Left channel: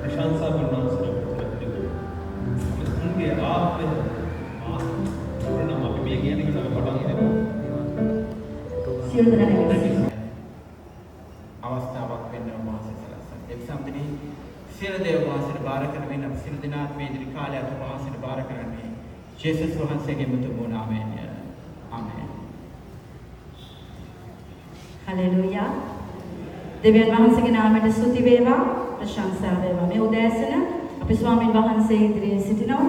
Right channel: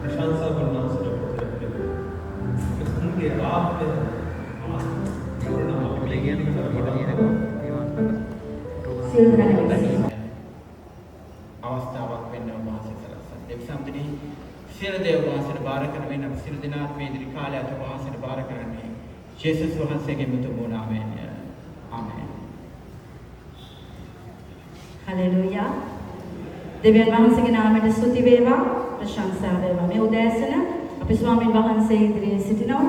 प्रशंसा करना उनके आत्म අවස්ථාවක් වෙන්න වාසය සලස්සන. ඒ සම්පූර්ණ සියලු දේව වාසයට බාර කරගෙන අපි සියලු දෙනාත් මේ දින කාලය අත වාසයට බාර කරන්නේ ජේසුස් වහන්සේගේ මුතුන් නාමයෙන්. ආමේන්. හලෙලූයා. දෙවියන් වහන්සේගේ නාමයට ස්තුති වේවා, ප්‍රශංසා වේවා. මේ උදෑසන අපි ස්වාමීන් වහන්සේ ඉදිරියේ සිටිනවා.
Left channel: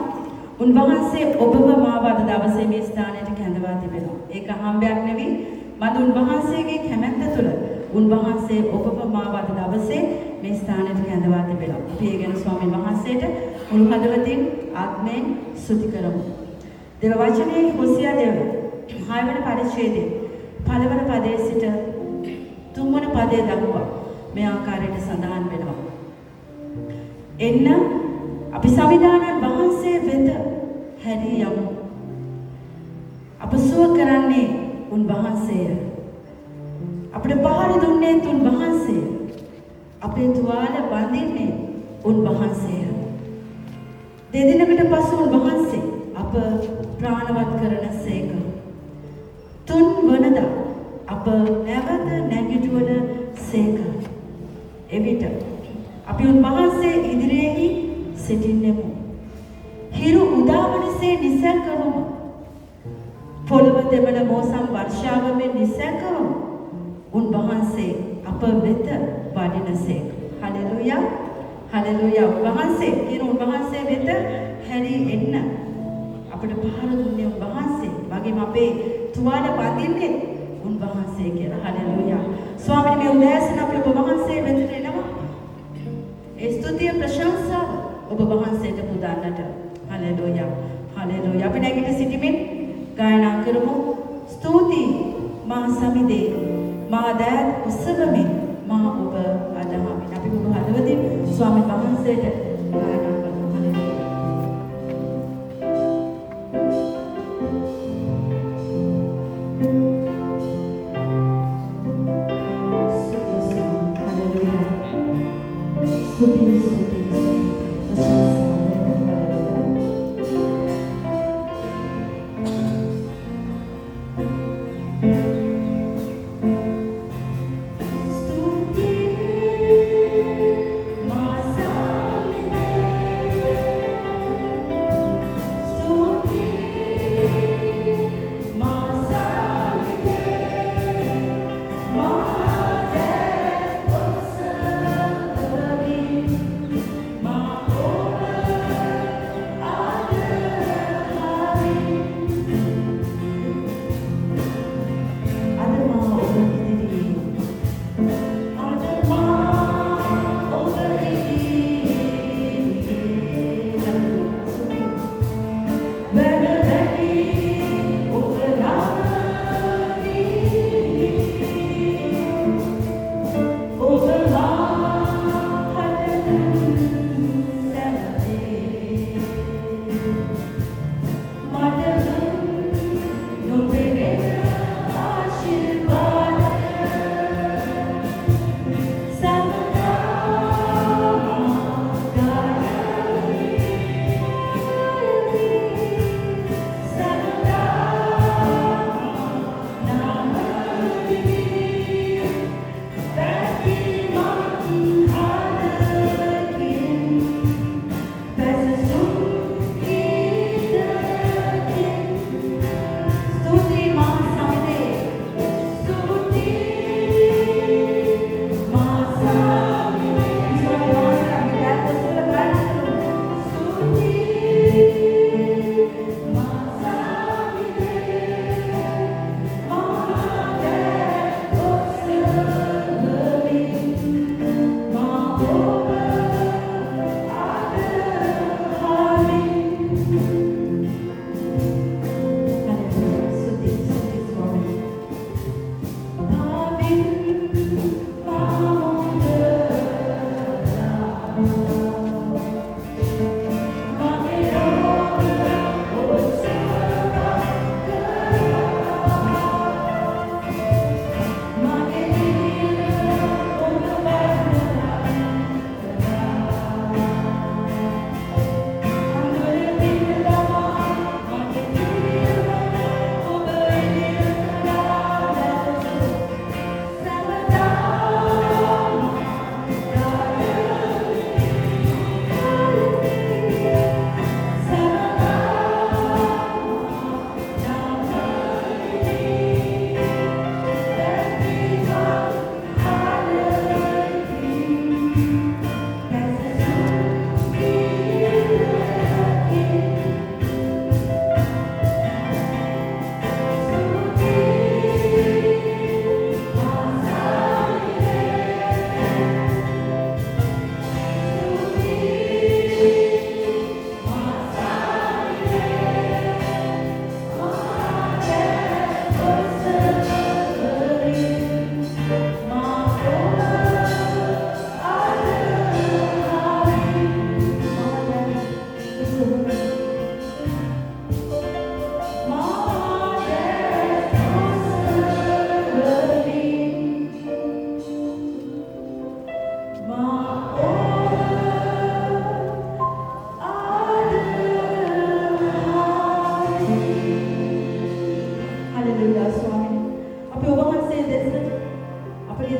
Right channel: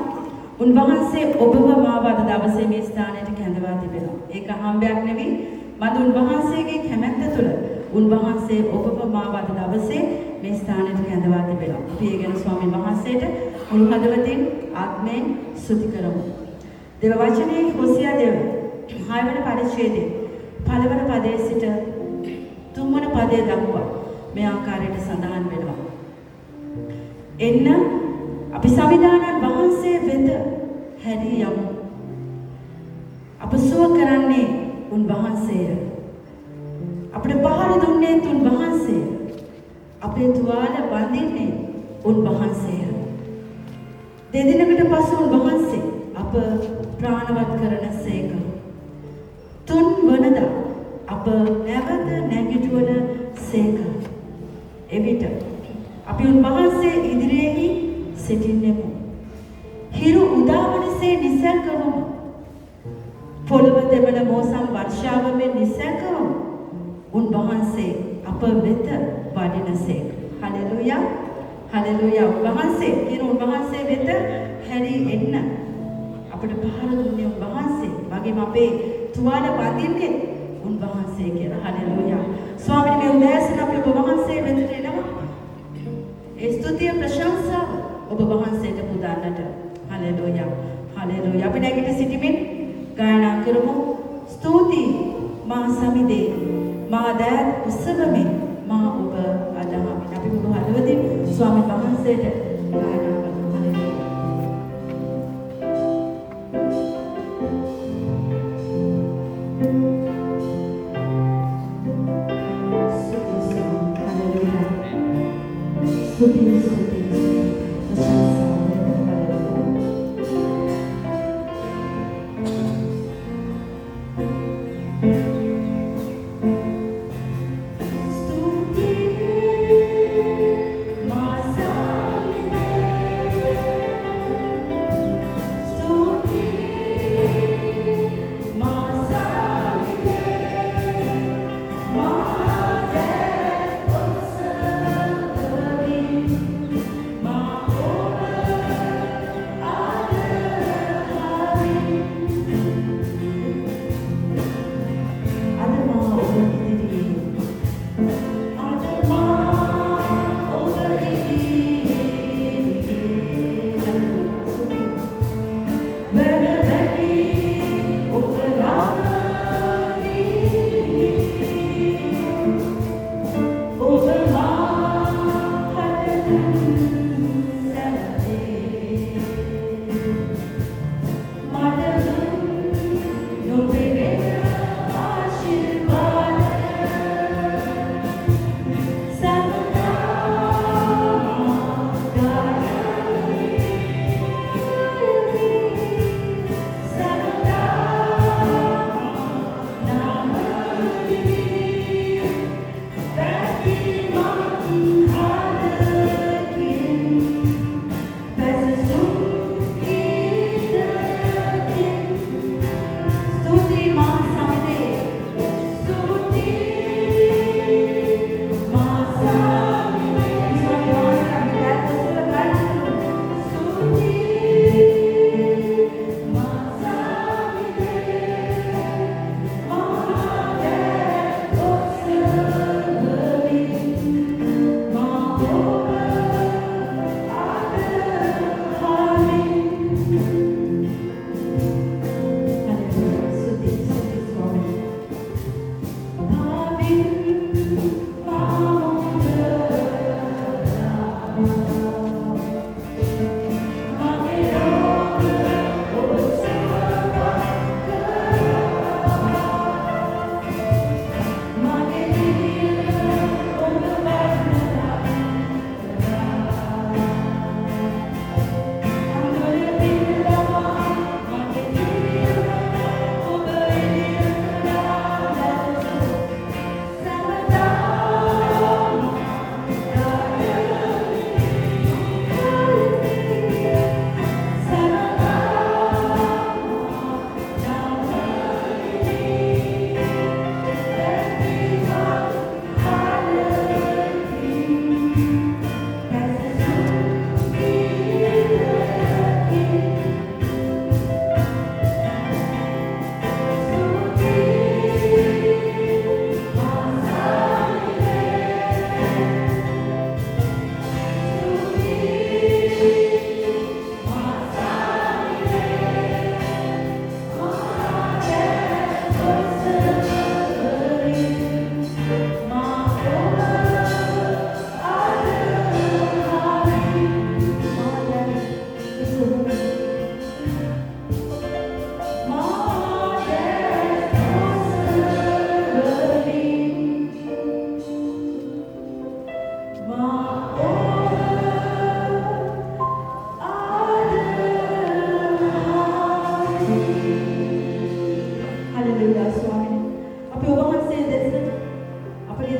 උන්වහන්සේ ඔබව මාව අද දවසේ මේ ස්ථානයට කැඳවා තිබෙනවා. ඒක හම්බයක් නෙවෙයි. මද උන්වහන්සේගේ කැමැත්ත තුළ උන්වහන්සේ ඔබව මාව අද දවසේ මේ ස්ථානයට කැඳවා තිබෙනවා. අපි ඒ ගැන ස්වාමීන් වහන්සේට මුළු හදවතින් ආත්මයෙන් ස්තුති කරමු. දේව වචනයේ හොසියා දේව 6 වෙනි පරිච්ඡේදයේ පළවෙනි පදයේ සිට 3 වෙනි පදයේ දක්වා මේ ආකාරයට සඳහන් වෙනවා. එන්න අපි සවිධානන් වහන්සේ වෙත හැරී යමු. අප සුව කරන්නේ උන්වහන්සේය. අපිට පහර දුන්නේ උන්වහන්සේය. අපේ තුවාල බඳින්නේ උන්වහන්සේය. දෙදිනකට පසු උන්වහන්සේ අප ප්‍රාණවත් කරන සේක. 3 වනදා අප නැවත නැගිටවන සේක. එවිට අපි උන්වහන්සේ ඉදිරියේහි සිටින්නෙමු. හිරු උදාවනසේ නිසැකවම පොළව දෙවන මෝසම් වර්ෂාවෙන් නිසැකවම උන්වහන්සේ අප වෙත වඩිනසේක. හලෙලූයා. හලෙලූයා. උන්වහන්සේ කියන උන්වහන්සේ වෙත හැරී එන්න අපිට පහර දුන්නේ උන්වහන්සේ. වගේම අපේ තුවාල බඳින්නේ උන්වහන්සේ කියලා. හලෙලූයා. ස්වාමීනි මේ උදෑසන අපි ඔබ වහන්සේ වෙතට එනවා. ඒ ස්තුතිය ප්‍රශංසාව ඔබ වහන්සේට පුදන්නට. හලෙලූයා. හලෙලූයා. අපි නැගිට සිටිමින් ගායනා කරමු. ස්තුති මා සමිදේ මා දෑත් උසවමින් මා ඔබ අදහමින්. අපි ඔබ හදවතින් ස්වාමීන් වහන්සේට ගායනා කරමු. හලෙලූයා.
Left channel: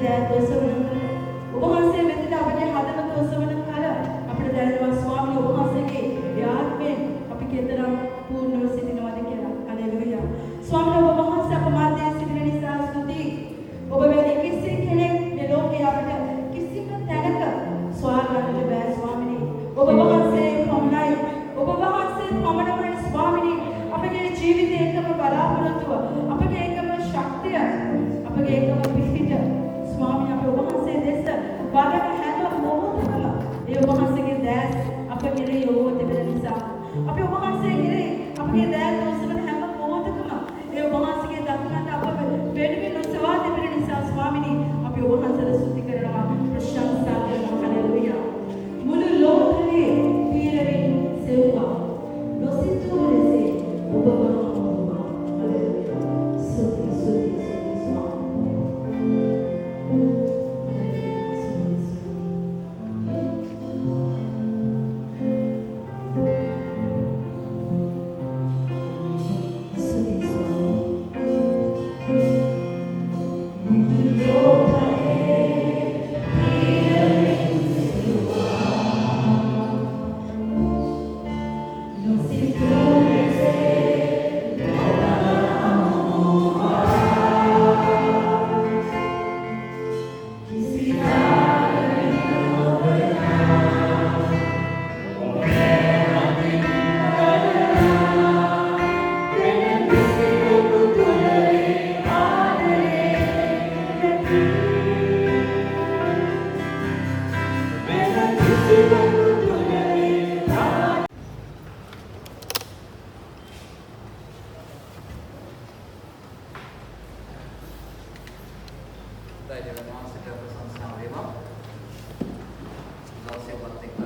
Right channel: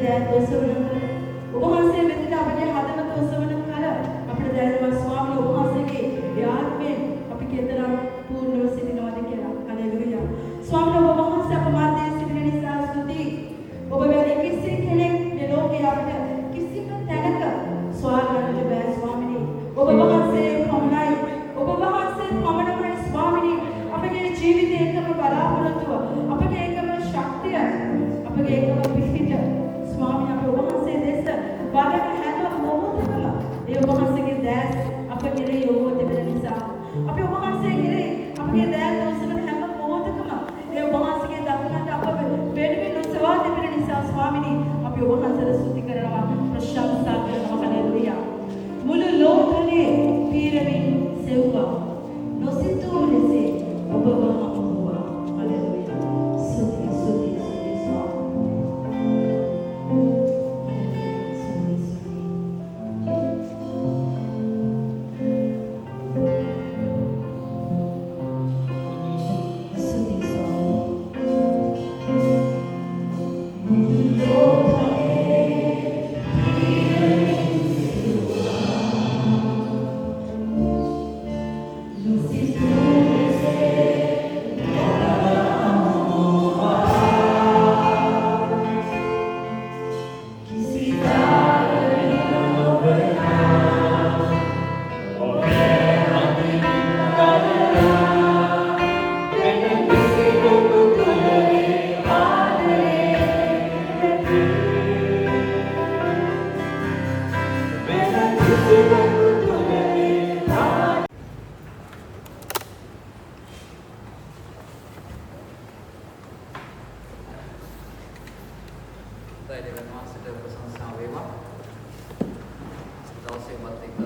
දෑත් ඔසවන කල ඔබ වහන්සේ වෙතට අපගේ හදවත ඔසවන කල අපිට දැනෙනවා ස්වාමී ඔබ වහන්සේගේ ආත්මයෙන් අපි කෙතරම් පූර්ණව සිටිනවද කියලා. හලෙලූයා. ස්වාමී ඔබ වහන්සේ අප මැදේ සිටින නිසා ස්තුතියි. ඔබ වැනි කිසි කෙනෙක් මේ ලෝකේ අපිට කිසිම තැනක ස්වාගතට බෑ ස්වාමී. ඔබ වහන්සේ පමණයි. ඔබ වහන්සේ පමණයි ස්වාමී. අපගේ ජීවිතයේ එකම බලාපොරොත්තුව, අපගේ එකම ශක්තිය, අපගේ එකම පිහිට ස්වාමී අපේ ඔබ වහන්සේ දෙස බලන හැම මොහොතකම ඒ ඔබ වහන්සේගේ දෑස් අප කෙරෙහි යොමු වෙන නිසා අපි ඔබ වහන්සේ කෙරෙහි අපගේ දෑස් ඔසවන හැම මොහොතකම ඒ ඔබ වහන්සේගේ දකුණට අප වෙනුවෙන් ඔසවා දෙන නිසා ස්වාමීනි අපි ඔබ වහන්සේට ස්තුති කරනවා, ප්‍රශංසා කරනවා. හලෙලූයා. මුළු ලෝකයේ පීරමින් සෙව්වා නොසිතූ ලෙසේ ඔබ වහන්සේ හලෙලූයා. ස්තුති ස්තුති ස්තුති ස්වාමී. දෙවියන් වහන්සේට ප්‍රශංසා වේවා. දවසේ වත් එක්ක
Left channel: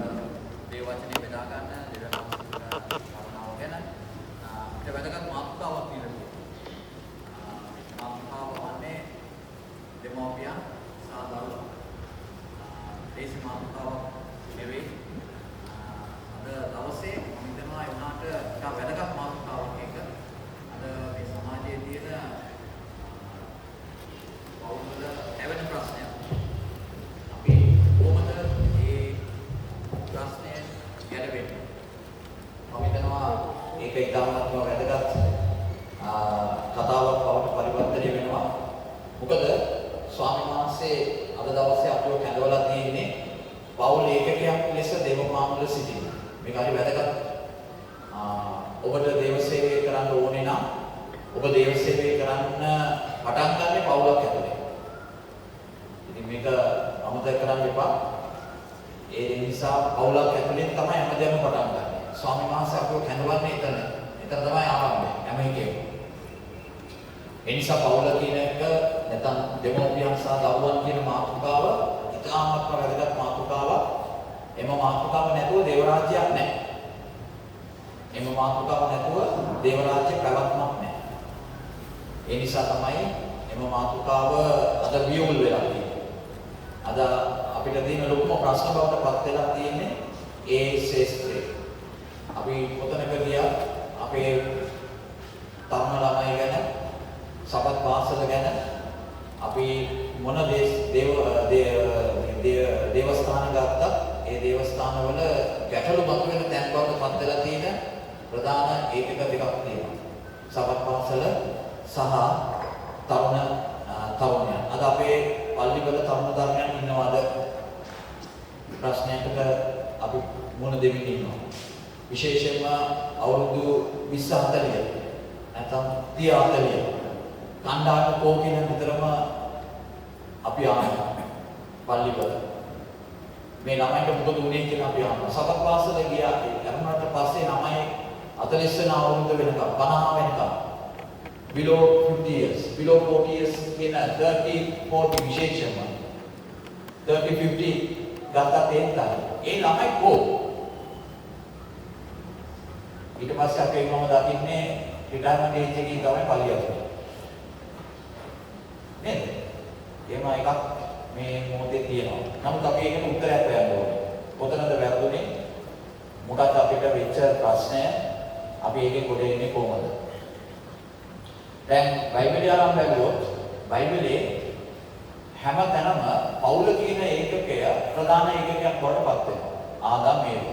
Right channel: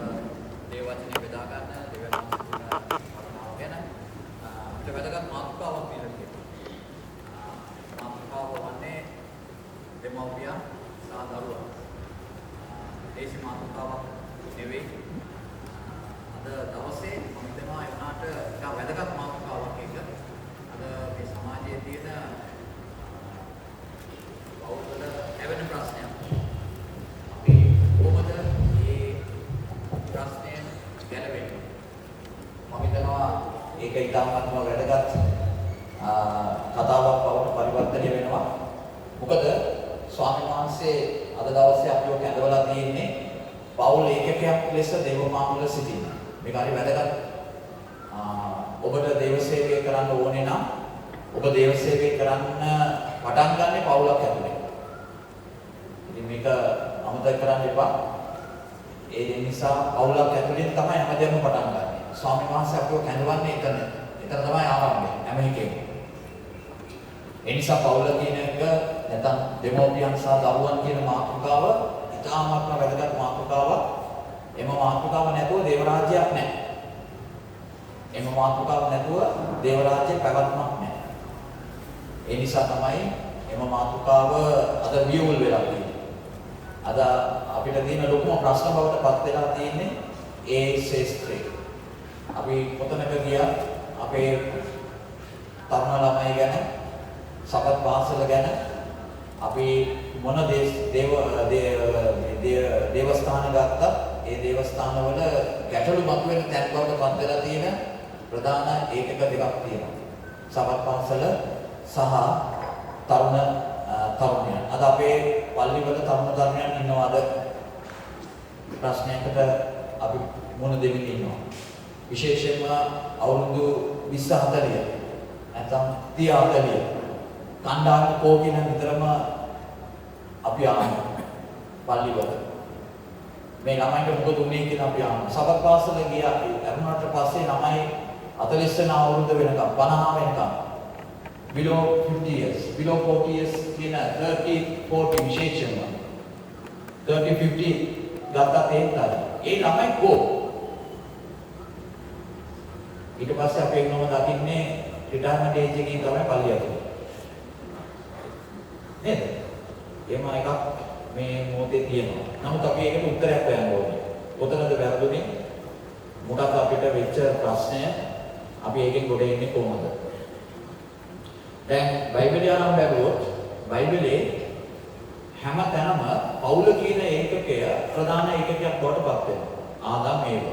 දේව වචනේ බෙදා ගන්න දෙවියන් වහන්සේට කරුණාව ගැන අපිට වැදගත් මාතෘකාවක් දීලා තියෙනවා. මාතෘකාව වන්නේ දෙමව්පියන් සහ දරුවා. දේශ මාතෘකාවක් නෙවෙයි. අද දවසේ මම හිතනවා යනාට ටිකක් වැදගත් මාතෘකාවක් එක. අද මේ සමාජයේ තියෙන පෞද්ගල හැවෙන ප්‍රශ්නයක්. අපි කොහොමද මේ ප්‍රශ්නය ගැලවෙන්නේ? මම හිතනවා ඒක ඉතාමත්ම වැදගත් කතාවක් බවට පරිවර්තනය වෙනවා. මොකද ස්වාමීන් වහන්සේ අද දවසේ අපිව කැඳවලා තියෙන්නේ පෞල් ඒකකයක් ලෙස දේවමානුල සිටින්න. මේක හරි වැදගත්. ඔබට දේව සේවය කරන්න ඕනේ නම් ඔබ දේව සේවය කරන්න පටන් ගන්න පෞලක් ඇතුලේ. ඉතින් මේක අමතක කරන්න එපා. ඒ නිසා පෞලක් ඇතුලෙන් තමයි හැමදේම පටන් ගන්න. ස්වාමීන් වහන්සේ අපිව කැඳවන්නේ එතන. එතන තමයි ආරම්භය හැම එකෙම. ඒ නිසා පෞල කියන එක නැත්නම් දෙමෝපියන් සහ දරුවන් කියන මාතෘකාව ඉතාමත්ම වැදගත් මාතෘකාවක්. එම මාතෘකාව නැතුව දේව රාජ්‍යයක් නැහැ. එම මාතෘකාව නැතුව දේව රාජ්‍ය පැවැත්මක් නැහැ. ඒ නිසා තමයි එම මාතෘකාව අද වියුල් වෙලා තියෙන්නේ. අද අපිට තියෙන ලොකුම ප්‍රශ්න බවට පත් වෙලා තියෙන්නේ ඒ ශාස්ත්‍රය. අපි කොතනක ගියා අපේ තරුණ ළමයි ගැන, සපත් පාසල ගැන අපි මොන දේවස්ථාන ගත්තත් ඒ දේවස්ථානවල ගැටලු මතුවෙන තැන් බවට පත් වෙලා තියෙන ප්‍රධාන ඒකක දෙකක් තියෙනවා. සපත් පාසල සහ තරුණයන්. අද අපේ පල්ලිවල තරුණයන් ඉන්නවද? ප්‍රශ්නයකට අපි මුහුණ දෙමින් ඉන්නවා. විශේෂයෙන්ම අවුරුදු 20 40 නැත්නම් 30 40 කණ්ඩායම කෝකින විතරම අපි ආනවා පල්ලිවල. මේ ළමයින්ට මොකද උනේ කියලා අපි ආනවා. සබත් පාසල ගියා. ළමයින්ට පස්සේ ළමයි 40 වෙනි අවුරුද්ද වෙනකම් 50 වෙනකම් below 50 years, below 40 years කියන 30 40 විශේෂයෙන්ම 30 50 ගත්තා තේන්තා. ඒ ළමයි කෝ ඊට පස්සේ අපි එන්නම දකින්නේ රිටයර්මන්ට් ඒජ් එකකින් තමයි පල්ලියට. නේද? එහෙම එකක් මේ මොහොතේ තියෙනවා. නමුත් අපි ඒකට උත්තරයක් හොයන්න ඕනේ. කොතනද වැරදුනේ? මොකක්ද අපිට වෙච්ච ප්‍රශ්නය? අපි ඒකෙන් ගොඩ එන්නේ කොහොමද? දැන් බයිබලය අරන් බැලුවොත් බයිබලයේ හැමතැනම පවුල කියන ඒකකය ප්‍රධාන ඒකකයක් බවට පත් වෙනවා. ආදාම් ඒව.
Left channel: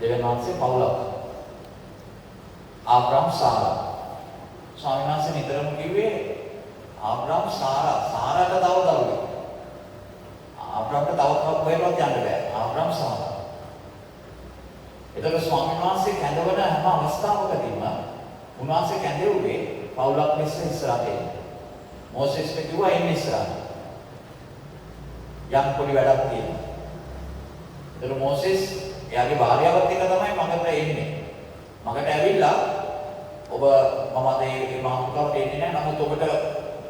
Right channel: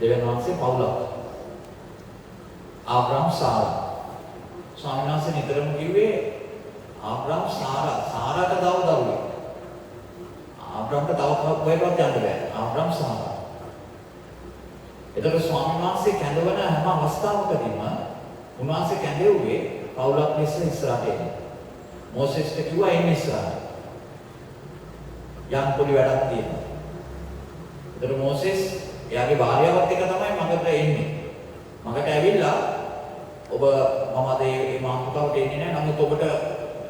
දෙවියන් වහන්සේ පවුලක්. ආබ්‍රහම් සාරා. ස්වාමීන් වහන්සේ නිතරම කිව්වේ ආබ්‍රහම් සාරාට තව දරුවෙක්. ආබ්‍රහම්ට තව කවුරුත් යන්න බෑ. ආබ්‍රහම් සාරා. එතකොට ස්වාමීන් වහන්සේ කැඳවන හැම අවස්ථාවකදීම උන්වහන්සේ කැඳෙව්වේ පවුලක් ලෙස ඉස්සරහට එන්න. මෝසෙස්ට කිව්වා එන්න ඉස්සරහට. යම් පොඩි වැඩක් තියෙනවා. එතකොට මෝසෙස් එයාගේ භාර්යාවත් එක්ක තමයි මගට එන්නේ. මගට ඇවිල්ලා ඔබ මම අද මේ මාතෘකාවට එන්නේ නැහැ. නමුත් ඔබට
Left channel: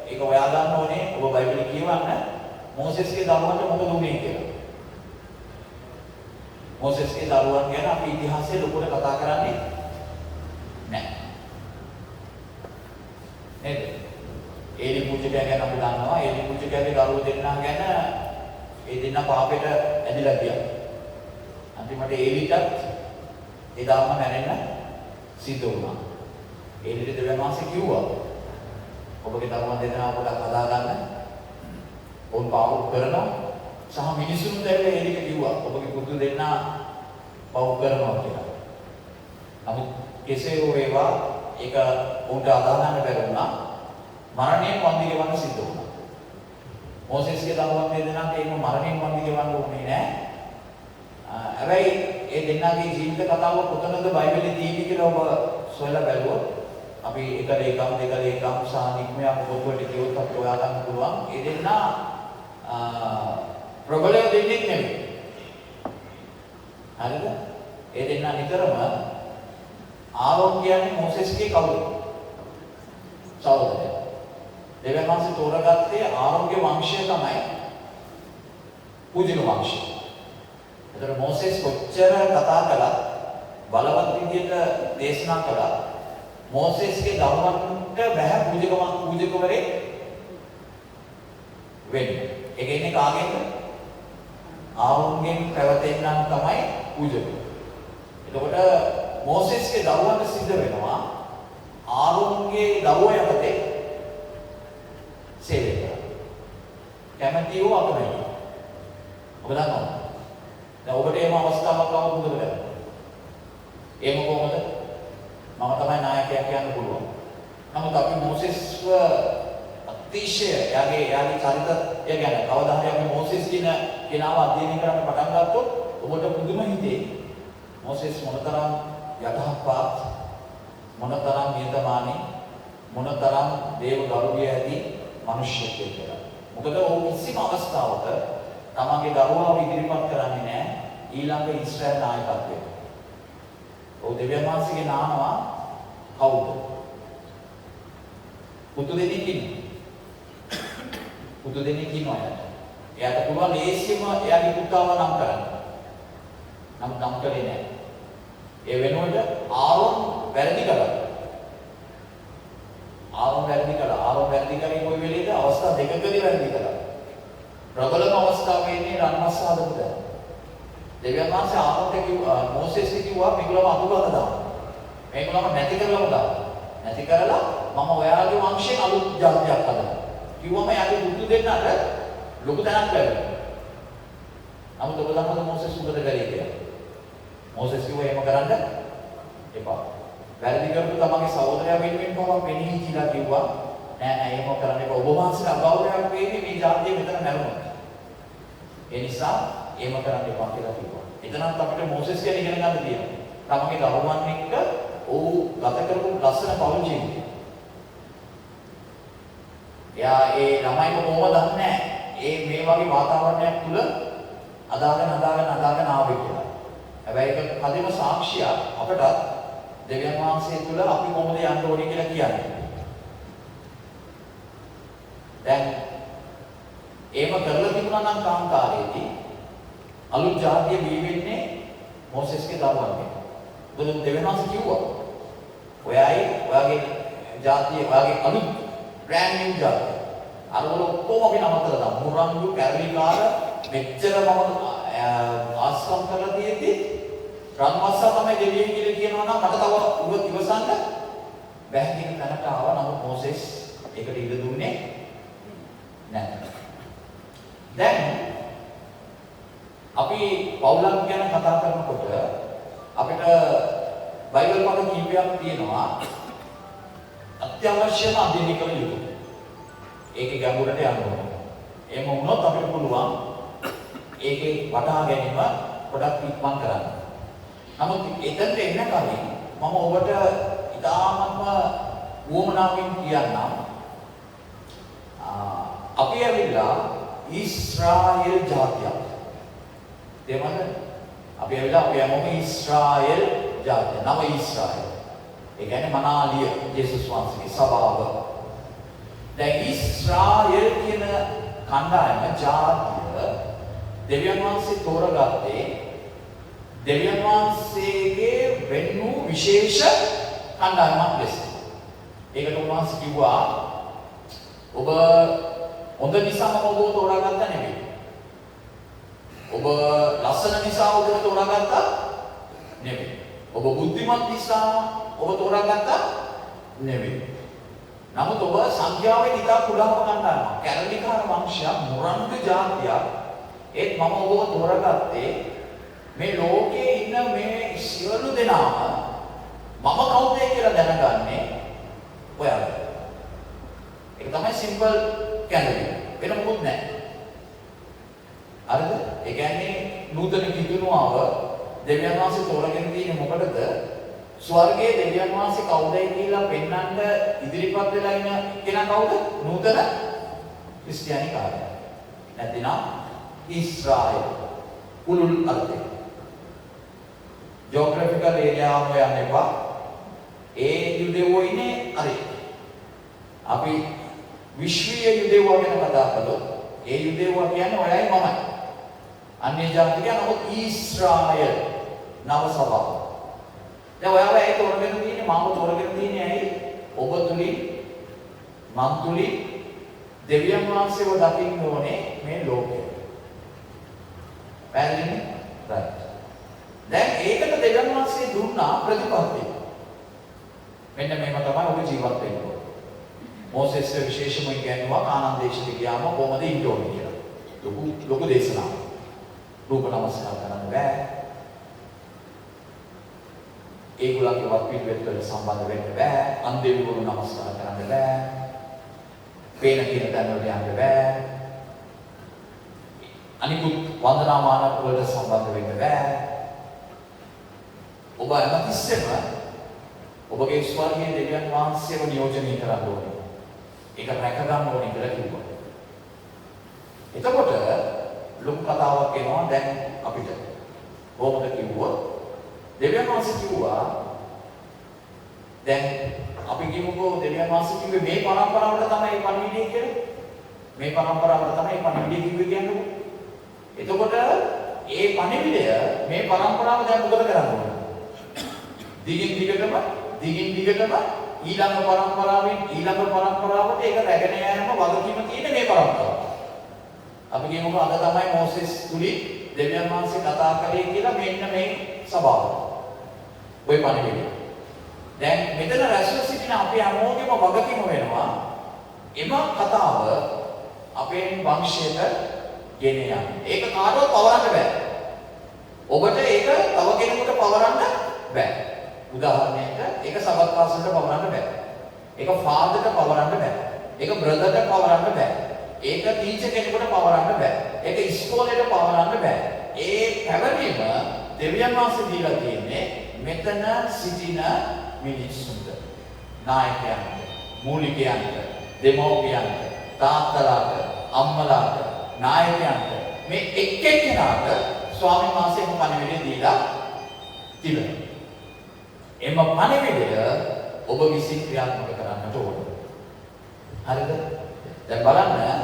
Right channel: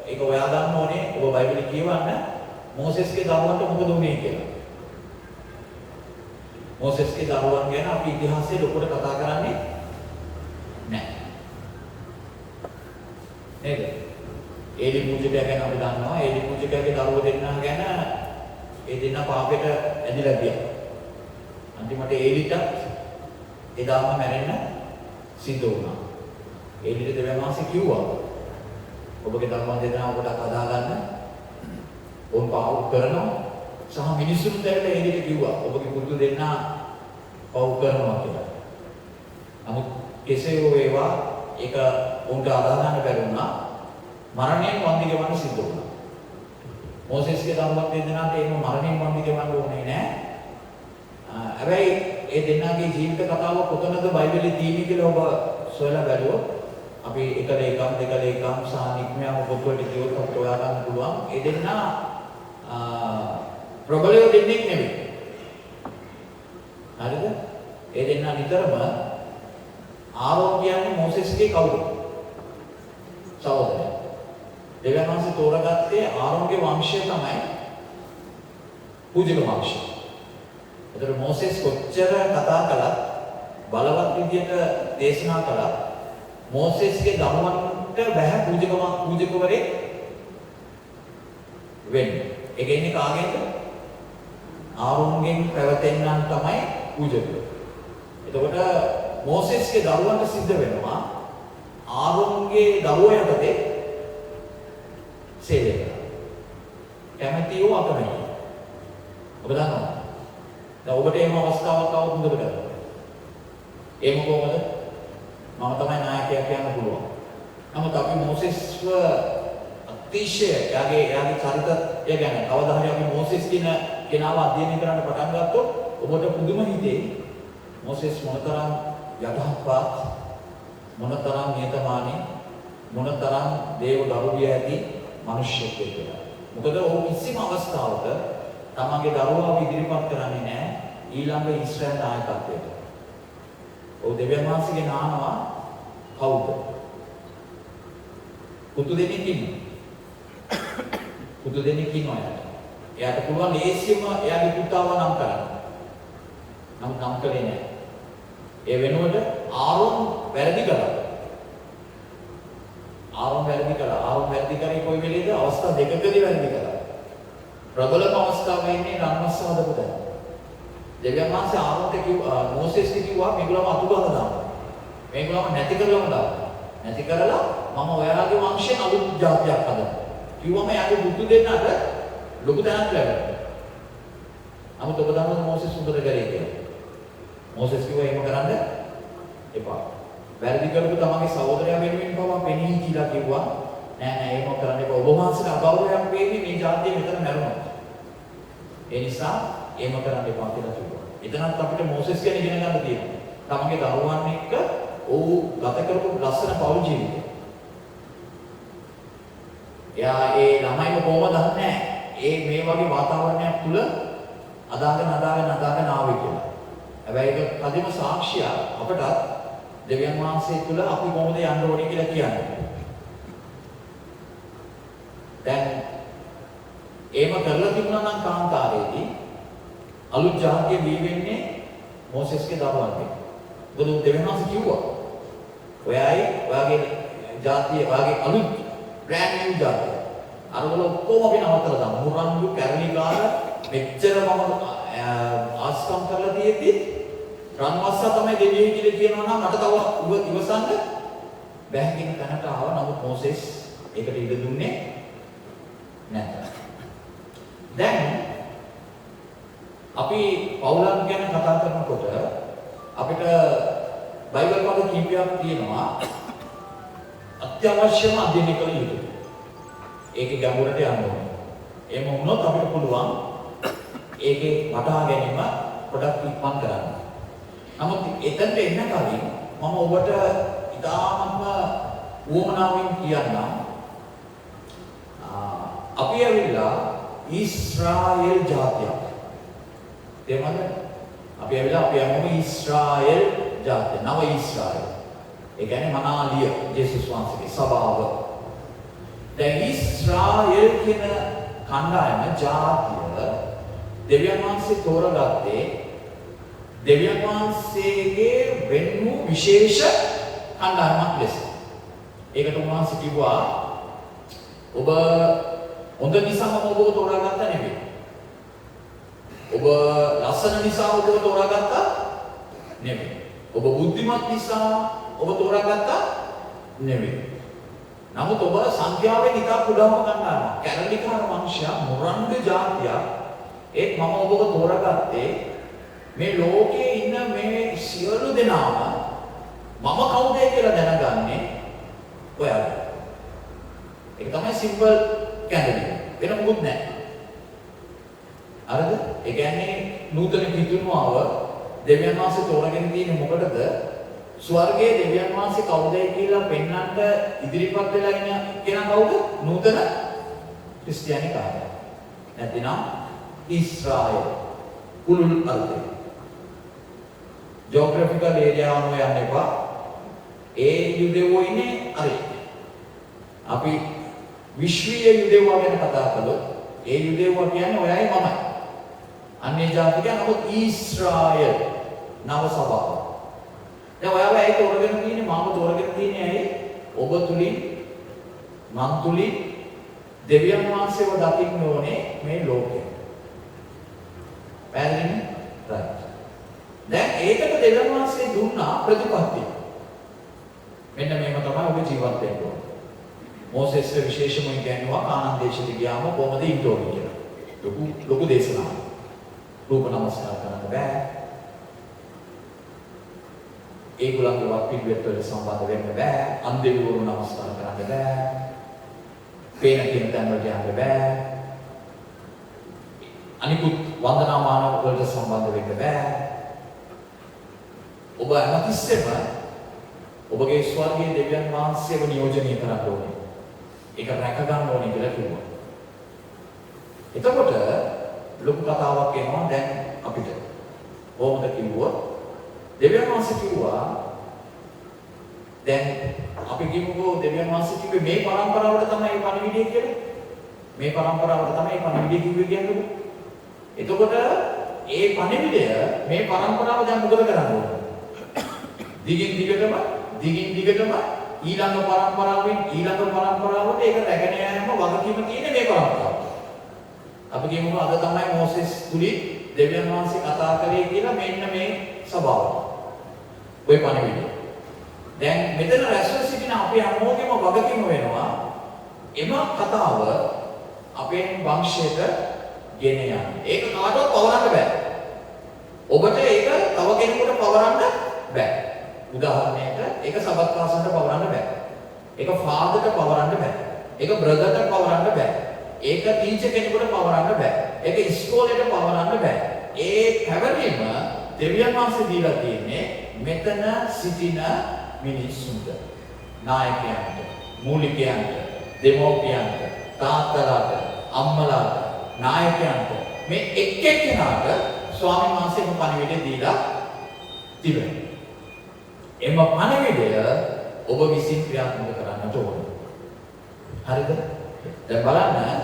ඒක හොයා ගන්න ඕනේ. ඔබ බයිබලෙ කියවන්න මෝසෙස්ගේ දරුවන්ට මොකද වුනේ කියලා. මෝසෙස්ගේ දරුවන් ගැන අපි ඉතිහාසයේ ලොකුට කතා කරන්නේ නැහැ. නේද? ඒලි පූජකයා ගැන අපි දන්නවා. ඒලි පූජකයාගේ දරුවෝ දෙන්නා ගැන ඒ දෙන්නා පාපෙට ඇදිලා ගියා. අන්තිමට ඒලිටත් එදාම මැරෙන්න සිද්ධ වුණා. ඒලිට දෙවියන් වහන්සේ කිව්වා ඔබගේ දරුවන් දෙන්නා ඔබට හදා ගන්න. ඔවුන් පාප කරනවා. සහ මිනිසුන් දැක්ක ඒලිට කිව්වා ඔබගේ පුතු දෙන්නා පව් කරනවා කියලා. නමුත් කෙසේ හෝ වේවා ඒක උන්ට අදා ගන්න බැරි වුණා. මරණයෙන් වන්දි ගෙවන්න සිද්ධ වුණා. මෝසෙස්ගේ දරුවන් දෙන්නාට ඒක මරණයෙන් වන්දි ගෙවන්න ඕනේ නෑ. හැබැයි ඒ දෙන්නාගේ ජීවිත කතාව කොතනද බයිබලයේ තියෙන්නේ කියලා ඔබ සොයලා බැලුවොත් අපි එක ලේකම් දෙක ලේකම් සහ නික්මයාම පොත්වලට කියවොත් අපිට හොයා ගන්න පුළුවන්. ඒ දෙන්නා ප්‍රබලව දෙන්නෙක් නෙමෙයි. හරිද? ඒ දෙන්නා නිතරම ආරෝන් කියන්නේ මෝසෙස්ගේ කවුද? සහෝදරයා. දෙවියන් වහන්සේ තෝරගත්තේ ආරෝන්ගේ වංශය තමයි පූජක වංශය. ඒතර මෝසෙස් කොච්චර කතා කළත් බලවත් විදියට දේශනා කළා මෝසෙස්ගේ දරුවන්ට බෑ පූජකවරේ වෙන්නේ. ඒක ඉන්නේ කාගෙන්ද? ආරෝන්ගෙන් පැවතෙන්නම් තමයි පූජකව. එතකොට මෝසෙස්ගේ දරුවන්ට සිද්ධ වෙනවා ආරෝන්ගේ දරුවෝ යටතේ සේවය කරන්න. කැමැතිව අකමැති. ඔබ දන්නවා. දැන් ඔබට එහෙම අවස්ථාවක් ආවොත් මොකද කරන්නේ? ඒක කොහොමද? මම තමයි නායකයා කියන්න පුළුවන්. නමුත් අපි මෝසෙස්ව අතිශය යාගේ චරිතය ගැන කවදා හරි අපි මෝසෙස් කියන කෙනාව අධ්‍යයනය කරන්න පටන් ගත්තොත් ඔබට පුදුම හිතේ මෝසෙස් මොනතරම් යටහත්පත් මොනතරම් නියතමානී මොනතරම් දේව ගෞරවය ඇති මිනිසෙක් කියලා. මොකද ඔහු කිසිම අවස්ථාවක තමන්ගේ දරුවාව ඉදිරිපත් කරන්නේ නැහැ ඊළඟ ඊශ්‍රායල් නායකත්වයට. ඔහු දෙවියන් වහන්සේගේ නානවා කවුද? පුතු දෙනෙක් ඉන්නවා. පුතු දෙනෙක් ඉන්නවා යාට. එයාට පුළුවන් ලේසියෙන්ම එයාගේ පුතාව නම් කරන්න. නමුත් නම් කරේ නැහැ. ඒ වෙනුවට ආරෝන් වැරදි කළා. ආරෝන් වැරදි කරේ කොයි වෙලේද? අවස්ථා දෙකකදී වැරදි කළා. ප්‍රබලම අවස්ථාවේ ඉන්නේ රන්මස් හදපු දා. දෙවියන් වහන්සේ ආරෝන්ට කිව්වා මෝසෙස්ට කිව්වා මේගොල්ලෝ අතුබල දාන්න. මේගොල්ලෝ නැති කරලම දාන්න. නැති කරලා මම ඔයාගේ වංශයෙන් අලුත් ජාතියක් හදනවා. කිව්වම යාගේ බුදු දෙන්නට ලොකු තැනක් ලැබෙනවා. නමුත් ඔබ දන්නවද මෝසෙස් උඹද කරේ කියලා? මෝසෙස් කිව්වා එහෙම කරන්න එපා. වැරදි කරපු තමන්ගේ සහෝදරයා වෙනුවෙන් පවා පෙනී කියලා කිව්වා. නෑ එහෙම කරන්න එපා. ඔබ වහන්සේට අගෞරවයක් වෙන්නේ මේ ජාතිය මෙතන මැරුණා. ඒ නිසා එහෙම කරන්න එපා කියලා කිව්වා. එතනත් අපිට මෝසෙස් ගැන ඉගෙන ගන්න තියෙනවා. තමන්ගේ දරුවන් එක්ක ඔහු ගත කරපු ලස්සන පෞල් ජීවිතය. එයා ඒ ළමයිව කොහොමද දන්නේ? මේ වගේ වාතාවරණයක් තුල අදාගෙන ආවේ කියලා. හැබැයි ඒක කදිම සාක්ෂිය අපට දෙවියන් වහන්සේ තුල අපි කොහොමද යන්න ඕනේ කියලා කියන්නේ. දැන් එහෙම කරලා තිබුණා නම් කාන්තාරයේදී අලුත් ජාතිය බිහි වෙන්නේ මෝසෙස්ගේ දරුවන්ට. බුදුන් දෙවියන් වහන්සේ කිව්වා ඔයාගේ ජාතිය ඔයාගේ අලුත් බ්‍රෑන්ඩ් නිව් ජාතිය. අරවල ඔක්කොම අපි නවත්තලා දාමු. මුරංගු කැරලිකාර මෙච්චර මම ආස්කම් කරලා තියෙද්දි රන්වස්සා තමයි දෙවියන් කියලා කියනවා නම් මට තව ඉවසන්න බැහැ කියන තැනට ආවා. නමුත් මෝසෙස් ඒකට ඉඩ දුන්නේ නැහැ. දැන් අපි පෞලන් ගැන කතා කරනකොට අපිට බයිබල් වල කීපයක් තියෙනවා අත්‍යවශ්‍යම අධ්‍යයනය කළ යුතු. ඒකේ ගැඹුරට යන්න ඕනේ. එහෙම වුණොත් අපිට පුළුවන් ඒකේ වටහා ගැනීම පොඩක් ඉක්මන් කරන්න. නමුත් එතනට එන්න කලින් මම ඔබට ඉතාමත් වුවමනාවෙන් කියන්නම්. අපි ඇවිල්ලා ඊශ්‍රායෙල් ජාතියක්. තේරුණාද? අපි යනවා ඊශ්‍රායෙල් ජාතිය. නව ඊශ්‍රායෙල්. ඒ කියන්නේ මනාලිය ජේසුස් වහන්සේගේ සභාව. දැන් ඊශ්‍රායෙල් කියන කණ්ඩායම ජාතිය දෙවියන් වහන්සේ තෝරගත්තේ දෙවියන් වහන්සේගේ වෙන් වූ විශේෂ කණ්ඩායමක් ලෙස. ඒකට උන්වහන්සේ කිව්වා ඔබ හොඳ නිසාම ඔබව තෝරාගත්ත නෙවෙයි. ඔබ ලස්සන නිසා ඔබව තෝරාගත්ත නෙවෙයි. ඔබ බුද්ධිමත් නිසා ඔබ තෝරාගත්ත නෙවෙයි. නමුත් ඔබ සංඛ්‍යාවෙන් ඉතා කුඩාම කණ්ඩායමක්. කැරලිකාර වංශයක් මොරන්ඩ ජාතියක්. ඒත් මම ඔබව තෝරාගත්තේ මේ ලෝකේ ඉන්න මේ සියලු දෙනාම මම කවුද කියලා දැනගන්නේ ඔයාලා. ඒක තමයි සිම්පල් කැන්ඩිඩේට්. වෙන මොකුත් නැහැ. හරිද? ඒ කියන්නේ නූතන කිතුණුවව දෙවියන් වහන්සේ තෝරගෙන තියෙන්නේ මොකටද? ස්වර්ගයේ දෙවියන් වහන්සේ කවුදයි කියලා පෙන්වන්න ඉදිරිපත් වෙලා ඉන්න කෙනා කවුද? නූතන ක්‍රිස්තියානි කාර්යය. නැතිනම් ඊශ්‍රායෙල් කුළුල් අර්ථය. ජෝග්‍රැෆිකල් ඒරියා අනුව යන්න එපා. ඒ යුදෙවෝ ඉන්නේ හරි. අපි විශ්වීය යුදෙවෝ ගැන කතා කළොත් ඒ යුදෙවෝ කියන්නේ ඔයයි මම. අන්‍ය ජාතික නමුත් ඊශ්‍රායෙල් නව සභාව. දැන් ඔයාලා ඒක තෝරගෙන තියෙන්නේ මම තෝරගෙන තියෙන්නේ ඇයි? ඔබ තුලින් මන් තුලින් දෙවියන් වහන්සේව දකින්න ඕනේ මේ ලෝකේ. පැහැදිලිද? right. දැන් ඒකට දෙවියන් වහන්සේ දුන්නා ප්‍රතිපත්තිය. මෙන්න මේක තමයි ඔබ ජීවත් වෙන්න ඕනේ. මෝසෙස් විශේෂම කියනවා කානාන් දේශෙට ගියාම කොහොමද ඉන්න ඕනේ කියලා. ලොකු දේශනාවක්. රූප නමස්කාර කරන්න බෑ. ඒගොල්ලන්ගේ වක්පිළිවෙත් වලට සම්බන්ධ වෙන්න බෑ. අන්දේවිවරු නමස්කාර කරන්න බෑ. පේන කියන තැන් වලට යන්න බෑ. අනිකුත් වන්දනාමාන වලට සම්බන්ධ වෙන්න බෑ. ඔබ හැමතිස්සෙම ඔබගේ ස්වර්ගීය දෙවියන් වහන්සේව නියෝජනය කරන්න ඕනේ. ඒක රැක ගන්න ඕනේ කියලා කිව්වා. එතකොට ලොකු කතාවක් එනවා දැන් අපිට. කොහොමද කිව්වොත් දෙවියන් වහන්සේ කිව්වා දැන් අපි කියමුකෝ දෙවියන් වහන්සේ කිව්වේ මේ පරම්පරාවට තමයි මේ පණිවිඩය කියලා. මේ පරම්පරාවට තමයි මේ පණිවිඩය කිව්වේ කියන්නේ. එතකොට ඒ පණිවිඩය මේ පරම්පරාව දැන් මොකද කරන්න ඕන? දිගින් දිගටම ඊළඟ පරම්පරාවට ඒක රැගෙන යෑම වගකීම තියෙන මේ පරම්පරාව. අපි කියමුකෝ අද තමයි මෝසෙස් තුලින් දෙවියන් වහන්සේ කතා කරේ කියලා මෙන්න මේ සභාව. ඔය පණිවිඩය. දැන් මෙතන රැස්ව සිටින අපි හැමෝගෙම වගකීම වෙනවා එම කතාව අපේ වංශයට ගෙන යන්න. ඒක කාටවත් පවරන්න බෑ. ඔබට ඒක තව කෙනෙකුට පවරන්න බෑ. උදාහරණයක් ඒක සබත්වාසන්ට පවරන්න බෑ. ඒක ෆාදර්ට පවරන්න බෑ. ඒක බ්‍රදර්ට පවරන්න බෑ. ඒක ටීචර් කෙනෙකුට පවරන්න බෑ. ඒක ඉස්කෝලේට පවරන්න බෑ. ඒ පැවරීම දෙවියන් වහන්සේ දීලා තියෙන්නේ මෙතන සිටින මිනිස්සුන්ට, නායකයන්ට, මූලිකයන්ට, දෙමව්පියන්ට, තාත්තලාට, අම්මලාට, නායකයන්ට මේ එක් එක්කෙනාට ස්වාමීන් වහන්සේම පණිවිඩය දීලා තිබෙනවා. එම පණිවිඩය ඔබ විසින් ක්‍රියාත්මක කරන්නට ඕන. හරිද? දැන් බලන්න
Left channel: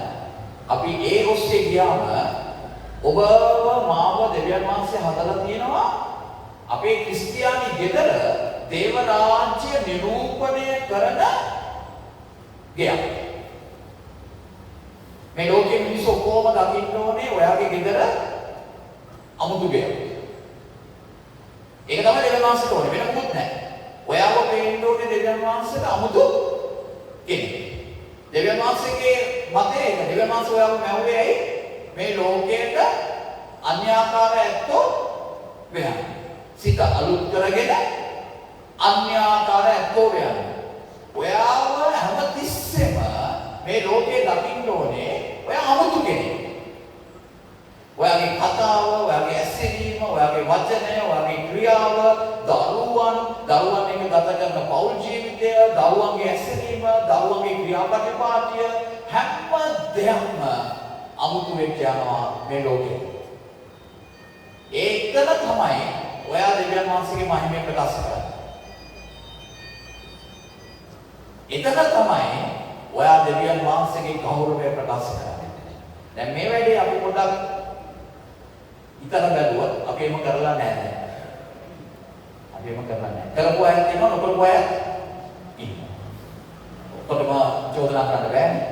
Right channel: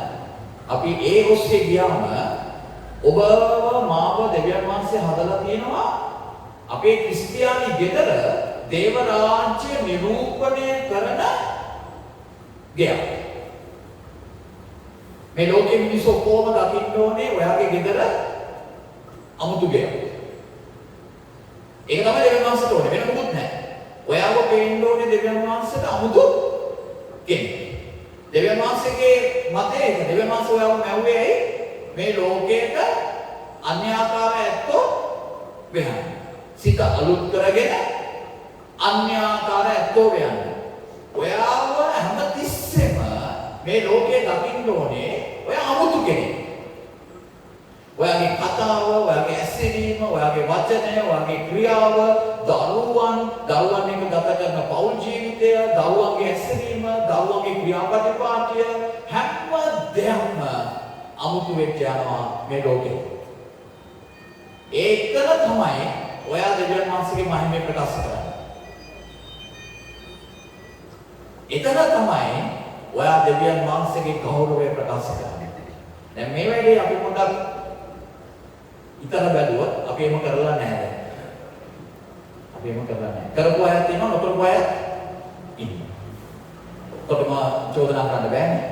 අපි ඒ ඔස්සේ ගියාම ඔබව මාව දෙවියන් වහන්සේ හදලා තියෙනවා අපේ ක්‍රිස්තියානි ගෙදර දේව රාජ්‍ය නිරූපණය කරන ගයක්. මේ ලෝකෙ මිනිස්සු කොහොම දකින්න ඕනේ ඔයාගේ ගෙදර අමුතු ගයක්. ඒක තමයි දෙවියන් වහන්සේට ඕනේ වෙන මොකුත් නැහැ. ඔයාව පේන්න ඕනේ දෙවියන් වහන්සේට අමුතු කෙනෙක්. දෙවියන් දෙවියන් වහන්සේගේ මතය ඒක. දෙවියන් වහන්සේ ඔයාව මැව්වේ ඇයි? මේ ලෝකයට අන්‍යාකාර ඇත්තෝ වෙනවා. සිත අලුත් කරගෙන අන්‍යාකාර ඇත්තෝ වෙනවා. ඔයාව හැමතිස්සෙම මේ ලෝකේ දකින්න ඕනේ ඔයා අමුතු කෙනෙක්. ඔයාගේ කතාව, ඔයාගේ ඇසිරීම, ඔයාගේ වචනය, ඔයාගේ ක්‍රියාව, දරුවන් එක්ක ගත කරන පෞල් ජීවිතය, දරුවන්ගේ ඇසිරීම, දරුවන්ගේ ක්‍රියාපටිපාටිය හැම දෙයක්ම අමුතු වෙච්ච යනවා මේ ලෝකෙ. ඒකන තමයි ඔයා දෙවියන් වහන්සේගේ මහිමය ප්‍රකාශ කරන්නේ. එතන තමයි ඔයා දෙවියන් වහන්සේගේ ගෞරවය ප්‍රකාශ කරන්නේ. දැන් මේ වෙලේ අපි පොඩ්ඩක් ඉතල බැලුවොත් අපි එහෙම කරලා නැහැ දැන්. අපි එහෙම කරලා නැහැ. කරපු අයත් ඉන්නවා නොකරපු අයත් ඉන්නවා. ඔක්කොටම චෝදනා කරන්න බෑනේ.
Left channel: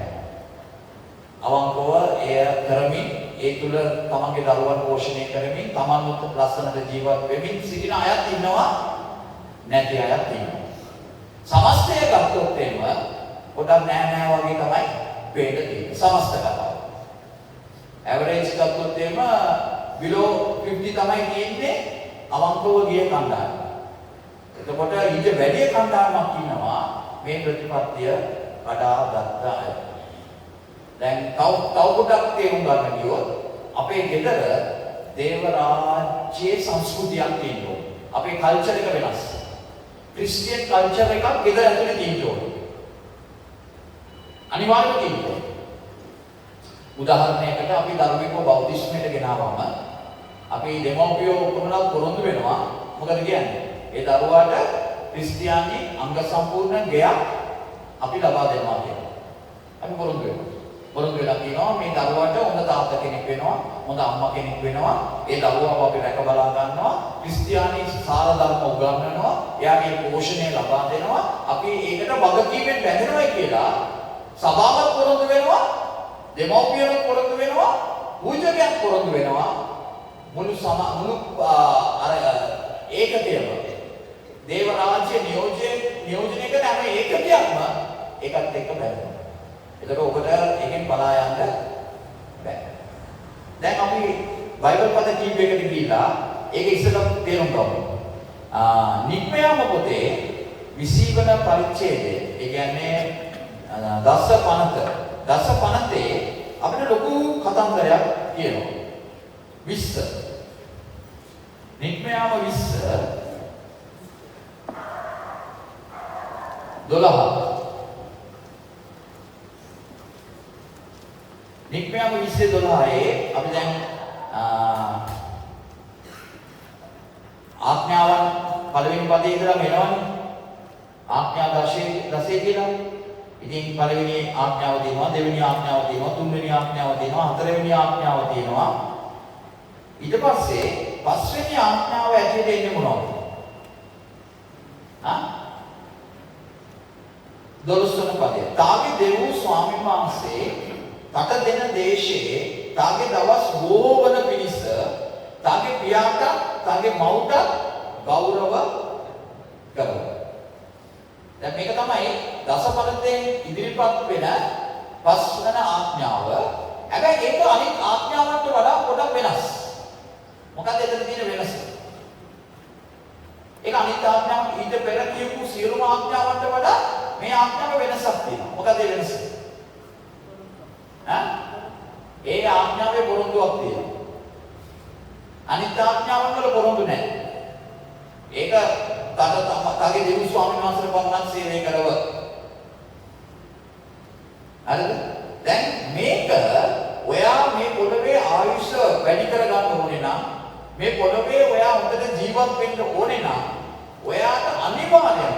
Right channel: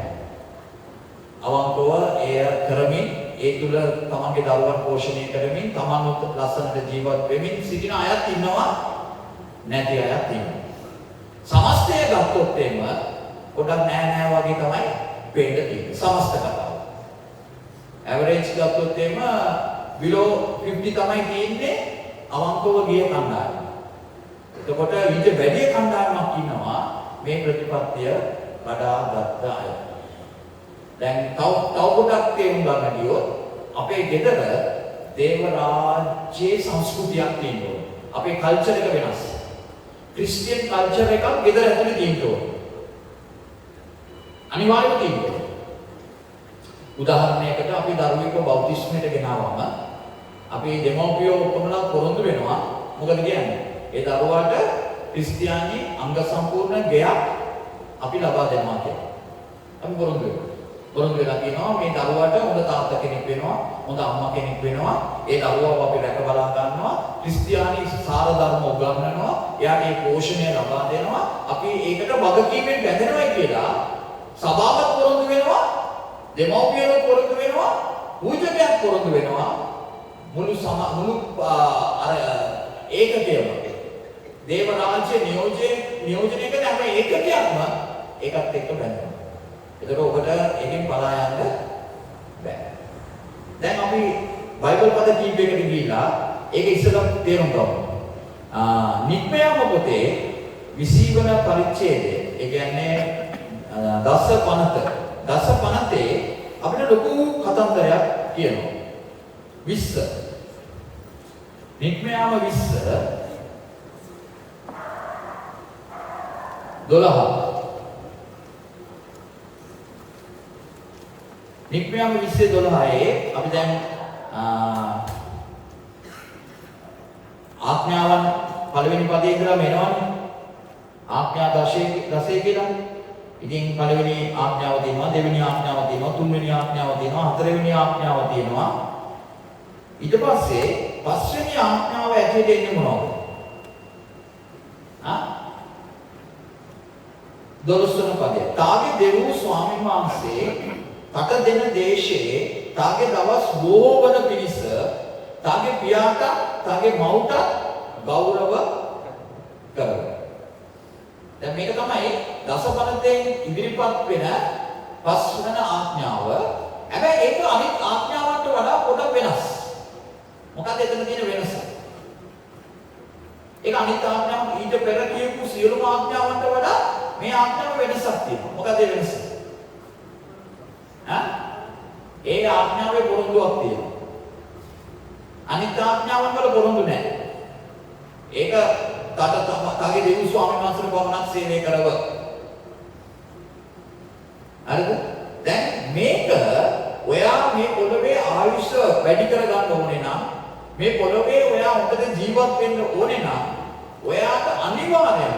අවංකව එය කරමින් ඒ තුල තමන්ගේ දරුවන් පෝෂණය කරමින් තමන්වත් ලස්සනට ජීවත් වෙමින් සිටින අයත් ඉන්නවා නැති අයත් ඉන්නවා. සමස්තය ගත්තොත් එම පොඩක් නෑ වගේ තමයි පේන්න තියෙන්නේ. සමස්ත කතාව. ඇවරේජ් ගත්තොත් එම below 50 තමයි තියෙන්නේ අවංකව ගිය කණ්ඩායම. එතකොට ඊට වැඩි කණ්ඩායමක් ඉන්නවා මේ ප්‍රතිපත්තිය කඩාගත්ත අය. දැන් තව පොඩක් තේරුම් ගන්න ගියොත් අපේ ගෙදර දේව රාජ්‍යයේ සංස්කෘතියක් තියෙනවා. අපේ කල්චර් එක වෙනස්. ක්‍රිස්තියන් කල්චර් එකක් ගෙදර ඇතුලේ තියෙනවා. අනිවාර්යයෙන් තියෙනවා. උදාහරණයකට අපි දරුවෙක්ව බෞද්ධිස්මයට ගෙනාවම අපි දෙමව්පියෝ කොහොමද පොරොන්දු වෙනවා මොකද කියන්නේ? ඒ දරුවාට ක්‍රිස්තියානි අංග සම්පූර්ණ ගෙයක් අපි ලබා දෙනවා කියලා. අපි පොරොන්දු වෙනවා. පොරොන්දු වෙලා කියනවා මේ දරුවාට හොඳ තාත්තා කෙනෙක් වෙනවා, හොඳ අම්මා කෙනෙක් වෙනවා. ඒ දරුවාව අපි රැක බලා ගන්නවා. ක්‍රිස්තියානි සාර ධර්ම උගන්වනවා. එයාගේ පෝෂණය ලබා දෙනවා. අපි ඒකට වගකීමෙන් බැඳෙනවායි කියලා සභාවත් පොරොන්දු වෙනවා. දෙමව්පියන්ට පොරොන්දු වෙනවා. පූජකයන් පොරොන්දු වෙනවා. මුළු ඒකකයම දේව රාජ්‍ය නියෝජනය කරන හැම ඒකකයක්ම ඒකත් එක්ක බැඳෙනවා. ඒතර ඔබට එකෙන් බලා යන්න බෑ. දැන් අපි බයිබල් පද කීපයකට ගිහිලා ඒක ඉස්සෙල්ලා තේරුම් ගමු. නික්මයාම පොතේ 20 වන පරිච්ඡේදය. ඒ කියන්නේ දස පනතේ අපිට ලොකු කතන්දරයක් කියනවා. 20 නික්මයාම 20 12 නික්මයාම 20:12 අපි දැන් ආඥාවන් පළවෙනි පදේ ඉඳලා මෙනවනේ ආඥා දශේ කියලා. ඉතින් පළවෙනි ආඥාව තියෙනවා, දෙවෙනි ආඥාව තියෙනවා, තුන්වෙනි ආඥාව තියෙනවා, හතරවෙනි ආඥාව තියෙනවා. ඊට පස්සේ පස්වෙනි ආඥාව ඇතුළේ ඉන්නේ මොනවද? 12 වෙනි පදේ. තාගේ දෙව් ස්වාමීන් වහන්සේ කට දෙන දේශයේ තාගේ දවස් බොහෝ වන පිණිස තාගේ පියාට තාගේ මව්ට ගෞරව කරනවා. දැන් මේක තමයි දසපනතෙන් ඉදිරිපත් වෙන පස්වන ආඥාව. හැබැයි ඒක අනිත් ආඥාවන්ට වඩා පොඩක් වෙනස්. මොකද එතන තියෙන වෙනස? ඒක අනිත් ආඥාව ඊට පෙර කියපු සියලුම ආඥාවන්ට වඩා මේ ආඥාව වෙනසක් තියෙනවා. මොකද ඒ වෙනස? ඒ ආඥාවේ පොරොන්දුවක් තියෙනවා. අනිත් ආඥාවන් වල පොරොන්දු නැහැ. ඒක තගේ දෙවි ස්වාමීන් වහන්සේ පමණක් සේවය කරව. හරිද? දැන් මේක ඔයා මේ පොළවේ ආයුෂ වැඩි කරගන්න ඕනේ නම් මේ පොළවේ ඔයා හොඳට ජීවත් වෙන්න ඕනේ නම් ඔයාට අනිවාර්යයෙන්ම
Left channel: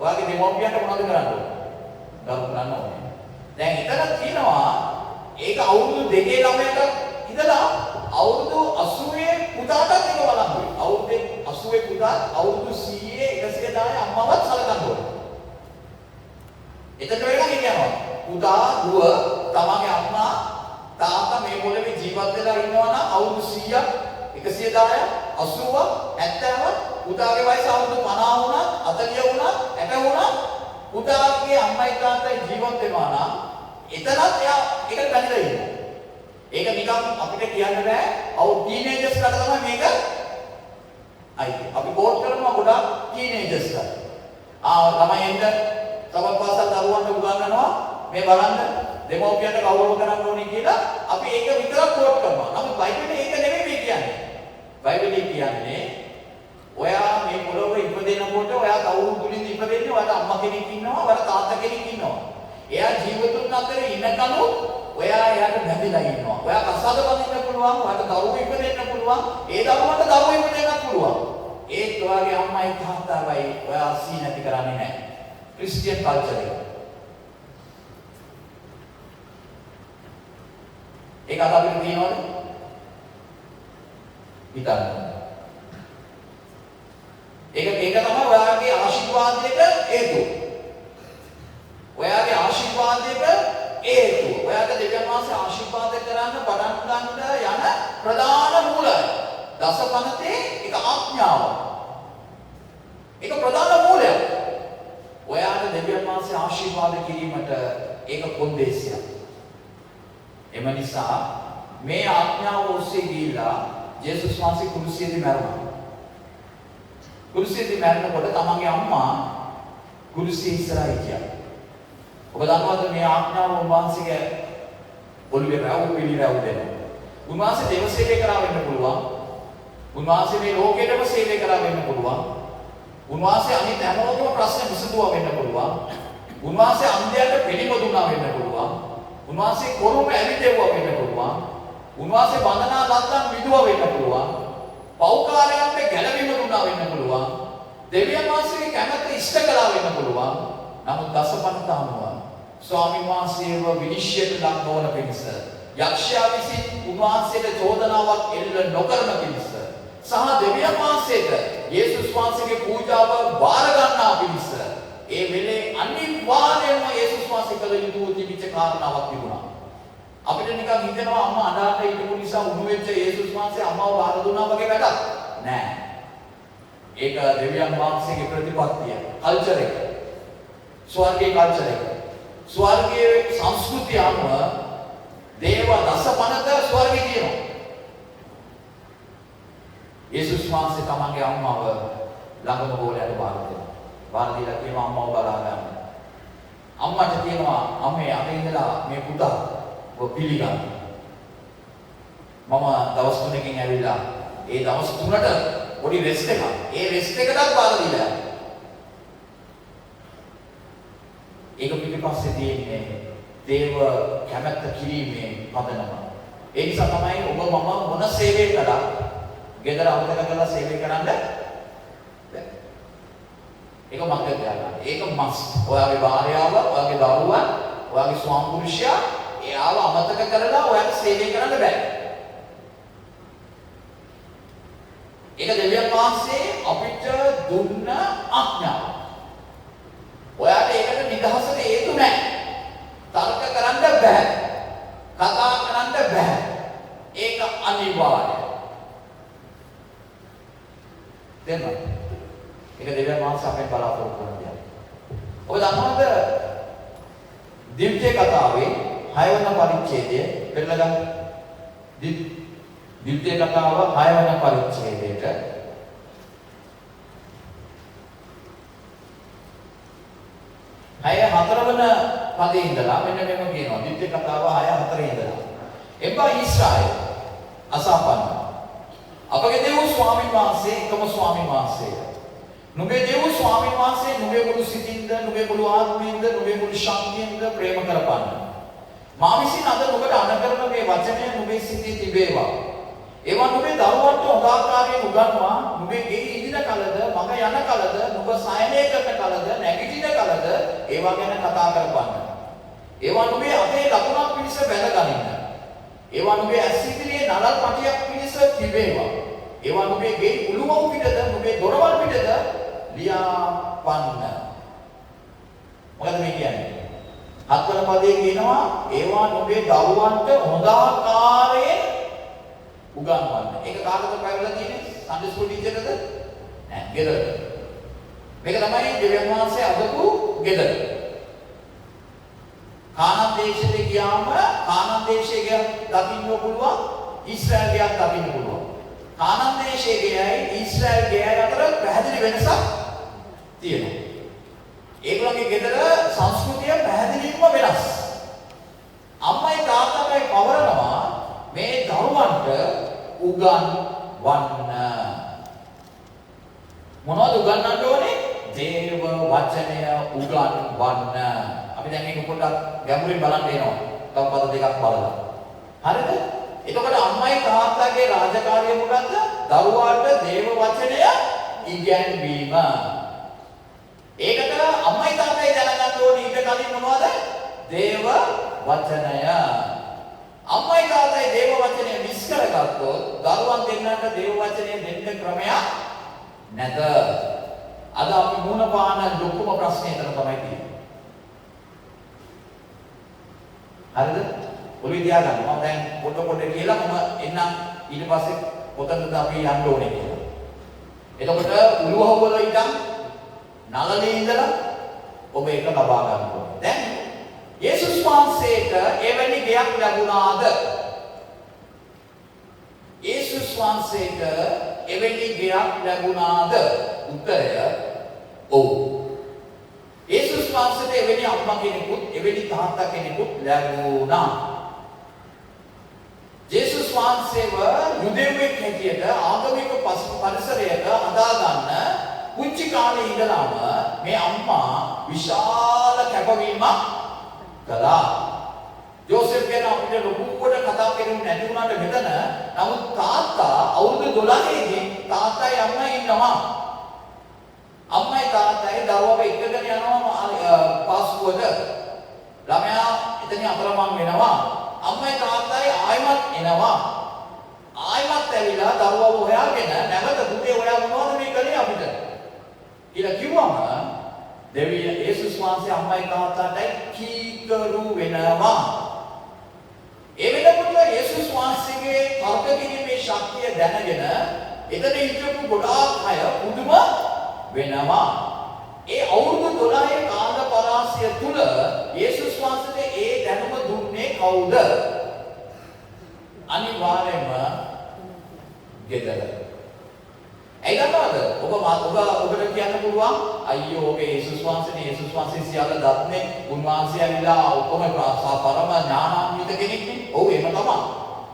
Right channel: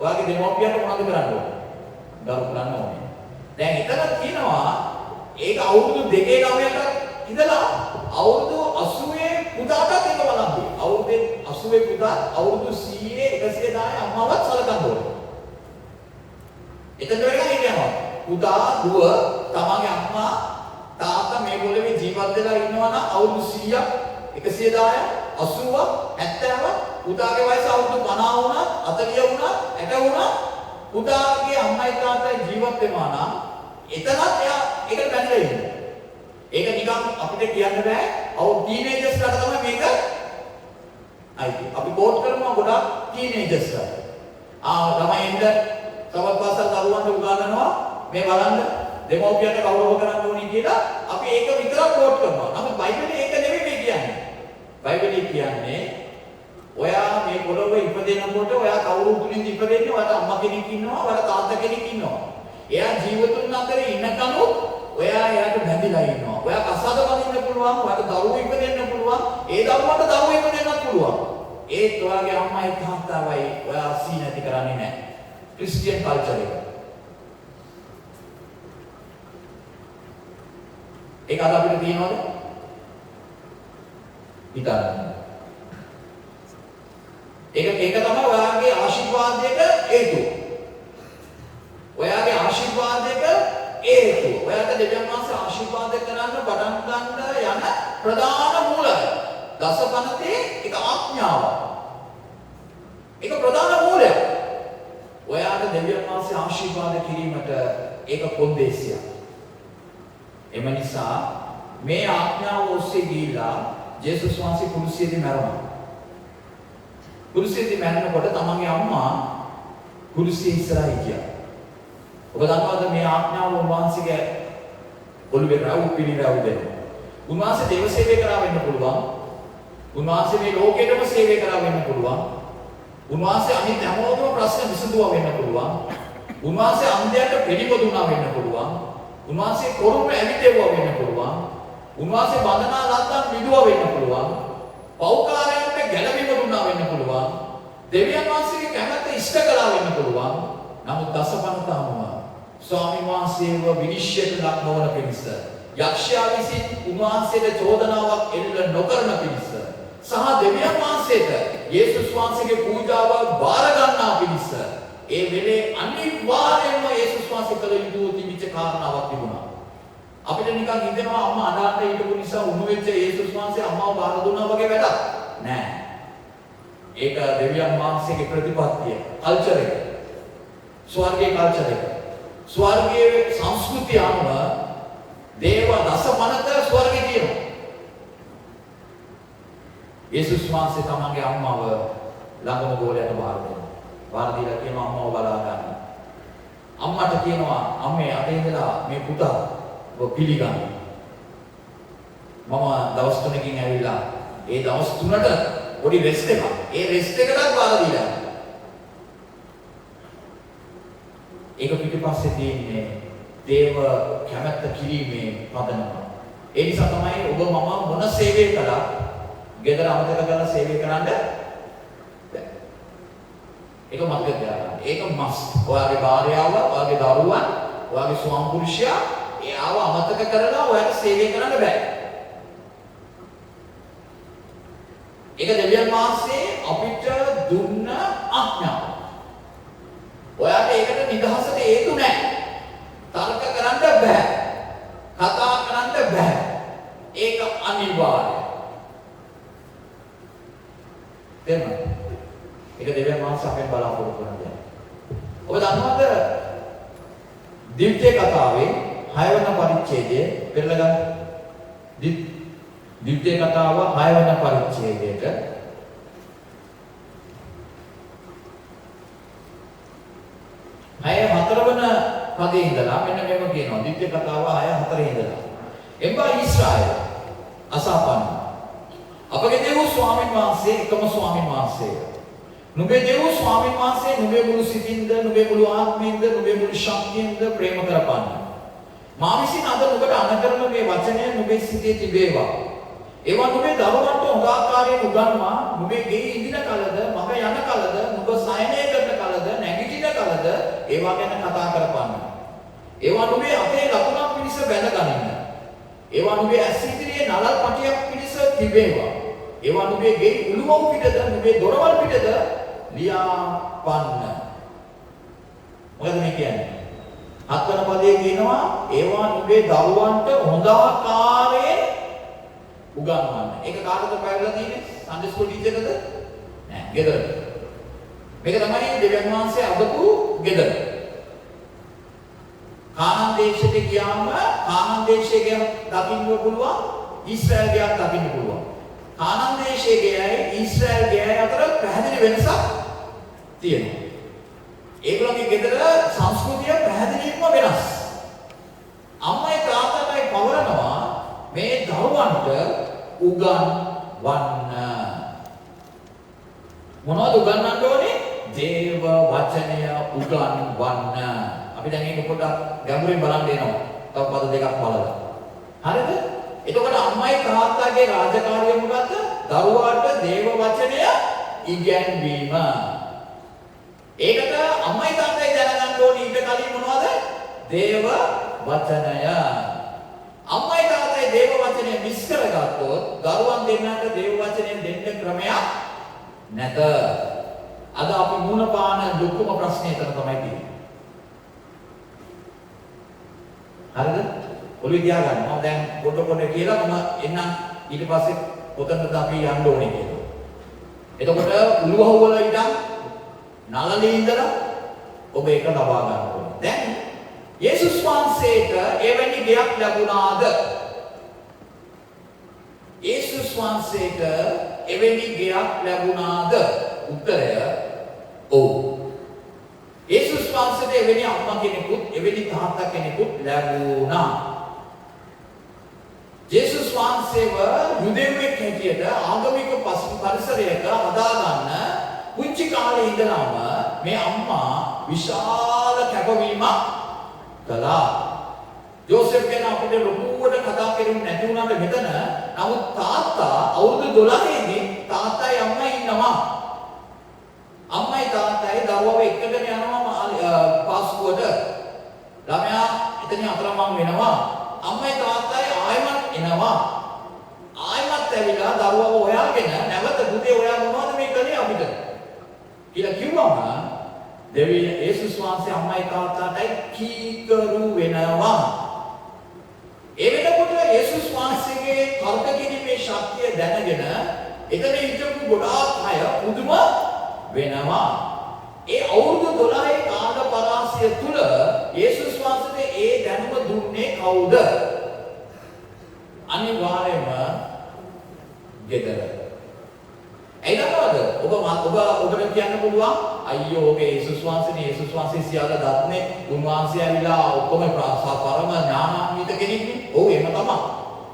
ඔයාගේ දෙමව්පියන්ට මොනවද කරන්න ඕනේ? ගරු කරන්න ඕනේ. දැන් එතන තියෙනවා ඒක අවුරුදු 2-9ක ඉඳලා අවුරුදු 80 පුතාටත් එක වළංගුයි. අවුරුදු 80 පුතා අවුරුදු 100 110 අම්මවත් සලකන්න ඕනේ. එතන වෙලා කියනවා පුතා දුව තමන්ගේ අම්මා තාත්තා මේ පොළවේ ජීවත් වෙලා ඉන්නවා නම් අවුරුදු 100ක් 110 80 70 පුතාගේ වයස අවුරුදු 50 වුණා 40 වුණා 60 වුණා පුතාගේ අම්මයි තාත්තයි ජීවත් වෙනවා නම් එතනත් එයා ඒකට බැඳලා ඉන්නේ. ඒක නිකන් අපිට කියන්න බෑ. අවු ටීනේජර්ස්ලාට තමයි මේක අයිති. අපි කෝට් කරනවා ගොඩක් ටීනේජර්ස්ලා. ළමයින්ට තවත් පාසල් දරුවන්ට උගන්වනවා මේ බලන්න දෙමව්පියන්ට ගෞරව කරන්න ඕනේ කියලා අපි ඒක විතරක් කෝට් කරනවා. නමුත් බයිබලයේ ඒක නෙමෙයි මේ කියන්නේ. බයිබලයේ කියන්නේ ඔයා මේ පොළොවේ ඉපදෙනකොට ඔයා කවුරු තුලින්ද ඉපදෙන්නේ? ඔයාට අම්මා කෙනෙක් ඉන්නවා, ඔයාට තාත්තා කෙනෙක් ඉන්නවා. එයා ජීවිතුන් අතරේ ඉන්නකම ඔයා එයාට බැඳිලා ඉන්නවා. ඔයා කසාද බඳින්න පුළුවන්, ඔයාට දරුවෝ ඉපදෙන්න පුළුවන්, ඒ දරුවන්ට දරුවෝ ඉපදෙන්නත් පුළුවන්. ඒත් ඔයාගේ අම්මයි තාත්තවයි ඔයා සී නැති කරන්නේ නැහැ. ක්‍රිස්තියන් කල්චර් එක. ඒක අද අපිට තියෙනවද? හිතන්න. ඒක තමයි ඔයාගේ ආශිර්වාදයක හේතුව. ඔයාගේ ආශිර්වාදයක හේතුව. ඔයාට දෙවියන් වහන්සේ ආශිර්වාද කරන්න පටන් ගන්න යන ප්‍රධාන මූලය. දසපනතේ ඒක ආඥාව. ඒක ප්‍රධාන මූලය. ඔයාට දෙවියන් වහන්සේ ආශිර්වාද කිරීමට ඒක කොන්දේසියක්. එම නිසා මේ ආඥාව ඔස්සේ ගිහිලා ජේසුස් වහන්සේ කුරුසියේදී මැරුණා. කුරුසියේදී මැරෙනකොට තමන්ගේ අම්මා කුරුසිය ඉස්සරහා හිටියා. ඔබ දන්නවද මේ ආඥාව උන්වහන්සේගේ ඔළුවේ රවු පිළිරවු දෙනවා. උන්වහන්සේ දේව සේවය කරා වෙන්න පුළුවන්. උන්වහන්සේ මේ ලෝකෙටම සේවය කරා වෙන්න පුළුවන්. උන්වහන්සේ අනිත් හැමෝටම ප්‍රශ්න විසඳුවා වෙන්න පුළුවන්. උන්වහන්සේ අන්ධයන්ට පිළිපදුණා වෙන්න පුළුවන්. උන්වහන්සේ කොරුම ඇවිදෙවුවා වෙන්න පුළුවන්. උන්වහන්සේ බඳනා ලද්දන් විදුවා වෙන්න පුළුවන්. පෞකාරයන්ට ගැළවීම දුන්නා වෙන්න පුළුවන්. දෙවියන් වහන්සේගේ කැමැත්ත ඉෂ්ට කළා වෙන්න පුළුවන්. නමුත් දසපනත අනුව ස්වාමීන් වහන්සේව විනිශ්චයට ලක් නොවන පිණිස යක්ෂයා විසින් උන්වහන්සේට චෝදනාවක් එල්ල නොකරන පිණිස සහ දෙවියන් වහන්සේට යේසුස් වහන්සේගේ පූජාව බාර ගන්නා පිණිස ඒ වෙලේ අනිවාර්යයෙන්ම යේසුස් වහන්සේ කළ යුතු තිබිච්ච කාරණාවක් තිබුණා. අපිට නිකන් හිතෙනවා අම්මා අඬාට හිටපු නිසා උණු වෙච්ච යේසුස් වහන්සේ අම්මාව බාර දුන්නා වගේ වැඩක් නෑ. ඒක දෙවියන් වහන්සේගේ ප්‍රතිපත්තිය, කල්චර් එක. ස්වර්ගයේ කල්චර් එක. ස්වර්ගයේ සංස්කෘතිය අනුව දේව දසපනත ස්වර්ගයේ තියෙනවා. යේසුස් වහන්සේ තමන්ගේ අම්මව ළඟම ගෝලයට බාර දුන්නා. බාර දීලා කියනවා අම්මව බලා ගන්න. අම්මට කියනවා අම්මේ අද ඉඳලා මේ පුතා ඔබ පිළිගන්න. මම දවස් 3කින් ඇවිල්ලා ඒ දවස් 3ට පොඩි රෙස්ට් එකක්. ඒ රෙස්ට් එකටත් බාර දීලා. ඒක පිටිපස්සේ තියෙන්නේ දේව කැමැත්ත කිරීමේ පදනම. ඒ නිසා තමයි ඔබ මම මොන සේවය කළා ගෙදර අමතක කරලා සේවය කරන්න බෑ. ඒක මතක තියාගන්න. ඒක මස්ට්. ඔයාගේ භාර්යාව, ඔයාගේ දරුවන්, ඔයාගේ ස්වාම පුරුෂයා එයාව අමතක කරලා ඔයාට සේවය කරන්න බෑ. ඒක දෙවියන් වහන්සේ අපිට දුන්න ආඥාව. ඔයාට ඒකට නිදහසට හේතු නැහැ. තර්ක කරන්න බෑ. කතා කරන්න බෑ. ඒක අනිවාර්යයි. දෙන්න. ඒක දෙවියන් වහන්සේ අපෙන් බලාපොරොත්තු වෙන දෙයක්. ඔබ දන්නවද? දිව්‍ය කතාවේ 6 වෙනි පරිච්ඡේදයේ පෙරලා ගන්න. දිව්‍ය කතාව 6 වෙනි පරිච්ඡේදයට අය 4 වෙනි පදේ ඉඳලා මෙන්න මේක කියනවා. දිව්‍ය කතාව 6:4 ඉඳලා. එම්බා ඊශ්‍රායල් අසපන්න. අපගේ දේව ස්වාමීන් වහන්සේ එකම ස්වාමීන් වහන්සේ. නුඹේ දේව ස්වාමීන් වහන්සේ නුඹේ මුළු සිතින්ද, නුඹේ මුළු ආත්මයෙන්ද, නුඹේ මුළු ශක්තියෙන්ද ප්‍රේම කරපන්න. මා විසින් අද නුඹට අනකරන මේ වචනය නුඹේ සිතේ තිබේවා. ඒවා නුඹේ දරුවන්ට හොඳ ආකාරයෙන් උගන්වා, නුඹේ ගෙයි ඉදින කලද, මම යන කලද, නුඹ සයනය කරන කලද, නැගිටින කලද ඒවා ගැන කතා කරපන්න. ඒවා නුඹේ අතේ ලකුණක් පිණිස බැඳගනින්න. ඒවා නුඹේ ඇස් ඉදිරියේ නලල් පටියක් පිණිස තිබේවා. ඒවා නුඹේ ගෙයි උළුමව් පිටද, නුඹේ දොරවල් පිටද ලියාපන්න. මොකද මේ කියන්නේ? 7 වෙනි පදයේ කියනවා ඒවා නුඹේ දරුවන්ට හොඳ ආකාරයෙන් උගන්වන්න. ඒක කාටද පැවැදලා තියෙන්නේ? සන්ඩේ ස්කූල් ටීචර්කද? නෑ, ගෙදරද. මේක තමයි දෙවියන් වහන්සේ අදපු ගෙදර. කානාන් දේශයට ගියාම කානාන් දේශයේ දකින්න පුළුවන්, ඊශ්‍රායල් ගියක් දකින්න පුළුවන්. කානාන් දේශයේ ගියයි ඊශ්‍රායල් ගියයි අතර පැහැදිලි වෙනසක් තියෙනවා. ඒගොල්ලන්ගේ ගෙදර සංස්කෘතිය පැහැදිලිවම වෙනස්. අම්මයි තාත්තයි පවරනවා මේ දරුවන්ට උගන්වන්න. මොනවද උගන්වන්න ඕනේ? දේව වචනය උගන්වන්න. අපි දැන් මේක පොඩ්ඩක් ගැඹුරින් බලන්න එනවා. තව පද දෙකක් බලලා. හරිද? එතකොට අම්මයි තාත්තගේ රාජකාරිය මොකද්ද? දරුවාට දේව වචනය ඉගැන්වීම. ඒකට අම්මයි තාත්තයි දැනගන්න ඕනේ ඊට කලින් මොනවද? දේව වචනය. අම්මයි තාත්තයි දේව වචනය මිස් කරගත්තොත් දරුවන් දෙන්නට දේව වචනය දෙන්න ක්‍රමයක් නැත. අද අපි මුණ පාන ලොකුම ප්‍රශ්නේ එතන තමයි තියෙන්නේ. හරිද? ඔළුව තියාගන්න. මම දැන් පොඩ කියලා මම එන්නම් ඊට පස්සේ කොතනද අපි යන්න ඕනේ කියලා. එතකොට උළුවහුව වල ඉඳන් නළලේ ඉඳලා ඔබ ඒක ලබා ගන්න ඕනේ. දැන් යේසුස් වහන්සේට එවැනි ගයක් ලැබුණාද? යේසුස් වහන්සේට එවැනි ගයක් ලැබුණාද? උත්තරය ඔව්. යේසුස් වහන්සේට එවැනි අම්මා කෙනෙකුත් එවැනි තාත්තා කෙනෙකුත් ලැබුණා. යේසුස් වහන්සේව යුදෙව්වෙක් හැටියට ආගමික පරිසරයක හදාගන්න පුංචි කාලේ ඉඳලාම මේ අම්මා විශාල කැපවීමක් කළා. ජෝසෙෆ් ගැන අපිට ලොකුවට කතා කරුනේ නැති වුණාට මෙතන නමුත් තාත්තා අවුරුදු 12 දී තාත්තයි අම්මයි ඉන්නවා. අම්මයි තාත්තයි දරුවව එක්කගෙන යනවා පාස්කුවට. ළමයා එතනින් අතරමං වෙනවා. අම්මයි තාත්තයි ආයෙමත් එනවා. ආයෙමත් ඇවිල්ලා දරුවව හොයාගෙන නැවත පුතේ ඔයා මොනවද මේ කළේ අපිට කියලා කිව්වම දෙවියන් යේසුස් වහන්සේ අම්මයි තාත්තටයි කීකරු වෙනවා. ඒ වෙනකොට යේසුස් වහන්සේගේ තර්ක කිරීමේ ශක්තිය දැනගෙන එතන හිටපු ගොඩාක් අය පුදුම වෙනවා. ඒ අවුරුදු 12 කාල පරාසය තුල යේසුස් වහන්සේට ඒ දැනුම දුන්නේ කවුද? අනිවාර්යයෙන්ම ගෙදර. ඒ නේද? ඔබට කියන්න පුළුවන් අයියෝ ඔබේ යේසුස් වහන්සේ සියල්ල දත්නේ උන්වහන්සේ ඇවිල්ලා ඔක්කොම පරම ඥානාන්විත කෙනෙක්නේ. ඔව් එහෙම තමයි.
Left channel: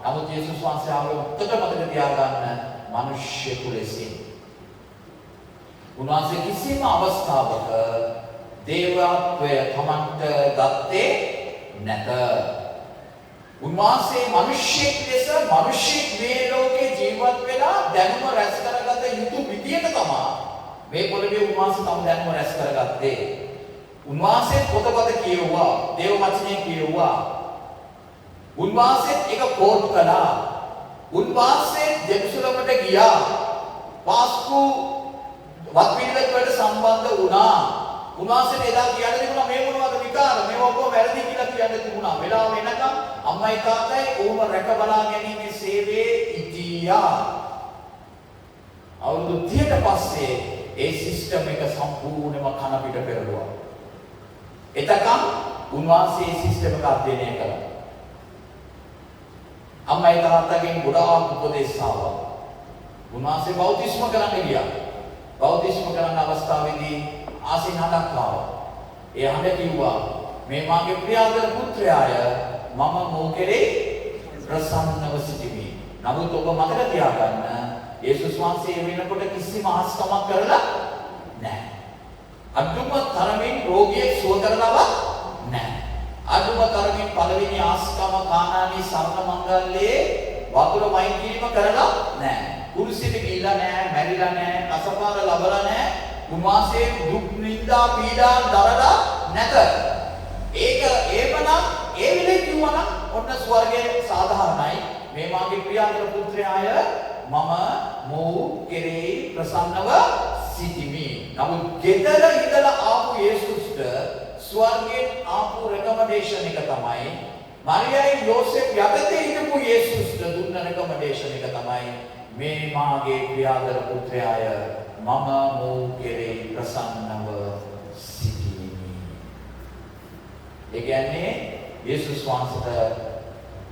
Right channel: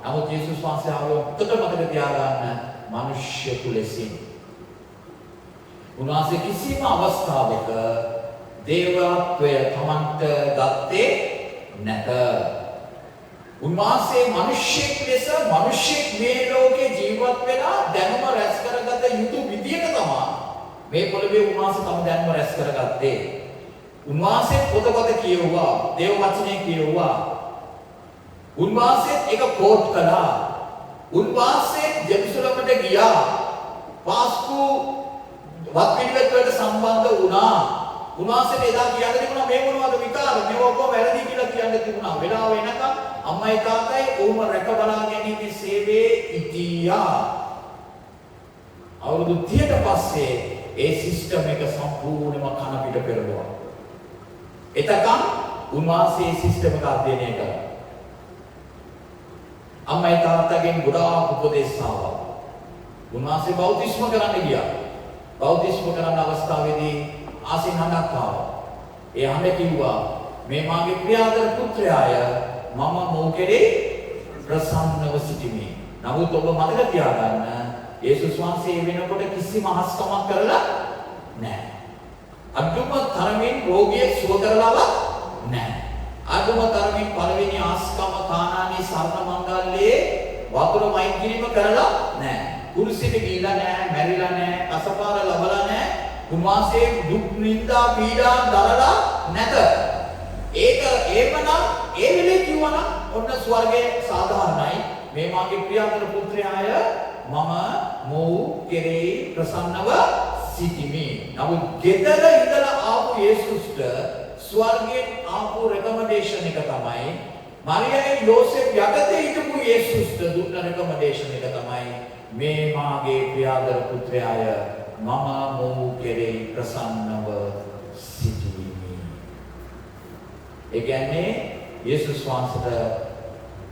නමුත් යේසුස් වහන්සේ ආවේ උත්තර මතක තියාගන්න මිනිස්සු ලෙසින්. උන්වහන්සේ කිසිම අවස්ථාවක දේවත්වය තමන්ට ගත්තේ නැත. උන්වහන්සේ මිනිසෙක් ලෙස මිනිසෙක් මේ ලෝකේ ජීවත් වෙලා දැනුම රැස් කරගත යුතු විදියට තමයි මේ පොළවේ උන්වහන්සේ තම දැනුම රැස් කරගත්තේ. උන්වහන්සේ පොතපත කියවුවා, දේව වචනේ කියවුවා. උන්වහන්සේ ඒක කෝට් කළා. උන්වහන්සේ ජෙරුසලමට ගියා. පාස්කු වත්පිළිවෙත් වලට සම්බන්ධ වුණා. උන්වහන්සේට එදා කියන්න තිබුණා මේ මොනවද විකාර මේ ඔක්කොම වැරදි කියලා කියන්න තිබුණා. වෙලාව වෙනකම් අම්මයි තාත්තයි ඕම රැක බලා ගැනීමේ සේවයේ ඉතියා. අවුරුදු 30කට පස්සේ ඒ සිස්ටම් එක සම්පූර්ණයෙන්ම කන පිට පෙරළුවා. එතකම් උන්වහන්සේ ඒ සිස්ටම් එක අධ්‍යයනය කළා. අම්මයි තාත්තගෙන් ගොඩාක් උපදෙස් ආවා. උන්වහන්සේ බෞද්ධිස්ම කරන්න ගියා. බෞද්ධිස්ම කරන අවස්ථාවේදී ආසෙන් හඬක් ආවා. ඒ හඬ කිව්වා මේ මාගේ ප්‍රියාදර පුත්‍රයාය මම මොහු කෙරේ ප්‍රසන්නව සිටිමි. නමුත් ඔබ මතක තියාගන්න යේසුස් වහන්සේ වෙනකොට කිසිම ආස්කමක් කරලා නැහැ. අදුම තරමින් රෝගියෙක් සුව කරලවත් නැහැ. අදුම තරමින් පළවෙනි ආස්කම කානානී සරණ මංගල්‍යයේ වතුර මයින් කිරීම කරලා නැහැ. කුරුසියට ගිහිලා නැහැ, මැරිලා නැහැ, අසපාර ලබලා නැහැ. උන්වහන්සේ දුක් නින්දා පීඩා දරලා නැත. ඒක ඒවනම් ඒ විදිහේ කිව්වනම් ඔන්න ස්වර්ගයේ සාධාරණයි. මේ මාගේ ප්‍රියතර පුත්‍රයාය මම මොහු කෙරෙහි ප්‍රසන්නව සිටිමි. නමුත් ගෙදර ඉඳලා ආපු යේසුස්ට ස්වර්ගයෙන් ආපු රෙකමෙන්ඩේෂන් එක තමයි මරියයි යෝසෙෆ් යටතේ හිටපු යේසුස්ට දුන්න රෙකමෙන්ඩේෂන් එක තමයි මේ මාගේ ප්‍රියතර පුත්‍රයාය මම මොහු කෙරෙහි ප්‍රසන්නව සිටිමි. ඒ කියන්නේ යේසුස් වහන්සේට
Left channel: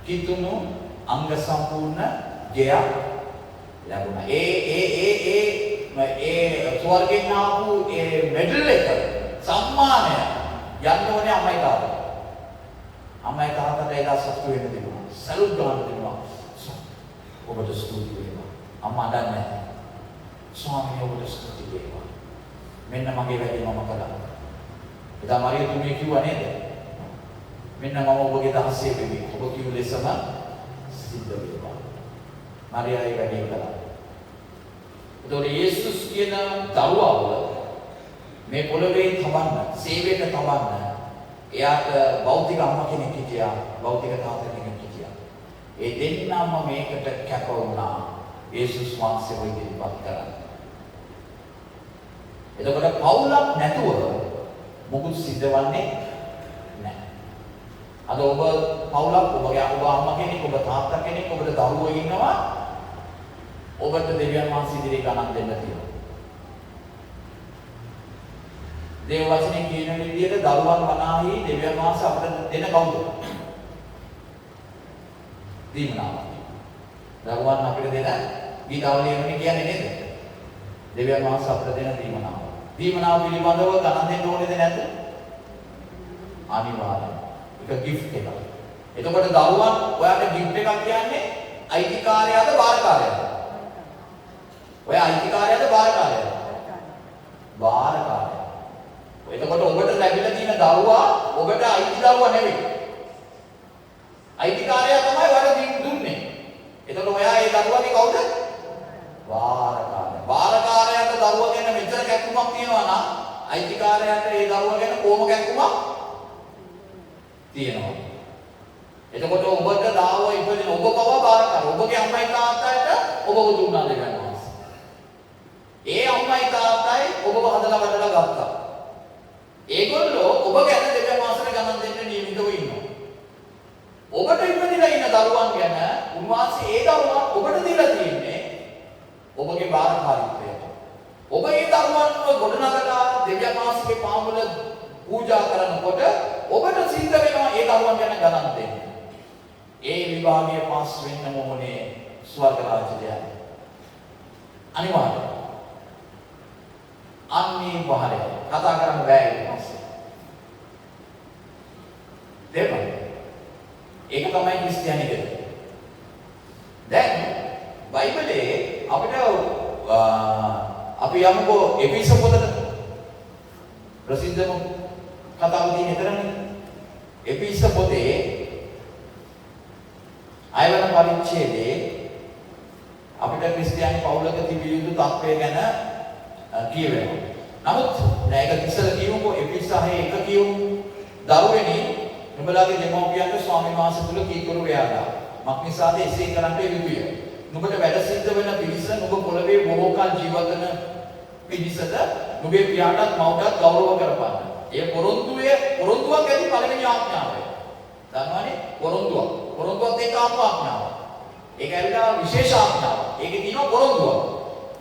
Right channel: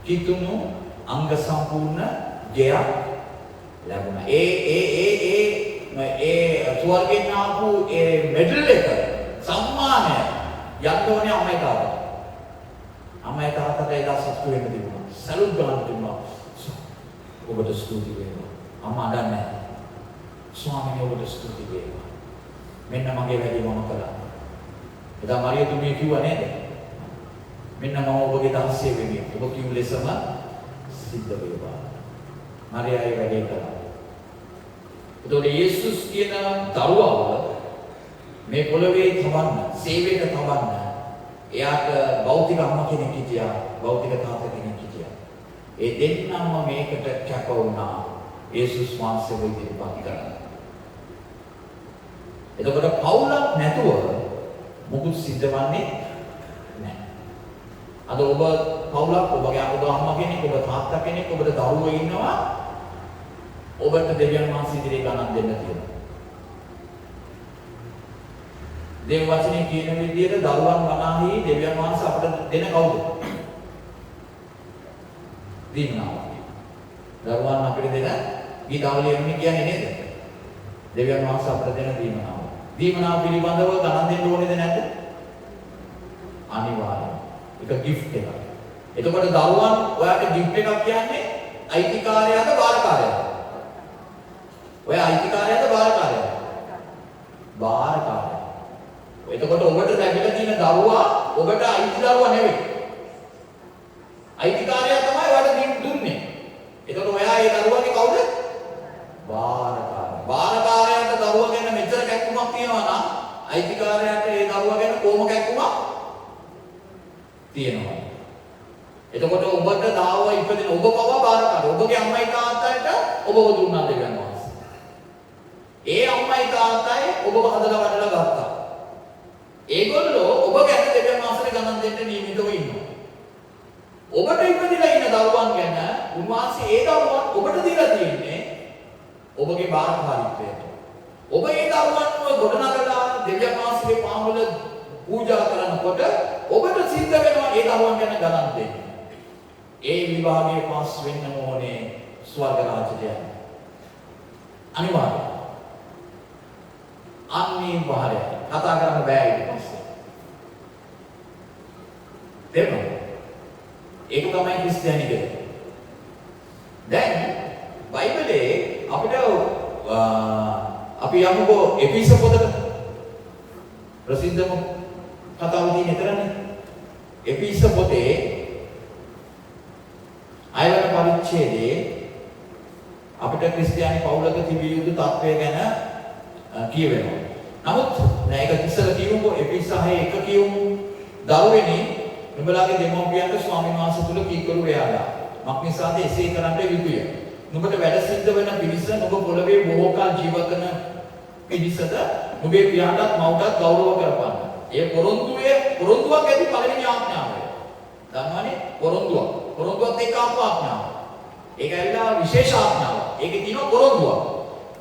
කිතුණු අංග සම්පූර්ණ ජයක් ලැබුණා. ඒ ස්වර්ගෙන් ආපු ඒ මෙඩල් එක සම්මානය යන්න ඕනේ අම්මයි තාත්තා. අම්මයි තාත්තට ඒක සතුටු වෙන්න තිබුණා. සලූට් ගන්න තිබුණා. ඔබට ස්තුති වේවා. අම්මා අඬන්නේ නැහැ. ස්වාමීන් ඔබට ස්තුති වේවා. මෙන්න මගේ වැඩේ මම කළා. එදා මරියතුමිය කිව්වා නේද? මෙන්න මම ඔබගේ දහසේ වෙමි. ඔබ කිව්ව ලෙසම සිද්ධ වේවා. මරියායි වැඩේ කළා. එතකොට යේසුස් කියන දරුවව මේ පොළවේ තබන්න, සේවයට තබන්න එයාට භෞතික අම්මා කෙනෙක් හිටියා, භෞතික තාත්තා කෙනෙක් හිටියා. ඒ දෙන්නම මේකට කැප වුණා යේසුස් වහන්සේව ඉදිරිපත් කරන්න. එතකොට පවුලක් නැතුව මොකුත් සිද්ධ වෙන්නේ නැහැ. අද ඔබ පවුලක්, ඔබගේ අම්මා කෙනෙක්, ඔබ තාත්තා කෙනෙක්, ඔබට දරුවෝ ඉන්නවා. ඔබට දෙවියන් වහන්සේ ඉදිරියේ ගණන් දෙන්න තියෙනවා. දේව වචනේ කියන විදිහට දරුවන් වනාහි දෙවියන් වහන්සේ අපට දෙන කවුද? දීමනාව. දරුවන් අපිට දෙන ගීතාවලියෙන්නේ කියන්නේ නේද? දෙවියන් වහන්සේ අපට දෙන දීමනාව. දීමනාව පිළිබඳව ගණන් දෙන්න ඕනේද නැද්ද? අනිවාර්යයෙන්. ඒක gift එකක්. එතකොට දරුවන් ඔයාට gift එකක් කියන්නේ අයිතිකාරයාද බාරකාරයාද? ඔයා අයිතිකාරයාද බාරකාරයාද? බාරකාරයා. එතකොට ඔබට ලැබිලා තියෙන දරුවා ඔබට අයිති දරුවා නෙවෙයි. අයිතිකාරයා තමයි ඔයාලට දුන්නේ. එතකොට ඔයා ඒ දරුවාගේ කවුද? බාරකාරයා. බාරකාරයාට දරුවා ගැන මෙච්චර කැක්කුමක් තියෙනවා නම් අයිතිකාරයාට ඒ දරුවා ගැන කොහොම කැක්කුමක් තියෙනවා. එතකොට ඔබට දාව ඉපදින ඔබ පව බාරකාරයා. ඔබගේ අම්මයි තාත්තට ඔබව දුන්නා දෙවියන් වහන්සේ. ඒ අම්මයි තාත්තයි ඔබව හදලා වැඩලා ගත්තා. ඒගොල්ලෝ ඔබ ගැන දෙවියන් වහන්සේට ගණන් දෙන්න නියමිතව ඉන්නවා. ඔබට ඉපදිලා ඉන්න දරුවන් ගැන උන්වහන්සේ ඒ දරුවන් ඔබට දීලා තියෙන්නේ ඔබගේ බාරකාරීත්වය. ඔබ ඒ දරුවන්ව ගොඩනගලා දෙවියන් වහන්සේගේ පාමුල පූජා කරනකොට ඔබට සිද්ධ වෙනවා ඒ දරුවන් ගැන ගණන් දෙන්න. ඒ විභාගයේ පාස් වෙන්න ඕනේ ස්වර්ග රාජ්‍යය. අනිවාර්යයෙන්. අනිවාර්යයෙන්. කතා කරන්න බෑ ඊට පස්සේ. දෙමළ. ඒක තමයි ක්‍රිස්තියානිකය. දැන් බයිබලයේ අපිට අපි යමුකෝ එපිස පොතට ප්‍රසිද්ධම කතාව තියෙන එතරම්නේ. එපිස පොතේ 6 වෙනි පරිච්ඡේදයේ අපිට ක්‍රිස්තියානි පවුලක තිබිය යුතු තත්ත්වය ගැන කියවෙනවා. නමුත් මේක ඉස්සර කියමුකෝ එපිස 6:1 කියමු. දරුවෙනි නුඹලාගේ දෙමව්පියන්ට ස්වාමීන් වහන්සේ තුල කීකරු වේලා. මක්නිසාද එසේ කරන්නට යුතුය. නුඹට වැඩ සිද්ධ වෙන පිරිස නුඹ පොළවේ බොහෝ කල ජීවත් වෙන පිරිසද නුඹේ පියාටත් මව්ටත් ගෞරව කරපන්න. ඒ පොරොන්දුවක් ඇති පළවෙනි ආඥාවයි. දන්නවනේ පොරොන්දුවක්. පොරොන්දුවත් එක්ක ආපු ආඥාව. ඒක ඇවිල්ලා විශේෂ ආඥාවක්. ඒකේ තියෙනවා පොරොන්දුවක්.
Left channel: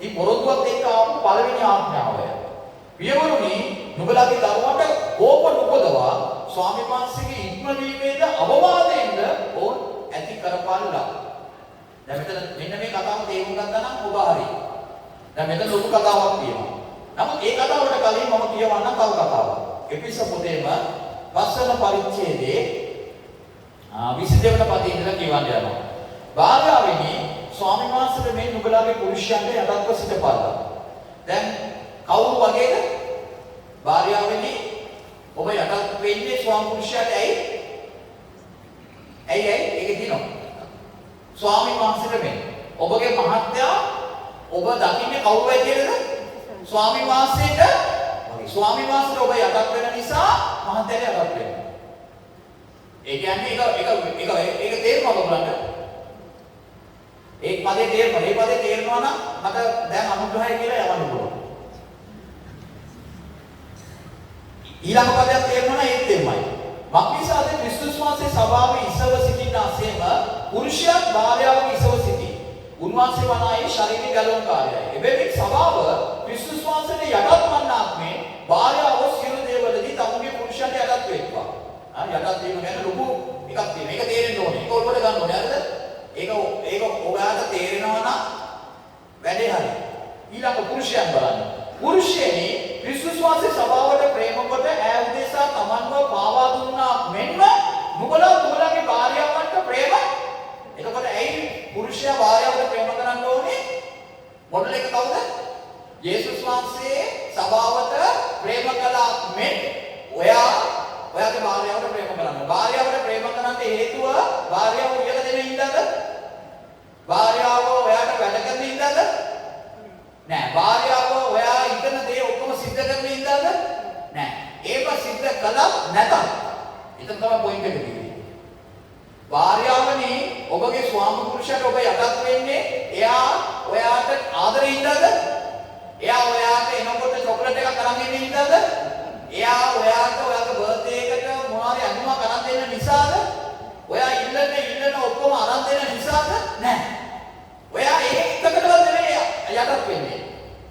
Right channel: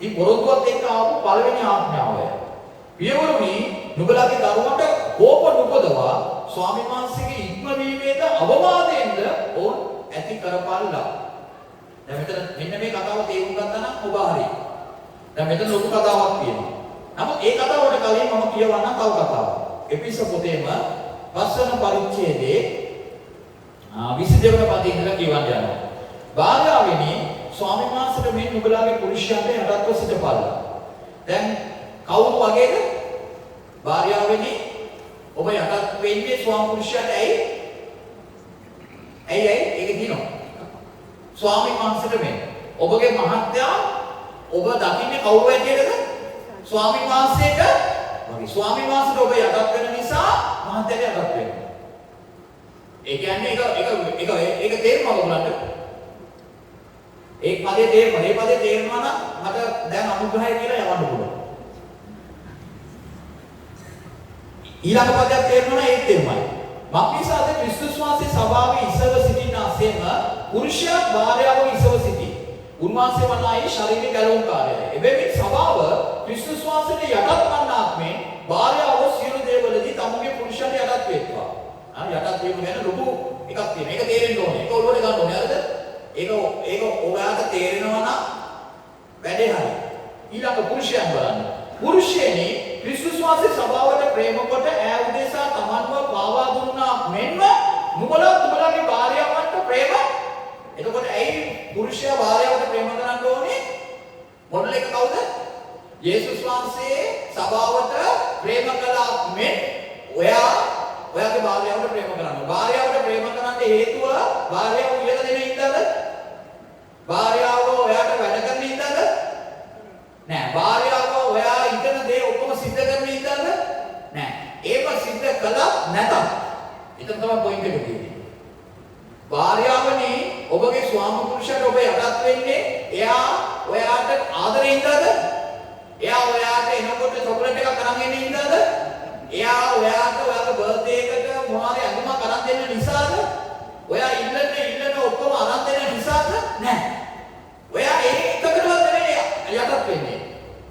මේ පොරොන්දුවත් එක්ක ආපු පළවෙනි ආඥාවයි. පියවරුනි නුඹලාගේ දරුවන්ට කෝප නොපදවා ස්වාමීන් වහන්සේගේ ඉක්මවීමේද අවවාදයෙන්ද ඔවුන් ඇති කරපාලා. දැන් මෙතන මෙන්න මේ කතාව තේරුම් ගත්තා නම් ඔබ හරි. දැන් මෙතන ලොකු කතාවක් තියෙනවා. නමුත් ඒ කතාවට කලින් මම කියවන්නම් තව කතාවක්. එපිස පොතේම 5 වෙනි පරිච්ඡේදයේ 22 වෙනි පදේ ඉඳලා කියවන්න යනවා. භාර්යාවෙනි ස්වාමීන් වහන්සේට මේ නුඹලාගේ පුරුෂයන්ට යටත්ව සිටපල්ලා. දැන් කවුරු වගේද? භාර්යාවෙනි ඔබ යටත් වෙන්නේ ස්වාමි පුරුෂයාට ඇයි? ඒක දිනනවා. ස්වාමීන් වහන්සේට වෙන්නේ. ඔබගේ මහත්යා ඔබ දකින්නේ කවුරු ඇදෙන්නද? ස්වාමීන් වහන්සේට වගේ. ස්වාමීන් වහන්සේට ඔබ යටත් වෙන නිසා මහත්යාට යටත් වෙනවා. ඒ කියන්නේ ඒක තේරුම ඔයගොල්ලන්ට. ඒ පදේ තේරෙනවා නම් මට දැන් අනුග්‍රහය කියලා යවන්න පුළුවන්. ඊළඟ පදයක් තේරෙනවා ඒත් තේමයි. මක්නිසාද ක්‍රිස්තුස් වහන්සේ සභාවේ ඉසව සිටිනාseම පුරුෂයා භාර්යාවගේ ඉසව සිටි. උන්වහන්සේ වනායි ශරීරික ගැලවුම්කාරයයි. එබැවින් සභාව ක්‍රිස්තුස් වහන්සේට යටත් වන්නාක් මේ භාර්යාව සියලු දේවලදී තමුගේ පුරුෂයන්ට යටත් වෙත්වා. යටත් වීම ගැන ලොකු එකක් තියෙනවා. ඒක තේරෙන්න ඕනේ. ඒක ඔයගොල්ලෝ ගන්න ඕනේ හරිද? ඒක ඔයාලට තේරෙනවා නම් වැඩේ හරි. ඊළඟ පුරුෂයන් බලන්න. පුරුෂයනි ක්‍රිස්තුස් වහන්සේ සභාවට ප්‍රේම කොට ඈ උදෙසා තමන්ව පාවා දුන්නා මෙන්ම නුඹලාගේ භාර්යාවන්ට ප්‍රේම. එතකොට ඇයි පුරුෂයා භාර්යාවට ප්‍රේම කරන්න ඕනේ? මොඩල් එක කවුද? යේසුස් වහන්සේ සභාවට ප්‍රේම කළා මෙන් ඔයාගේ භාර්යාවට ප්‍රේම කරන්න. භාර්යාවට ප්‍රේම කරන්න හේතුව භාර්යාව උයලා දෙන ඉඳද? භාර්යාව ඔයාට වැඩ කරන ඉඳද? නෑ. භාර්යාව ඔයා ඉගෙන දේ ඔක්කොම සිද්ධ කරන ඉඳද? නෑ. ඒව සිද්ධ කළා නැතත්. එතන තමයි පොයින්ට් එක තියෙන්නේ. භාර්යාවනි ඔබගේ ස්වාමි පුරුෂයාට ඔබ යටත් වෙන්නේ එයා ඔයාට ආදරේ ඉඳද? එයා ඔයාට එනකොට චොකලට් එකක් අරන් එන්නේ ඉඳද? එයා ඔයාට ඔයාගේ බර්ත්ඩේ එකට මොනවාරි අඳුමක් අරන් දෙන්න නිසාද? ඔයා ඉල්ලන ඔක්කොම අරන් දෙන්න නිසාද? නෑ. ඔයා ඒකකටවත් නෙවෙයි යටත් වෙන්නේ.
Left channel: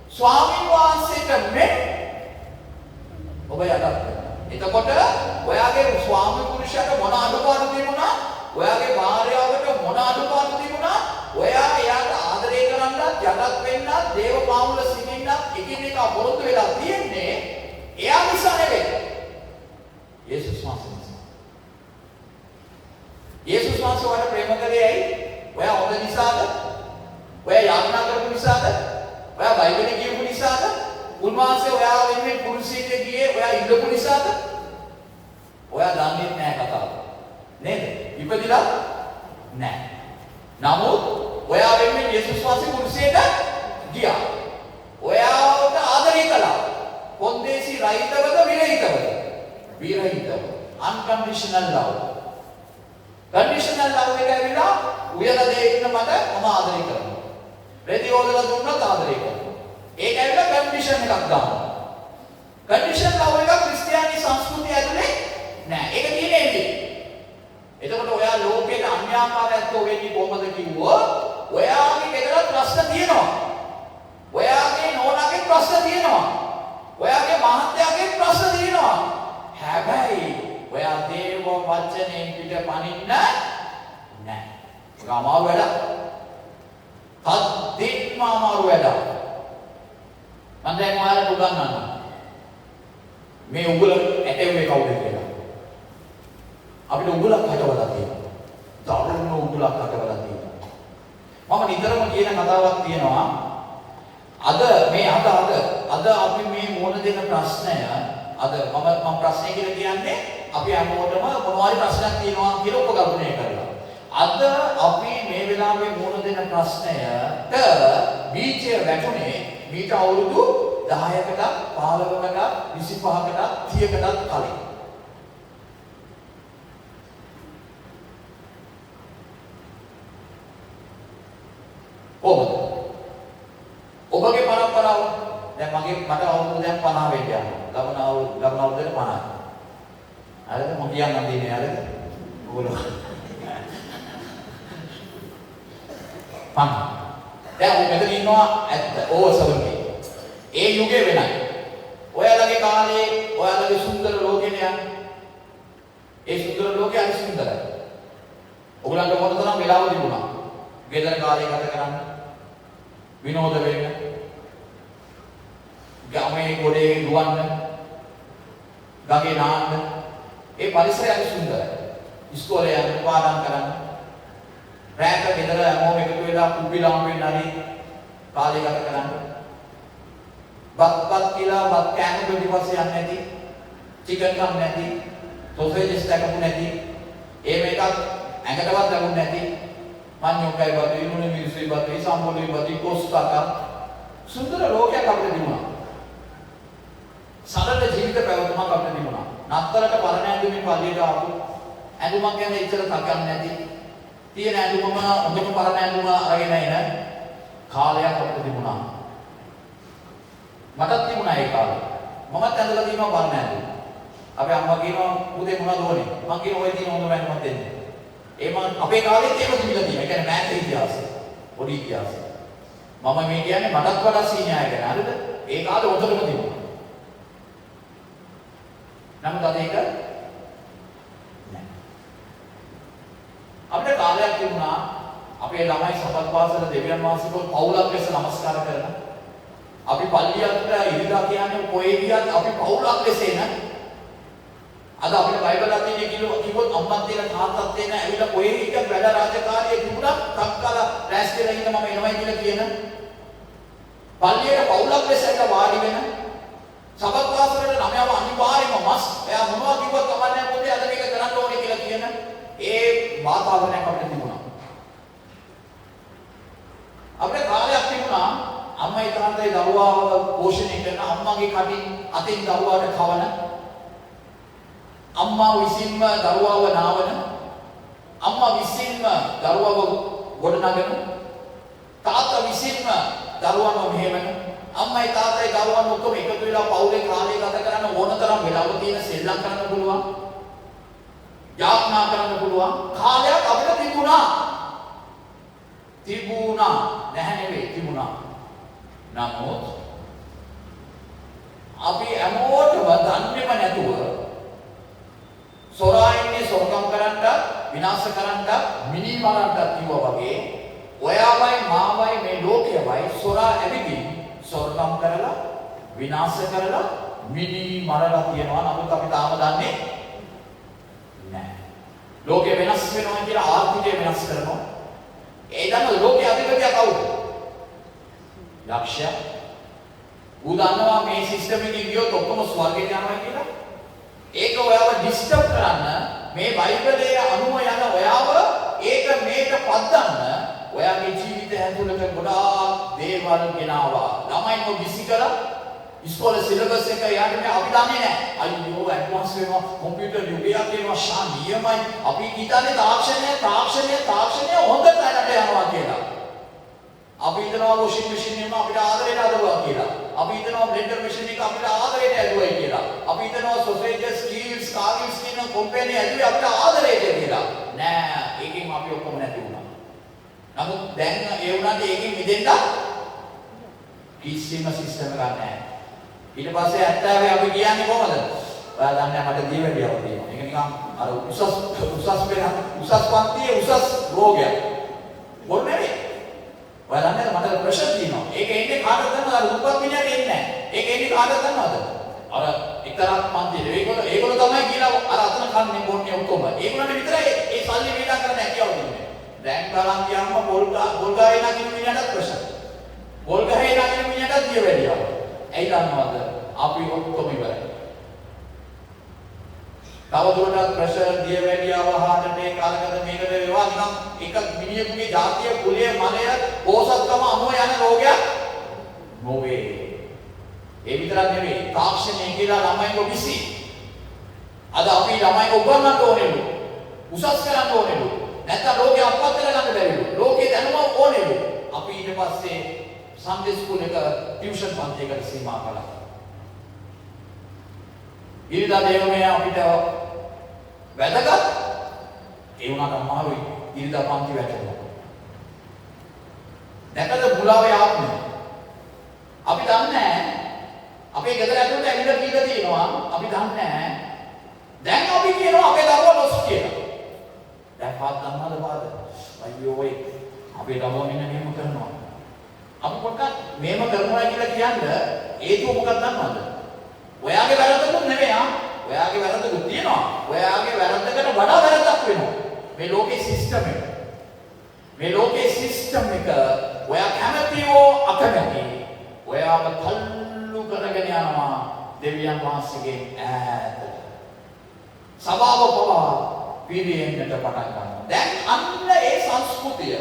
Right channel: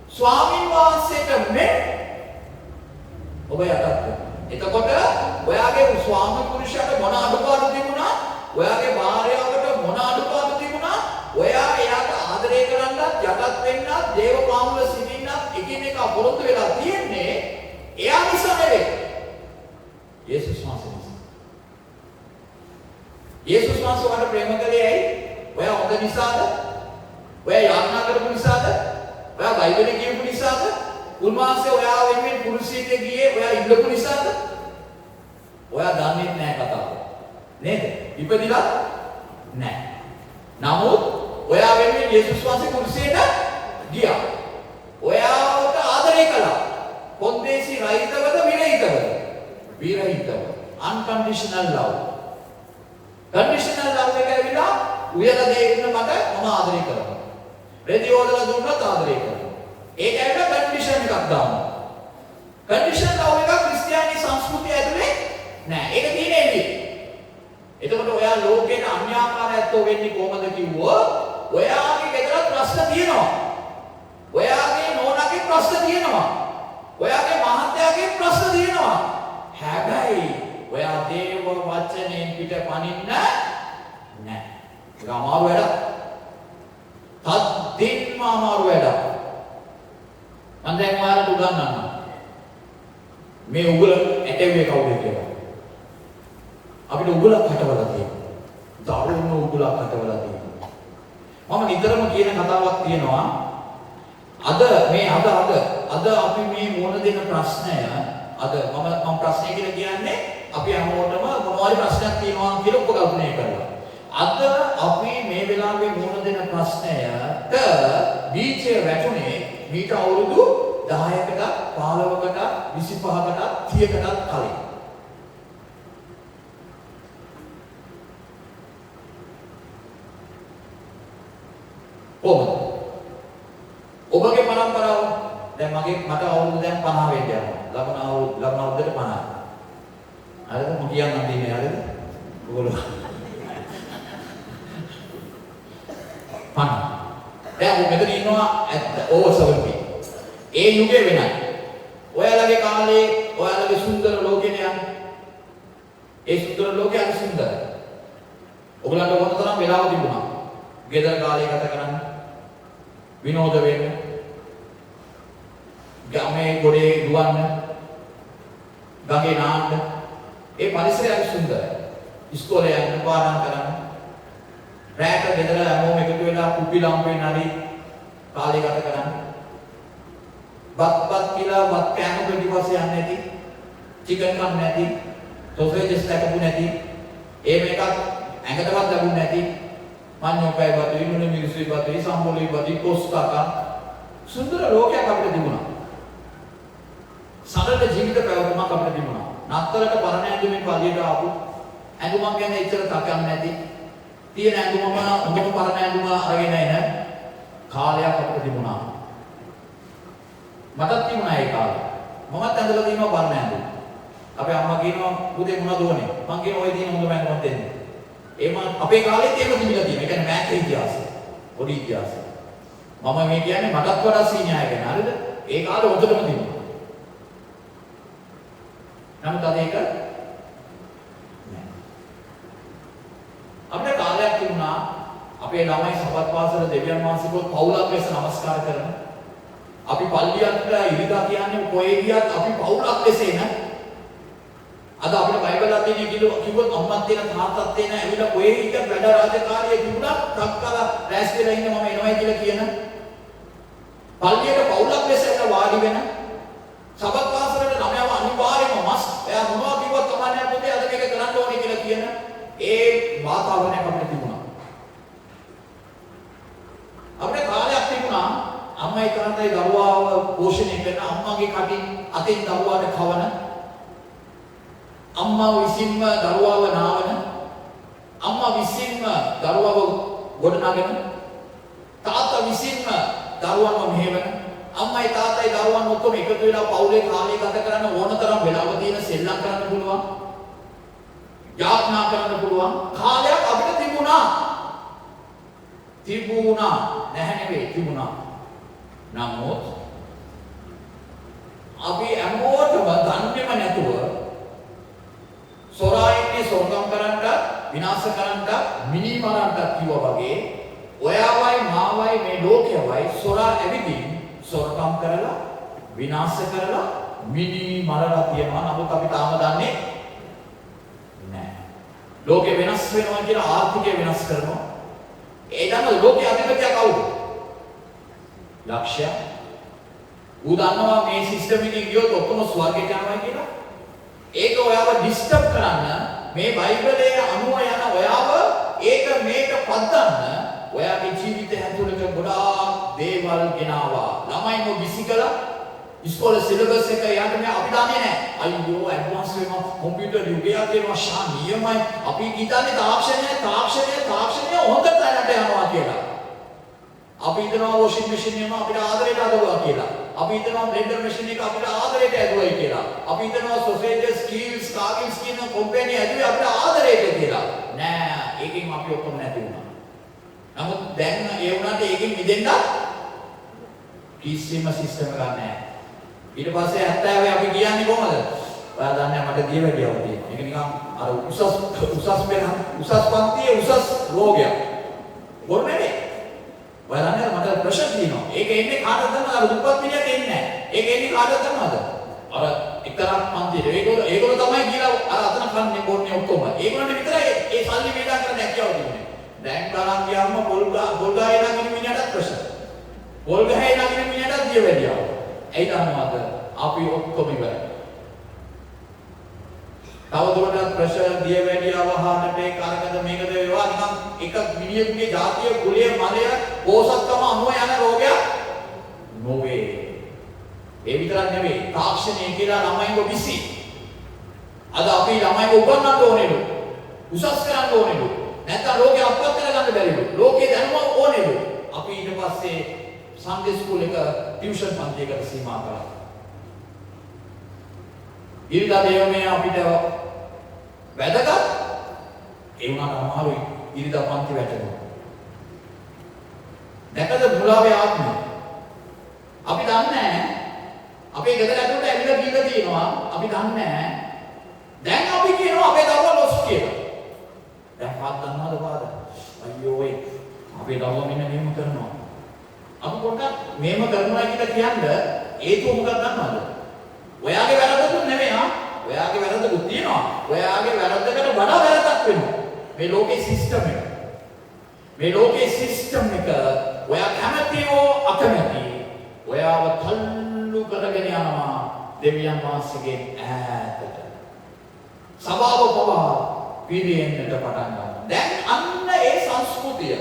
ස්වාමීන් වහන්සේට මෙන් ඔබ යටත් වෙනවා. එතකොට ඔයාගේ ස්වාමි පුරුෂයාට මොන අඩුපාඩු තිබුණා? ඔයාගේ භාර්යාවට මොන අඩුපාඩු තිබුණා? ඔයා එයාට ආදරය කරන්නත් යටත් වෙන්නත් දේව පාමුල සිටින්නත් එකිනෙක පොරොත්තු වෙලා තියෙන්නේ එයා නිසා නෙවෙයි. යේසුස් වහන්සේ නිසා. යේසුස් වහන්සේ ඔයාට ප්‍රේම කරේ ඇයි? ඔයා හොඳ නිසාද? ඔයා යාඥා කරපු නිසාද? ඔයා බයිබලෙ කියපු නිසාද? උන්වහන්සේ ඔයා වෙනුවෙන් කුරුසියට ගියේ ඔයා ඉල්ලපු නිසාද? ඔයා දන්නේ නැහැ කතාව. නේද? ඉපදිලා නැහැ. නමුත් ඔයා වෙනුවෙන් යේසුස් වහන්සේ කුරුසියට ගියා. ඔයාට ආදරය කළා. කොන්දේසි රහිතවද විරහිතවද? විරහිතව. unconditional love. conditional love එක ඇවිල්ලා උයලා දෙන්න මට මම ආදරය කරනවා. රෙදි හොදලා දුන්නත් ආදරය කරනවා. ඒක ඇවිල්ලා කන්ඩිෂන් එකක් දානවා. කන්ඩිෂන් ලව් එක ක්‍රිස්තියානි සංස්කෘතිය ඇතුලේ නෑ. ඒක තියෙන්නේ. එතකොට ඔයා ලෝකේ අන්‍යාකාරයත්ව වෙන්නේ කොහොමද කිව්වොත් ඔයාගේ ගෙදර ප්‍රශ්න තියෙනවා. ඔයාගේ නෝනාගේ ප්‍රශ්න තියෙනවා. ඔයාගේ මහත්තයාගේ ප්‍රශ්න තියෙනවා. හැබැයි ඔයා දේව වචනයෙන් පිට පනින්න නෑ. ඒක අමාරු වැඩක්. තද්දින්ම අමාරු වැඩක්. මම දැන් ඔයාලට උගන්වන්නම්. මේ උගල ඇටෙව්වේ කවුද කියලා. අපිට උගලක් හටවලා තියෙනවා. දරුණු උගලක් හටවලා තියෙනවා. මම නිතරම කියන කතාවක් තියෙනවා. අද අපි මේ මුණ දෙන ප්‍රශ්නය මම ප්‍රශ්නය කියලා කියන්නේ අපි අනුවටම මොනවාරි ප්‍රශ්නයක් තියෙනවා කියලා උපකල්පනය කරලා. අද අපි මේ වෙලාවේ මුණ දෙන ප්‍රශ්නයට බීජය වැටුනේ මීට අවුරුදු 10කට 15කට 25කට 30කට කලින්. ඔබගේ පරම්පරාව දැන් මට අවුරුදු දැන් 50 වෙන්න යනවා. ලබන අවුරුද්දට 50. හරිද? මම කියන්න දෙන්නේ හරිද? ඔයගොල්ලෝ 50. දැන් මෙතන ඉන්නවා over 70. ඒ යුගය වෙනයි. ඔයාලගේ කාලේ ඔයාලගේ සුන්දර ලෝකෙ නෑ. ඒ සුන්දර ලෝකෙ අති සුන්දරයි. ඔයගලන්ට මොන තරම් වෙලාව තිබුණා? ගෙදර කාලේ ගත කරන්න. විනෝද වෙන්න. ගමේ ගොඩේ දුවන්න. ගඟේ නාන්න. ඒ පරිසරය අති සුන්දරයි. ඉස්කෝලේ යන්න පාඩම් කරන්න. රැට ගෙදර හැමෝම එකතු වෙලා කුප්පි ලාම්පුවෙන් හරි කාලේ ගත කරන්න. බත් කියලා බත් කෑම පිටිපස්සේ යන්නේ නැති. චිකන් කන්න නැති. සොසේජස් ලැබුණ නැති. ඒ මේකක් ඇඟටවත් ලැබුණ නැති. මඤ්ඤොකයි බතුයි මුණු මිරිසුයි බතුයි සම්බොලුයි බතුයි කොස්තක සුන්දර ලෝකයක් අපිට තිබුණා. සරල ජීවිත ප්‍රවෘත්තියක් අපිට තිබුණා. නත්තලට පරණ ඇඳුමින් පදියට ආපු ඇඳුමක් ගැන ඉතර තකන්නේ නැති. තියෙන ඇඳුමම හොඳම පරණ ඇඳුම අරගෙන එන කාලයක් අපිට තිබුණා. මටත් තිබුණා ඒ කාලේ. මමත් ඇඳලා තියෙනවා පරණ ඇඳුම. අපි අම්මා කියනවා උදේ මොනවද ඕනේ? මං කියනවා ඔය තියෙන හොඳ ඇඳුමක් දෙන්න. ඒම අපේ කාලෙත් ඒක තිබිලා තියෙනවා. ඒ කියන්නේ මෑත් ඉතිහාසය. පොඩි ඉතිහාසය. මම මේ කියන්නේ මටත් වඩා සීනියර් කෙනෙක්. හරිද? ඒ කාලේ හොඳටම තිබුණා. නමුත් අද ඒක නෑ. අපේ කාලයක් තිබුණා අපේ ළමයි සපත් පාසල දෙවියන් වහන්සේට පවුලක් ලෙස නමස්කාර කරන. අපි පල්ලියට ඉරිදා කියන්නේ කොහේ ගියත් අපි පවුලක් ලෙස එන. අද අපේ බයිබලයක් තියෙන කිව්වොත් අම්මත් දෙන තාත්තත් දෙන ඇවිල්ලා කොහේ ගියත් වැඩ රාජකාරිය තිබුණත් ටක්කලා රැස්තිලා ඉන්න මම එනවයි කියලා කියන. පල්ලියට පවුලක් ලෙස ඇවිල්ලා වාඩි වෙන. සබත් වාසලේ ළමයාව අනිවාර්යයෙන්ම මස් එයා මොනවා කිව්වත් කමන්නේ නැත්නම් අද මේක කරන්න ඕනේ කියලා කියන ඒ වාතාවරණයක් අපිට තිබුණා. අපේ කාලයක් තිබුණා අම්මා ඒතරන්ටයි දරුවාව පෝෂණය කරන අම්මගේ කටින් අතින් දරුවාට කවන අම්මා විසින්ම දරුවාව නාවන අම්මා විසින්ම දරුවාව ගොඩනගන තාත්තා විසින්ම දරුවන්ව මෙහෙවන අම්මයි තාත්තයි දරුවන් ඔක්කොම එකතු වෙලා පවුලේ කාලය ගත කරන ඕන තරම් වෙලාව තියෙන සෙල්ලම් කරන්න පුළුවන් යාඥා කරන්න පුළුවන් කාලයක් අපිට තිබුණා නැහැ නෙවෙයි තිබුණා නමුත් අපි හැමෝටම දන්නේම නැතුව සොරායින්නේ සොරකම් කරන්න විනාශ කරන්න මිනි මරන්න කිව්වා වගේ ඔයාවයි මාවයි මේ ලෝකයවයි සොරා ඇවිදින් සොරකම් කරලා විනාශ කරලා මිනි මරලා තියනවා නමුත් අපි තාම දන්නේ නැහැ. ලෝකෙ වෙනස් වෙනවා කියලා ආර්ථිකය වෙනස් කරනවා. ඒ දන්න ලෝකයේ අධිපතියා කවුද? ලක්ෂ්‍ය. ඌ දන්නවා මේ සිස්ටම් එකේ ගියොත් ඔක්කොම ස්වර්ගයට යනවා කියලා. ඒක ඔයාව ඩිස්ටර්බ් කරන්න මේ බයිබලයේ අනුව යන ඔයාව ඒක මේක පද්දන්න ඔයාගේ ජීවිතය ඇතුළත ගොඩාක් දේවල් ගෙනාවා. ළමයින්ව බිසි කළා. ඉස්කෝලේ සිලබස් එක යාට මේ අපි දන්නේ නැහැ. අයියෝ ඇඩ්වාන්ස් වෙනවා කම්පියුටර් යුගයක් එනවා ශානියමයි. අපි හිතන්නේ තාක්ෂණය හොඳ තැනට යනවා කියලා. අපි හිතනවා වොෂින් මැෂින් එක අපිට ආදරයට අදවලා කියලා. අපි හිතනවා බ්ලෙන්ඩර් මැෂින් එක අපිට ආදරයට ඇදුවයි කියලා. අපි හිතනවා සොසේජස් ස්කිල්ස් කාර්ගිල්ස් කියන කම්පැනි ඇදුවේ අපිට ආදරයට කියලා. නෑ ඒකෙන් අපි ඔක්කොම නැති වුණා. නමුත් දැන් ඒ වුණාට ඒකෙන් මිදෙන්න කිසිම සිස්ටම් එකක් නැහැ. ඊට පස්සේ 70 අපි කියන්නේ කොහමද? ඔයාලා දන්නේ මට දිය වැඩියව තියෙනවා. ඒක නිකන් අර උසස් පන්තියේ උසස් රෝගයක්. බොරු නෙවෙයි. ඔයාලා දන්නේ මට ප්‍රෙෂර් තියෙනවා. ඒක එන්නේ කාටද දන්නවද? අර උපත් පිළියක් එන්නේ නැහැ. ඒක එන්නේ කාටද දන්නවද? අර එක්තරා පන්තියේ ඒගොල්ලෝ තමයි කියලා අර අතන කන්නේ බොන්නේ ඔක්කොම. ඒගොල්ලන්ට විතරයි ඒ සල්ලි වේදා කරන්න හැකියාව තියෙන්නේ. දැන් බලන් ගියාම පොල් ගහේ නගින මිනිහට ප්‍රෙෂර්. පොල් ගහේ නගින මිනිහට දිය වැඩියව. ඇයි දන්නවද? අපි ඔක්කොම ඉවරයි. තවදුරටත් ප්‍රෙෂර් දිය වැඩියව හාටට ඒක අරකට මේකද වේවා නිකන් එක මිනිහෙකුගේ ජාතිය කුලය මනය පෝසත්කම අනුව යන රෝගයක් නොවේ. ඒ විතරක් නෙවෙයි තාක්ෂණය කියලා ළමයින්ව විසි. අද අපි ළමයින්ව උගන්වන්න ඕනේලු. උසස් කරන්න ඕනේලු. නැත්නම් ලෝකේ අපවත් කරගන්න බැරිලු. ලෝකේ දැනුම ඕනේලු. අපි ඊට පස්සේ සන්ඩේ ස්කූල් එක ටියුෂන් පන්තියකට සීමා කළා. ඊළඟ දේවමේ අපිට වැදගත් ඒ වුණාට අමාරුයි ඊළඟ පන්ති වැටෙනවා. දැකද බුලාවේ ආත්මය? අපි දන්නේ නැහැ. අපේ ගෙදර ඇතුළට ඇවිල්ලා කියලා තියෙනවා. අපි දන්නේ නැහැ. දැන් අපි කියනවා අපේ දරුවා ලොස් කියලා. දැන් පාත් දන්නවද පාද? අයියෝ ඒ අපේ දරුවා මෙන්න නියම කරනවා. අපි පොඩ්ඩක් මේව කරනවා කියලා කියන්නේ හේතුව මොකක්ද දන්නවද? ඔයාගේ වැරද්දකුත් නෙවෙයි ආ. ඔයාගේ වැරද්දකුත් තියෙනවා. ඔයාගේ වැරද්දකට වඩා වැරද්දක් වෙනවා. මේ ලෝකේ සිස්ටම් එක. මේ ලෝකේ සිස්ටම් එක ඔයා කැමති හෝ අකමැති ඔයාව තල්ලු කරගෙන යනවා දෙවියන් වහන්සේගේ ඈතට. සබාව පවා පිරියෙන්නට පටන් ගන්නවා. දැන් අන්න ඒ සංස්කෘතිය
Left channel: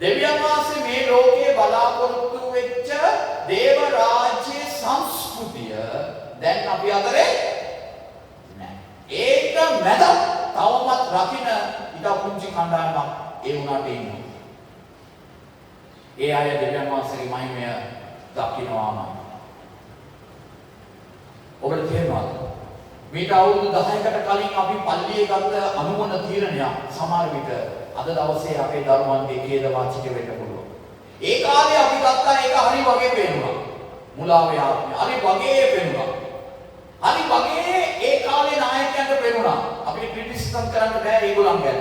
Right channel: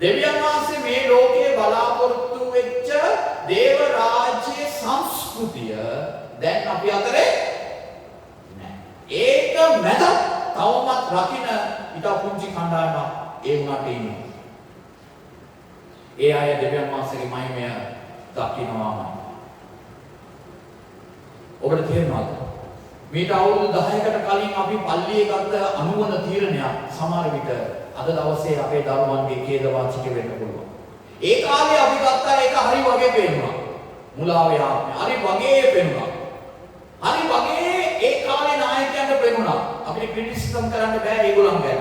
දෙවියන් වහන්සේ මේ ලෝකයේ බලාපොරොත්තු වෙච්ච දේව රාජ්‍ය සංස්කෘතිය දැන් අපි අතරේ නැහැ. ඒක මැද තවමත් රකින්න ඊට පුංචි කණ්ඩායමක් ඒ වුණාට ඉන්නේ. ඒ අය දෙවියන් වහන්සේගේ මහිමය දකින්නවා. ඔබට තේරෙනවද? මේට අවුරුදු 10කට කලින් අපි පල්ලියේ ගත්ත අනුවන තීරණයක් සමහර විට අද දවසේ අපේ දරුවන්ගේ ඛේදවාචක වෙන්න පුළුවන්. ඒ කාලේ අපි ගත්තා ඒක හරි වගේ පේනවා. මුලාවේ ආත්මය. හරි වගේ පෙනුණා. හරි වගේ ඒ කාලේ නායකයන්ට පෙනුණා. අපිට ක්‍රිටිසිසම් කරන්න බෑ ඒගොල්ලන් ගැන.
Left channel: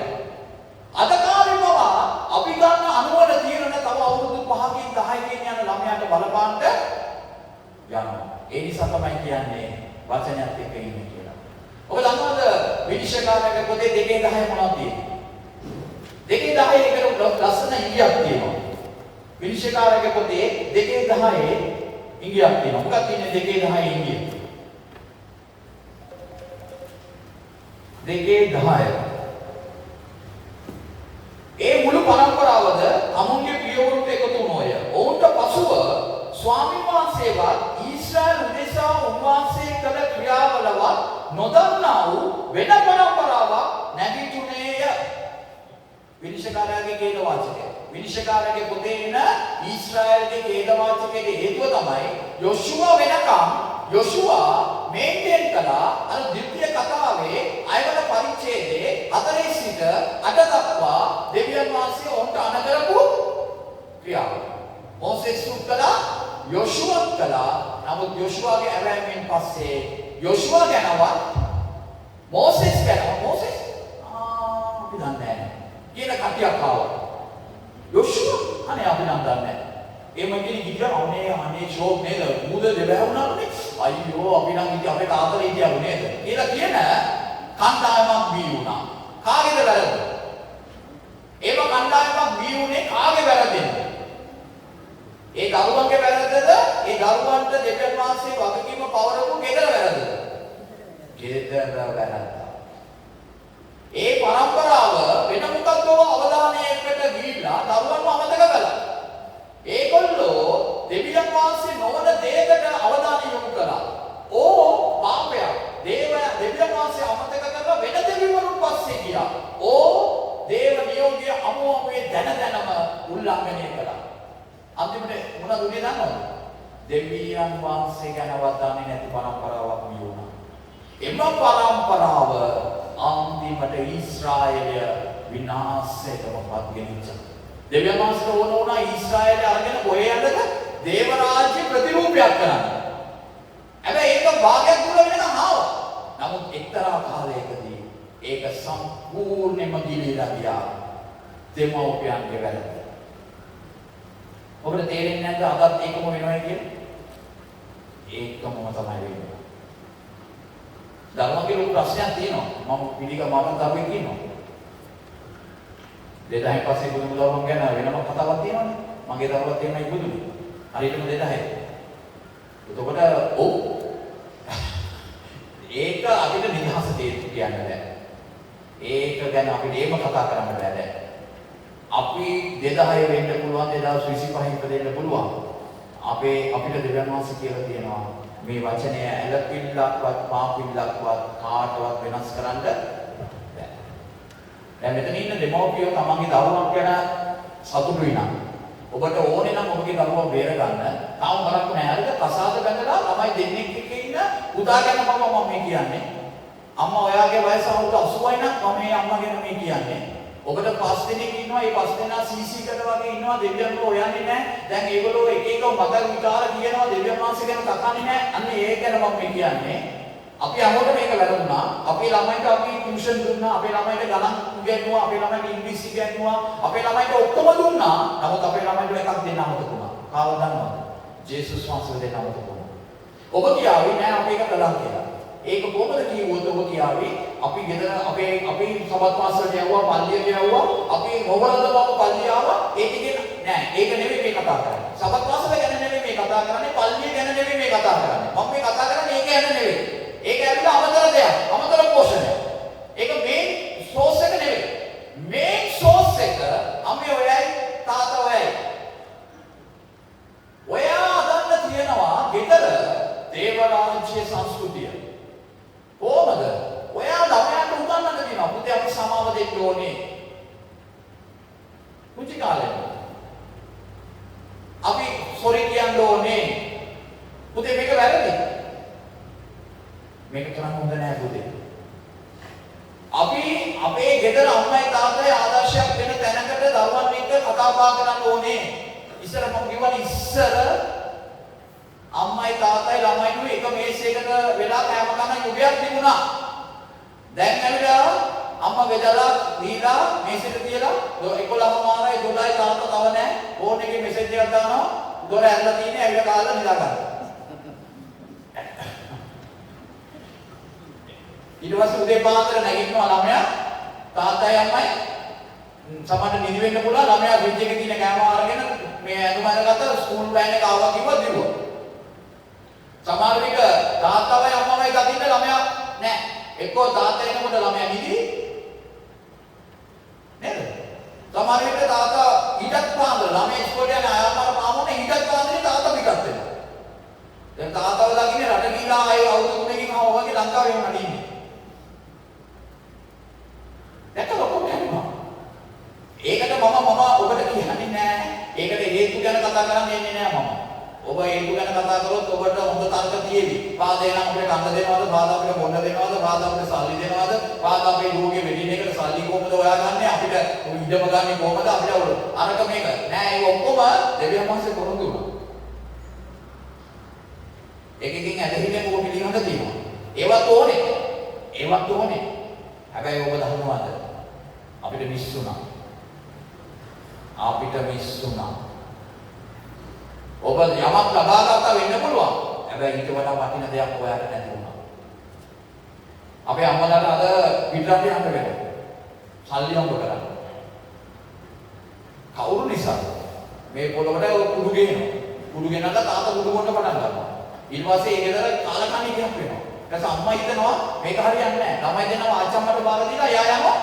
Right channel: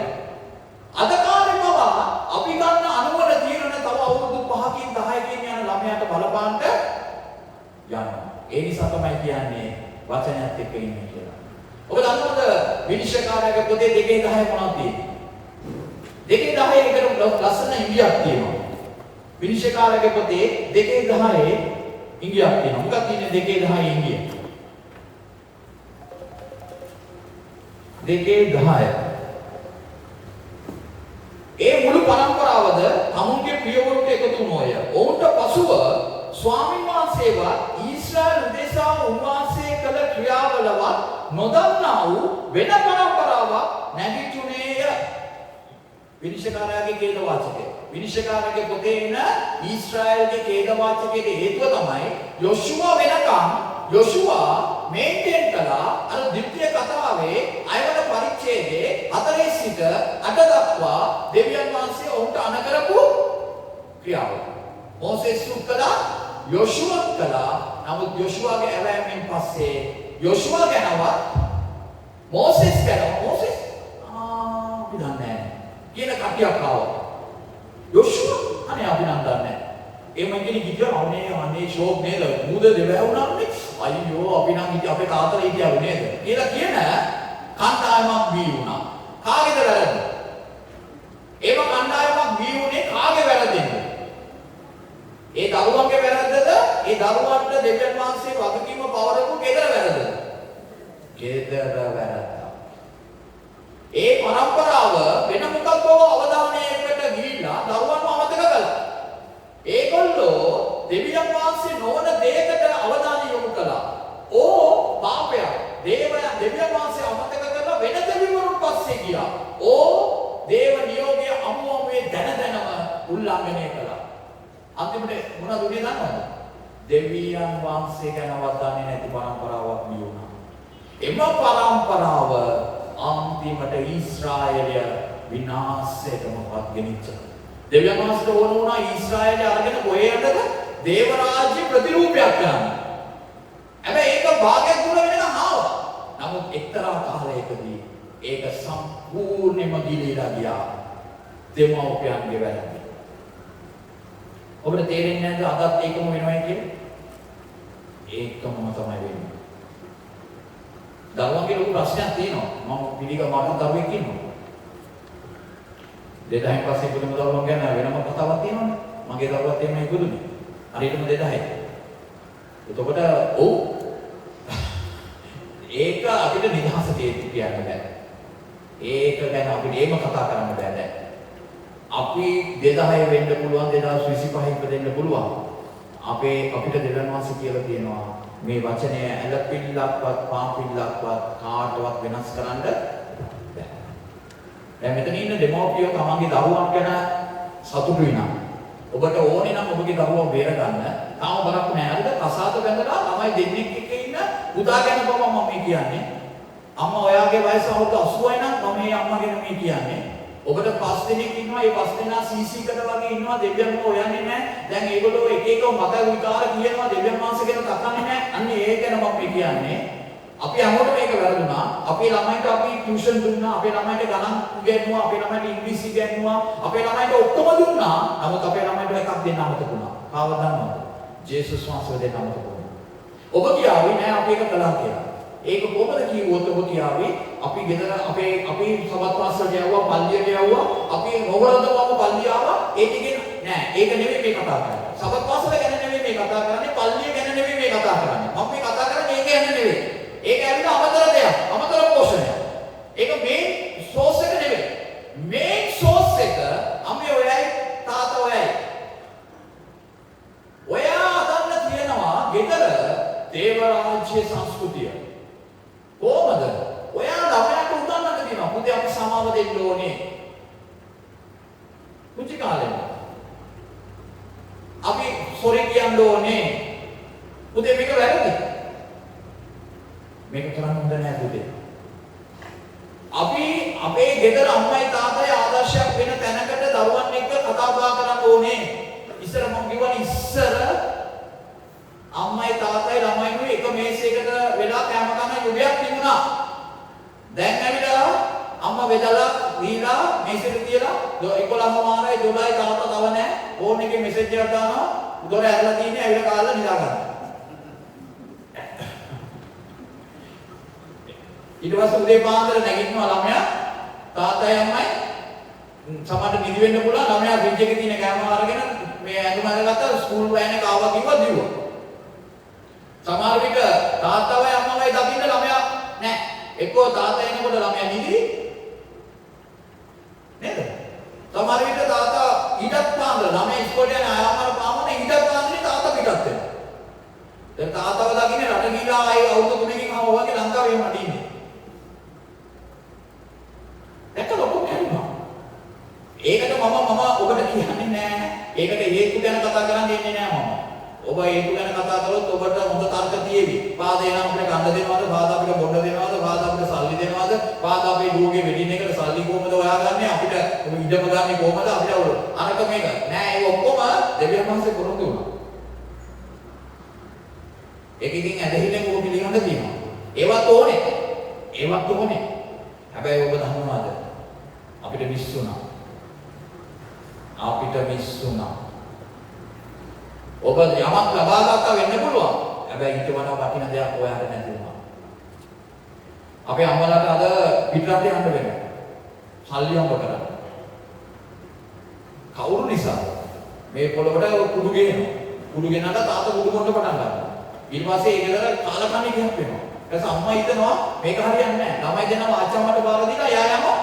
අද කාලේ පවා අපි ගන්න අනුවන තීරණ තව අවුරුදු 5කින් 10කින් යන ළමයාට බලපාන්න යනවා. ඒ නිසා තමයි කියන්නේ වචනයත් එක්ක ඉන්නේ කියලා. ඔබ දන්නවද විනිශ්චයකාරයාගේ පොතේ 2:10 මොනවද තියෙන්නේ? 2:10 එකට ලස්සන ඉංග්‍රීසියක් තියෙනවා. විනිශ්චයකාරයාගේ පොතේ 2:10 ඉංග්‍රීසියක් තියෙනවා. මොකක්ද තියෙන්නේ 2:10 ඉංග්‍රීසි? 2:10 ඒ මුළු පරම්පරාවද තමුන්ගේ ප්‍රියවරුන්ට එකතු වුණෝය. ඔවුන්ට පසුව ස්වාමීන් වහන්සේවා ඊශ්‍රායල් උදෙසා උන්වහන්සේ කළ ක්‍රියාවලවත් නොදන්නා වූ වෙන පරම්පරාවක් නැගිටුණේය. විනිශ්චයකාරයාගේ ඛේද වාචකය. විනිශ්චයකාරයාගේ පොතේ එන ඊශ්‍රායල්ගේ ඛේද වාචකයේ හේතුව තමයි යොෂුවා වෙනකම් යොෂුවා මේන්ටේන් කළා අර ද්විතීය කතාවේ අයවන පරිච්ඡේදයේ 4 සිට 8 දක්වා දෙවියන් වහන්සේ ඔවුන්ට අණ කරපු ක්‍රියාව. මොසෙස් කළා යොෂුවා කළා. නමුත් යොෂුවාගේ ඇවෑමෙන් පස්සේ යොෂුවා ගැනවත් මොසෙස් අපි දන්නේ නැහැ කියන කටියක් ආවා. යොෂුවා අනේ අපි නම් දන්නේ නැහැ. එහෙම ඉන්නේ කිව්වා අනේ ෂෝක් නේද? මුද දෙවහුණානේ. අයියෝ අපි නම් ඉතින් අපේ තාත්තලා හිටියලු නේද? කියලා කියන කණ්ඩායමක් බී වුණා. කාගේද වැරද්ද? ඒව කණ්ඩායමක් බී වුණේ කාගේ වැරද්දෙන්ද? ඒ දරුවන්ගේ වැරද්දද? ඒ දරුවන්ට දෙවියන් වහන්සේ වගකීම පවරපු ගෙදර වැරද්දද? ගෙදර වැරද්ද. ඒ පරම්පරාව වෙන මොකක්ද අවධානයකට ගිහිල්ලා දරුවන්ව අමතක කළා. ඒගොල්ලෝ දෙවියන් වහන්සේ නොවන දෙයකට අවධානය යොමු කළා. පාපය. දෙවියන් වහන්සේ අමතක කරලා වෙන දෙවිවරුන් පස්සේ ගියා. දේව නියෝගය අමුමේ දැනම උල්ලංඝනය කළා. අන්තිමට මොනවද උනේ දන්නවද? දෙවියන් වහන්සේ ගැනවත් දන්නේ නැති පරම්පරාවක් නියුණා. එම පරම්පරාව අන්තිමට ඊශ්‍රායලය විනාශයටමපත් ගෙනිච්චා. දෙවියන් වහන්සේට ඕන වුණා ඊශ්‍රායලය අරගෙන කොහේ යන්නද? දේව රාජ්‍ය ප්‍රතිරූපයක් කරන්න. හැබැයි ඒක භාගයක් දුර වෙනකම් ආවා. නමුත් එක්තරා කාලයකදී ඒක සම්පූර්ණයෙන්ම ගිලිලා ගියා. දෙමව්පියන්ගේ වැරද්ද. ඔබට තේරෙන්නේ නැද්ද අදත් ඒකම වෙනවා කියන්නේ? ඒකම තමයි වෙන්නේ. දරුවන්ගේ ලොකු ප්‍රශ්නයක් තියෙනවා. මම පිළිගම මරණ දරුවෙක් ඉන්නවා. 2000 පස්සේ බුදුම දරුවන් ගැන වෙනම කතාවක් තියෙනවානේ. මගේ දරුවත් එන්නයි බුදුනේ. හරියටම 2000. එතකොට ඒක අපිට නිදහස කියන්න බෑ. ඒක ගැන අපිට ඒම කතා කරන්න බෑ දැන්. අපි 2000 වෙන්න පුළුවන් 2025 ඉපදෙන්න පුළුවන්. අපිට දෙවියන් වහන්සේ කියලා තියෙනවා මේ වචනය ඇලපිල්ලක්වත් පාපිල්ලක්වත් කාටවත් වෙනස් කරන්න බෑ. දැන් මෙතන ඉන්න දෙමව්පියෝ තමන්ගේ දරුවන් ගැන සතුටු වෙනවා. ඔබට ඕනේ නම් ඔබගේ දරුවව බේර ගන්න. තාම බලන්න නෑ. අද කසාද බැඳලා ළමයි දෙන්නෙක් එක්ක ඉන්න පුතා ගැන තමයි මම මේ කියන්නේ. අම්මා ඔයාගේ වයස අවුරුදු 80යි නම් මම මේ අම්මා ගැන මේ කියන්නේ. ඔබට 5 දෙනෙක් ඉන්නවා. ඒ 5 දෙනා CC කට වගේ ඉන්නවා. දෙවියන්ව හොයන්නේ නැහැ. දැන් ඒගොල්ලෝ එක එක මත විකාර කියනවා. දෙවියන් වහන්සේ ගැන කතාන්නේ නැහැ. අන්න ඒ ගැන මම කියන්නේ. අපි අහනකොට මේක වැරදුනා. අපේ ළමයින්ට අපි ටියුෂන් දුන්නා. අපේ ළමයින්ට ගණන් ඉගෙනුවා. අපේ ළමයින්ට ඉංග්‍රීසි ඉගෙනුවා. අපේ ළමයින්ට ඔක්කොම දුන්නා. නමුත් අපේ ළමයින්ට එකක් දෙන්න අමතක වුණා. කාව දන්නවද? ජේසුස් වහන්සේ දෙන්න අමතක වුණා. ඔබ කියාවේ නෑ අපි ඒක කළා කියලා. ඒක කොහොමද කිව්වොත් ඔබ කියාවේ අපි ගෙදර අපි සබත් පාසලට යවුවා පල්ලියට යවුවා අපි මොහොතකම පල්ලිය ආවා ඒ ටිකේ නෑ ඒක නෙවෙයි මේ කතා කරන්නේ සබත් පාසල ගැන නෙවෙයි මේ කතා කරන්නේ පල්ලිය ගැන නෙවෙයි මේ කතා කරන්නේ මම මේ කතා කරන්නේ ඒක ගැන නෙවෙයි ඒක ඇවිල්ලා අමතර දෙයක් අමතර පෝෂණයක් ඒක මේන් සෝස් එක නෙවෙයි මේන් සෝස් එක අම්මේ ඔයයි තාත්තා ඔයයි ඔයා අදන්න තියනවා ගෙදර දේව රාජ්‍ය සංස්කෘතිය කොහොමද? ඔයා ළමයාට උගන්වන්න කියනවා. පුතේ අපි සමාව දෙන්න ඕනේ. කුචි කාලේ. අපි සොරි කියන්න ඕනේ. පුතේ මේක වැරදිද? මේක කරන්න හොඳ නෑ පුතේ. අපි අපේ ගෙදර අම්මයි තාත්තයි ආදර්ශයක් වෙන තැනකට දරුවන් එක්ක කතා බහ කරන්න ඕනේ. ඉස්සර මම කිව්වනේ ඉස්සර අම්මයි තාත්තයි ළමයිනුයි එක මේසයකට වෙලා කෑම කන යුගයක් තිබුණා. දැන් ඇවිල්ලා අම්මා බෙදලා දීලා මේසෙට තියලා 11ම මාරයි 12යි තාත්තා තව නැහැ. ෆෝන් එකේ මෙසේජ් එකක් දානවා. දොර ඇරලා තියෙන්නේ ඇවිල්ලා කාලා නිදා ගන්න. ඊට පස්සේ උදේ පාන්දර නැගිටිනවා ළමයා තාත්තයි අම්මයි සමහරට නිදි වෙන්න පුළුවන් ළමයා ෆ්‍රිජ් එකේ තියෙන කෑම අරගෙන මේ ඇඳුම අරගත්තා ස්කූල් වෑන් එක ආවා කිව්වා දිව්වා. සමහර විට තාත්තවයි අම්මවයි දකින්න ළමයා නැහැ. එක්කෝ තාත්තා එනකොට ළමයා නිදි නේද? සමහර විට තාත්තා ඊටත් පාන්දර ළමයා ඉස්කෝලේ යන ආයතන පාමුනේ ඊටත් පාන්දරේ තාත්තා පිටත් වෙනවා. දැන් තාත්තව දකින්නේ රට ගිහලා ආයේ අවුරුදු 3කින් ආව වගේ ලංකාවේ වුණා ඉන්නේ. දැක්ක ලොකු කෑමක්. ඒකට මම ඔබට කියන්නේ නෑ. ඒකට හේතු ගැන කතා කරන්න දෙන්නේ නෑ මම. ඔබ හේතු ගැන කතා කරොත් ඔබට හොඳ තර්ක තියෙවි. පාදේන අපිට කන්න දෙනවද? පාද අපිට බොන්න දෙනවද? පාද අපිට සල්ලි දෙනවද? පාද අපේ දුවගේ වෙඩින් එකට සල්ලි කොහමද හොයාගන්නේ? අපිට ඉඩම ගන්නේ කොහමද? අපිට අරක මේක නෑ. ඒ ඔක්කොම දෙවියන් වහන්සේ කරුණු දුන්නා. ඒකකින් ඇදහිල්ලෙන් ඕක පිළිගන්න තියෙනවා. ඒවත් ඕනේ. හැබැයි ඔබ දන්නවද? අපිට විශ්ුණා. ඔබ යමක් ලබා ගන්නවා වෙන්න පුළුවන්. හැබැයි ඊට වඩා වටින දෙයක් හොයාගන්න නැති වුණා. අපේ අම්මලාට අද පිටරට යන්න වෙනවා. සල්ලි හම්බ කරන්න. කවුරු නිසා? මේ පොළොවට කුඩු ගෙනවා. කුඩු ගෙනලා තාත්තා කුඩු බොන්න පටන් ගන්නවා. ඊට පස්සේ ඒ ගෙදර කාලකන්ණි කියක් වෙනවා. ඊට පස්සේ අම්මා හිතනවා මේක හරියන්නේ නැහැ. ළමයි දෙනවා අච්චම්මට බාර දීලා එයා යනවා.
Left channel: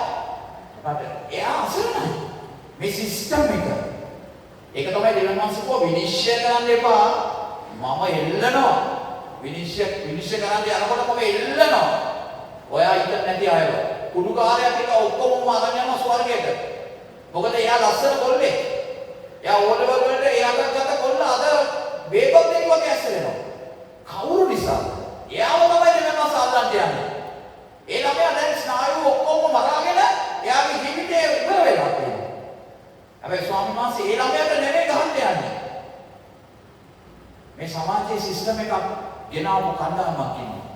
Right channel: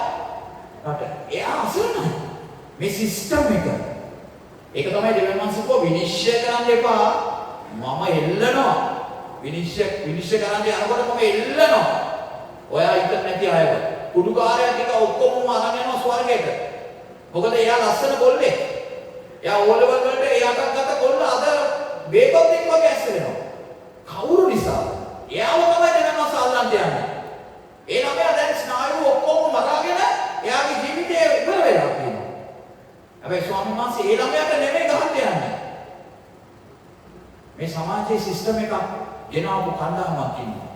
රට. එයා අසරණයි. මේ සිස්ටම් එක. ඒක තමයි දෙවියන් වහන්සේ කෝ විනිශ්චය කරන්න එපා. මම එල්ලනවා. විනිශ්චය කරන්න යනකොට මම එල්ලනවා. ඔයා ඉන්න නැති අයව. කුඩුකාරයෙක් එක ඔක්කොම අරන් යනවා ස්වර්ගයට. මොකද එයා ලස්සන කොල්ලෙක්. එයා ඕලෙවල් වලට එයාට ගත්ත කොල්ල අද බේබොත්තෙක් වගේ ඇස් වෙනවා. කවුරු නිසා? එයාව තමයි දෙවියන් වහන්සේ අල්ලන්න යන්නේ. ඒ ළමයා දැන් ස්නායු ඔක්කොම මරාගෙන එයාගේ ජීවිතේ ඉවර වෙලා තියෙනවා. හැබැයි ස්වාමීන් වහන්සේ ඒ ළමයාට නෙමෙයි ගහන්න යන්නේ. මේ සමාජයේ සිස්ටම් එකක් ගෙනාවු කණ්ඩායමක් ඉන්නවා.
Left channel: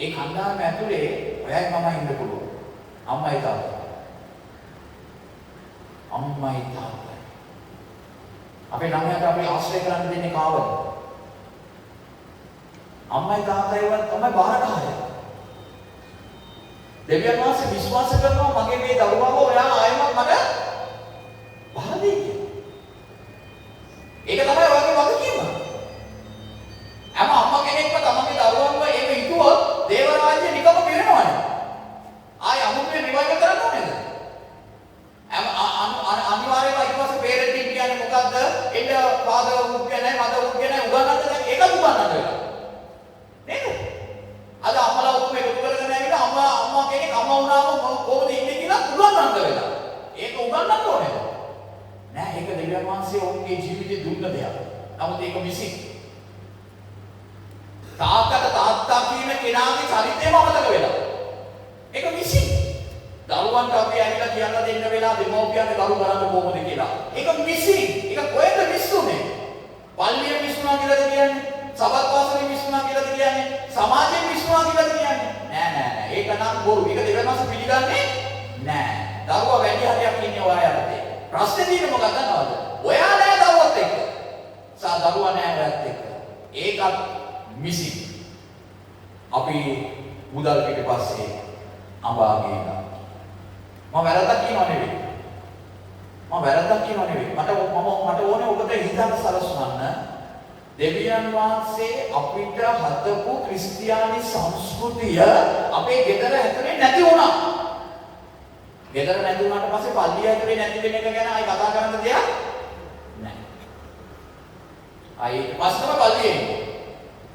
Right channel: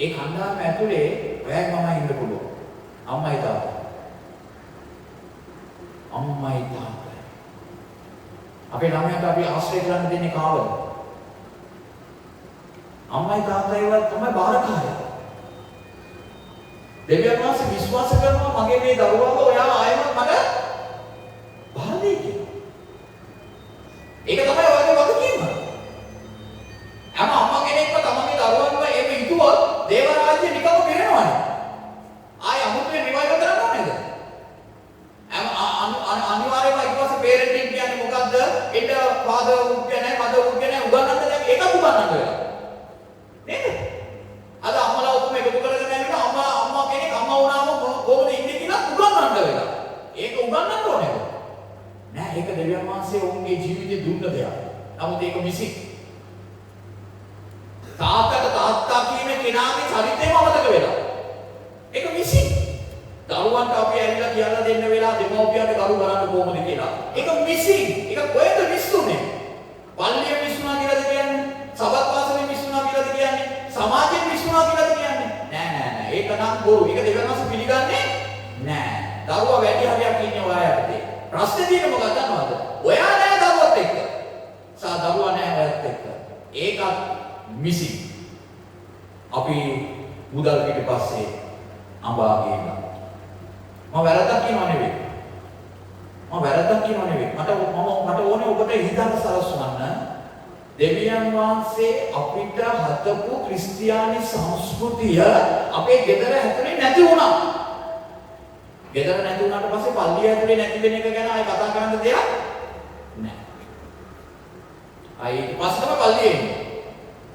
ඒ කණ්ඩායම ඇතුලේ ඔයයි මමයි ඉන්න පුළුවන්. අම්මයි තාත්තයි. අපේ ළමයාට අපි ආශ්‍රය කරන්න දෙන්නේ කාවද? අම්මයි තාත්තයිවත් තමයි බාරකාරය. දෙවියන් වහන්සේ විශ්වාස කරනවා මගේ මේ දරුවව ඔයා ආයෙත් මට බාර දෙයි කියලා. ඒක තමයි ඔයාගේ වගකීම. හැම අම්මා කෙනෙක්ම තමන්ගේ දරුවන්ව එහෙම හිතුවොත් දේව රාජ්‍ය නිකම්ම පිරෙනවානේ. ආයෙ අමුතුවෙන් රිවයිව් කරන්න ඕනේද? අනිවාර්යයෙන්ම ඊට පස්සේ පේරන්ටින් කියන්නේ මොකද්ද? එන්න ෆාදර් වුඩ් කියන්නේ මදර් වුඩ් කියන්නේ උගන්වන්න දැන් ඒකත් උගන්වන්න වෙනවා. නේද? අද අම්මලා ඔක්කොම එකතු කරගෙන ඇවිල්ලා අම්මා කෙනෙක් අම්මා වුණාම කොහොමද ඉන්නේ කියලා උගන්වන්න වෙලා. ඒක උගන්වන්න ඕනේ. නෑ ඒක දෙවියන් වහන්සේ ඔවුන්ගේ ජීවිතේ දුන්න දෙයක්. නමුත් ඒක මිසි. තාත්තා කියන කෙනාගේ චරිතේම අමතක වෙලා. ඒක මිසි. දරුවන්ට අපි ඇවිල්ලා කියලා දෙන්න වෙලා දෙමෝපියන්ට දරු බලන්න කොහොමද කියලා. ඒක මිසි. ඒක කොහෙද මිස්සුනේ? පල්ලිය මිස්සුනා කියලාද කියන්නේ? සබත් වාසනේ මිස්සුනා කියලාද කියන්නේ? සමාජයෙන් මිස්සුනා කියලාද කියන්නේ? නෑ. ඒක නම් බොරු. ඒක දෙවියන් වහන්සේ පිළිගන්නේ නෑ. දරුවා වැඩි හරියක් ඉන්නේ ඔයා යටතේ. ප්‍රශ්නේ තියෙන්නේ මොකක්ද දන්නවද? ඔයා නෑ දරුවත් එක්ක. දරුවා නෑ ඔයත් එක්ක. ඒකත් මිසි. අපි මුදල් පිටිපස්සේ අඹාගේ ඉන්නවා. මම වැරද්දක් කියනව නෙවෙයි. මට ඕනේ ඔබට හිතන්න සලස්වන්න. දෙවියන් වහන්සේ අපිට හදපු ක්‍රිස්තියානි සංස්කෘතිය අපේ ගෙදර ඇතුලේ නැති වුණා. ගෙදර නැති වුණාට පස්සේ පල්ලිය ඇතුලේ නැති වෙන එක ගැන ආයි කතා කරන්න දෙයක් නැහැ. ආයි ඊට පස්සේ පල්ලියේ ඉන්නේ.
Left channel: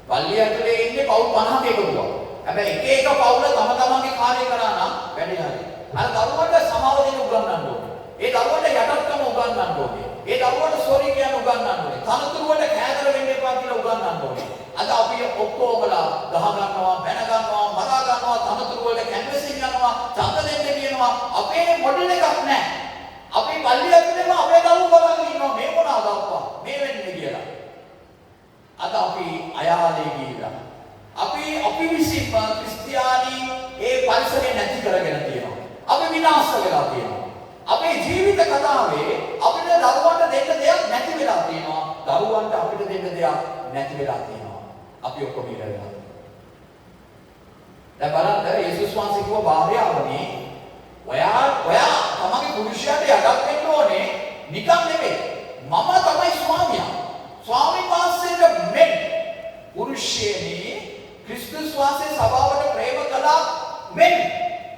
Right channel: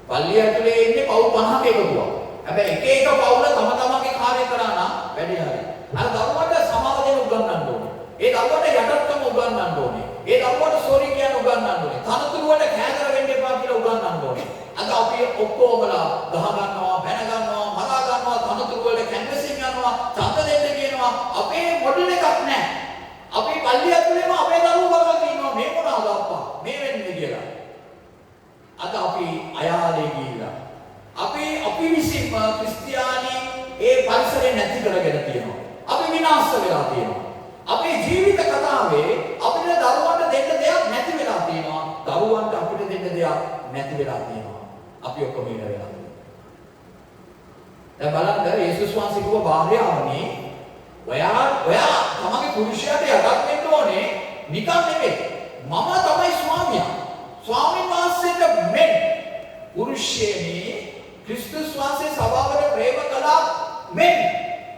පල්ලිය ඇතුලේ ඉන්නේ පවුල් 50ක එකතුවක්. හැබැයි එක පවුල තම තමන්ගේ කාර්ය කරා නම් වැඩි හරියි. අර දරුවට සමාව දෙන්න උගන්වන්න ඕනේ. ඒ දරුවට යටත්කම උගන්වන්න ඕනේ. ඒ දරුවට සෝරි කියන උගන්වන්න ඕනේ. තනතුරු වල කෑදර වෙන්න එපා කියලා උගන්වන්න ඕනේ. අද අපි ඔක්කොමලා ගහ ගන්නවා, බැන ගන්නවා, මරා ගන්නවා, තනතුරු වල කැන්වසින් යනවා, ඡන්ද දෙන්න කියනවා. අපේ මොඩල් එකක් නැහැ. අපි පල්ලිය ඇතුලේම අපේ දරුවෝ බලන් ඉන්නවා මේ මොනවාද අප්පා මේ වෙන්නේ කියලා. අද අද අපි අයාලේ ගිහිලා. අපි විසින්ම ක්‍රිස්තියානි ඒ පරිසරය නැති කරගෙන තියෙනවා. අපි විනාශ වෙලා තියෙනවා. අපේ ජීවිත කතාවේ අපිට දරුවන්ට දෙන්න දෙයක් නැති වෙලා තියෙනවා. දරුවන්ට අපිට දෙන්න දෙයක් නැති වෙලා තියෙනවා. අපි ඔක්කොම ඉර වෙලා. දැන් බලන්න යේසුස් වහන්සේ කිව්ව භාර්යාවනි ඔයා තමගේ පුරුෂයාට යටත් වෙන්න ඕනේ නිකන් නෙවෙයි. මම තමයි ස්වාමියා. ස්වාමීන් වහන්සේට මෙන් පුරුෂයෙනි ක්‍රිස්තුස් වහන්සේ සභාවට ප්‍රේම කළා මෙන්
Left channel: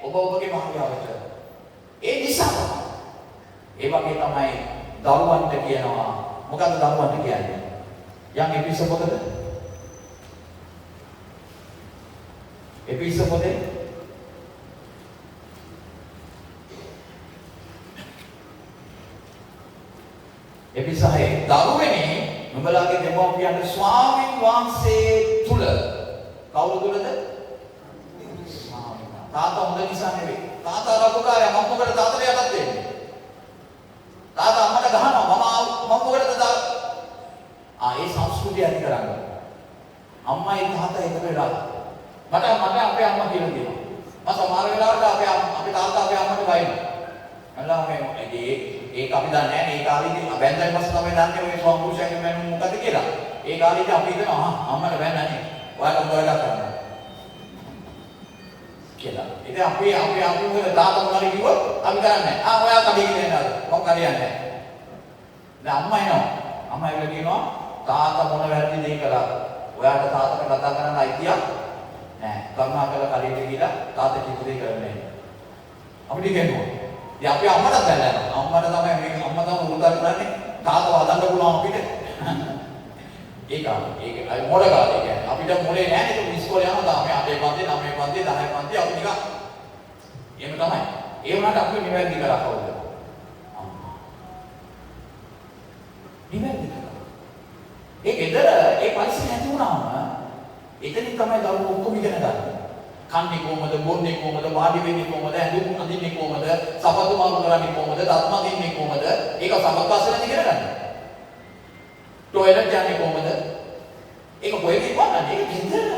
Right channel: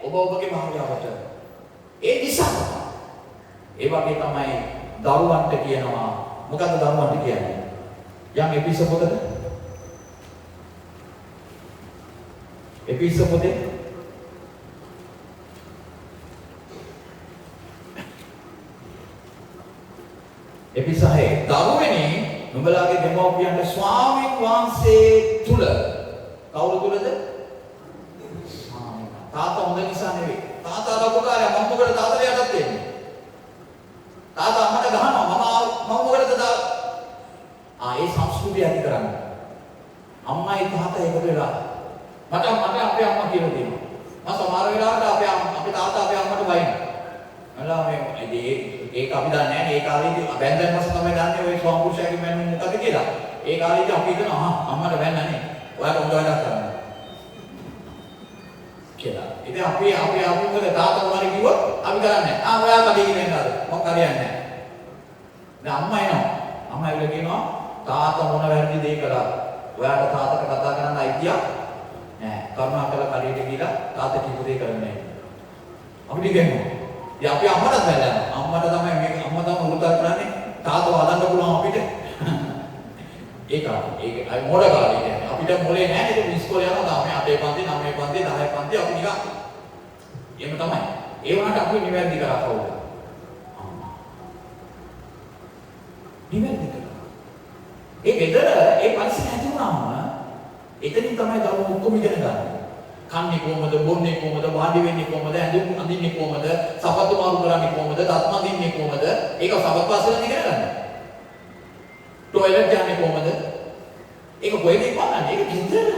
ඔබ ඔබගේ භාර්යාවට. ඒ නිසා ඒ වගේ තමයි දරුවන්ට කියනවා. මොකද දරුවන්ට කියන්නේ? යම් එපිසෝ මොකද? එපිසෝ මොකද? එපිසහේ දරුවනේ නුඹලාගේ දෙමව්පියන්ට ස්වාමීන් වහන්සේ තුල කවුරු තුලද? තාත්තා හොඳ නිසා නෙවෙයි. තාත්තා රකුකාරයා මම මොකද තාත්තට යටත් වෙන්නේ? තාත්තා අම්මට ගහනවා මම මොකටද ඒ සංස්කෘතිය ඇති කරන්නේ. අම්මයි තාත්තා එක වෙලා මට අපේ අම්මා කියලා දෙනවා. මම සමහර වෙලාවට අපේ තාත්තා අපේ අම්මට බයිනවා. අල්ලා ඒක අපි දන්නේ නැහැ. ඒ කාලේදී බැන්දන් පස්සේ තමයි දන්නේ ඔය ස්වාමීෂාගේ මැනුම් මොකද කියලා. ඒ කාලේදී අපි හිතනවා අම්මට බැන්නන්නේ. ඔයාලා උඹ වැඩක් කරනවා. කියලා. ඉතින් අපි අමුතුද තාත්තා මොනවාරි කිව්වොත් අපි කරන්නේ නැහැ. ඔයා කඩේ ගිහින් යනවා. මොකක් හරියන්නේ නැහැ. දැන් අම්මා එනවා. අම්මා ඇවිල්ලා කියනවා තාත්තා මොන වැරදි දේ කළා. ඔයාට තාත්තට කතා කරන්න අයිතියක් නැහැ. කරුණාකරලා කඩේට ගිහලා තාත්තා කිව්ව දේ කරන්නේ නැහැ. අපිට කියනවා. ඉතින් අපි අම්මට දැල්ලා. අම්මට තමයි මේක අම්මා තමයි උරුදල් කරන්නේ. තාත්තව හදන්න පුළුවන් අපිට. ඒක අය මොඩ කාලේ කියන්නේ අපිට මොලේ නැහැ නේද ඉස්කෝලේ යනවා තමයි 8 පන්ති 9 පන්ති 10 පන්ති අපි නිකන් එහෙම තමයි ඒ වුණාට අපි නිවැරදි කරා කවුද නිවැරදි කරා ඒ ගෙදර ඒ පරිසරය ඇති වුණාම එතනින් තමයි දරුවෝ ඔක්කොම ඉගෙන ගන්න කන්නේ කොහමද බොන්නේ කොහමද වාඩි වෙන්නේ කොහමද ඇඳුම් අඳින්නේ කොහමද සපත්තු මාරු කරන්නේ කොහමද දත් මදින්නේ කොහමද ඒක සබපස්සෙන් ඉගෙන ගන්න टॉयलेट जाने කොහමද? ඒක කොහෙද බලන්නේ? ඒක ගෙදර.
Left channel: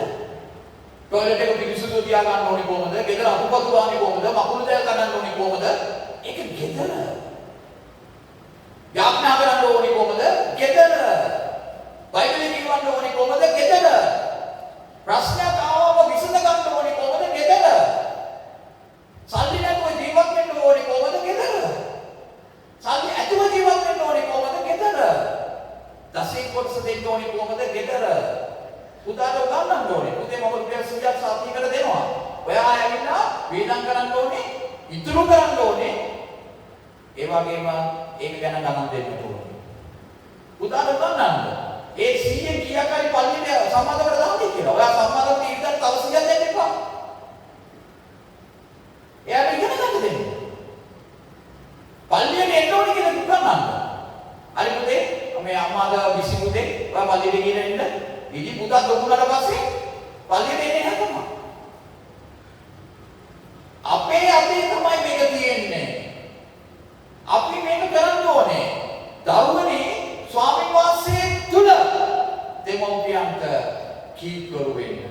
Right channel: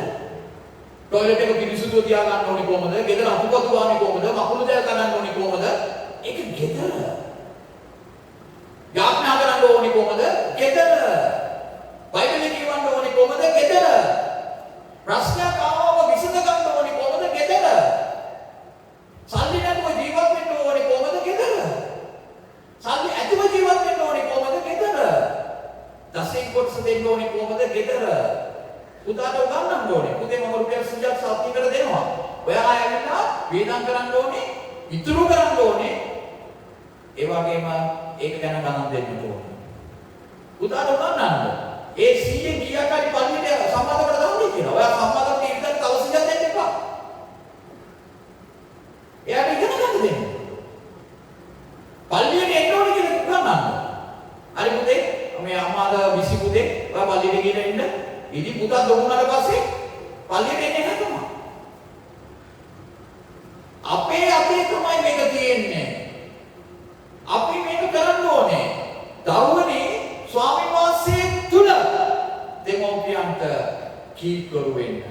टॉयलेट එක පිරිසිදු තියා ගන්න ඕනේ කොහමද? ගෙදර අකුපත් ගාන්නේ කොහමද? මකුළු දැල් ගන්න ඕනේ කොහමද? ඒක ගෙදර. යාඥා කරන්න ඕනේ කොහමද? ගෙදර. බයිබලෙ කියවන්න ඕනේ කොහමද? ගෙදර. ප්‍රශ්නයක් ආවම විසඳ ගන්න ඕනේ කොහමද? ගෙදර. සල්ලි නැතුව ජීවත් වෙන්න ඕනේ කොහමද? ගෙදර. සල්ලි ඇතුව ජීවත් වෙන්න ඕනේ කොහමද? ගෙදර. දසෙන් කොටස දෙන්න ඕනේ කොහමද? ගෙදර. පුතාට උගන්වන්න ඕනේ. පුතේ මම රුපියල් 100ක් සාතියකට දෙනවා. ඔයා ඇවිල්ලා වේදම් කරන්න ඕනේ, ඉතුරු කරන්න ඕනේ. ඒ වගේම ඒක ගැන ගණන් දෙන්න ඕනේ. පුතාට උගන්වන්න. ඒ 100 කීයක් හරි පල්ලියට සම්මාදකට දාන්නේ කියලා. ඔයා සම්මාදකට ඉඳන් තව 100ක් දෙන්න එපා. එයාට ඉගෙන ගන්න දෙන්න. පල්ලියට එන්න ඕනේ කියලා උගන්වන්න. හරි පුතේ මේ අම්මාද විසි පුතේ ඔයා පල්ලියට ගිහින් ඉන්න. ඉදි පුතා දුන්නාට පස්සේ පල්ලියට එන්නේ නැතුණා. අපේ තමයි මේක තියෙන්නේ. අපි මේක කරන්න ඕනේ. දරුවනේ ස්වාමීන් වහන්සේ තුල දෙමෝපියන්ට කීකරු වෙන්න.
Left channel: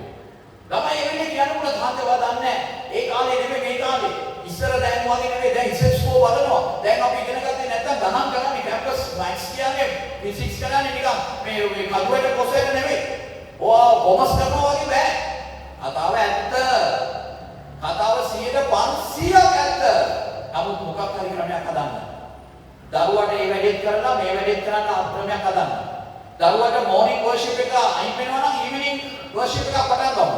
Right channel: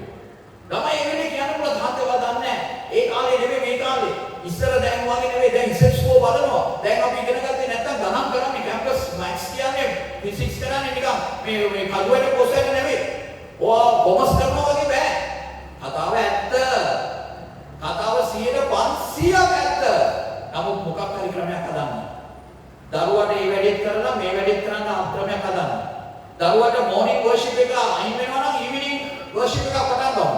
ළමයි එන්නේ කියනකොට තාත්තවා දන්නේ ඒ කාලේ නෙමෙයි මේ කාලේ. ඉස්සර දැන් වගේ නෙවෙයි දැන් ඉස්සෙස්කෝ බලනවා. දැන් අපි ඉගෙන ගත්තේ නැත්තම් ගණන් කරන්නේ කැම්පස් මැක්ස් කියන්නේ ෆිසික්ස් කරන්නේ නිකන් මේ කල්ුවට කොසෙට නෙවෙයි. ඔයා කොමර්ස් කරනවා වගේ බෑ. කතාව ඇත්ත. කතාව 100% ඇත්ත. නමුත් මොකක් හරි ක්‍රමයක් හදන්න. දරුවට මේ වැඩේත් කරලා මේ වැඩේත් කරන්න ක්‍රමයක් හදන්න. දරුවට මොර්නිං වර්ෂිප් එක අයින් වෙනවා නම් ඉවිනිං වර්ෂිප් එකක් පටන් ගන්න.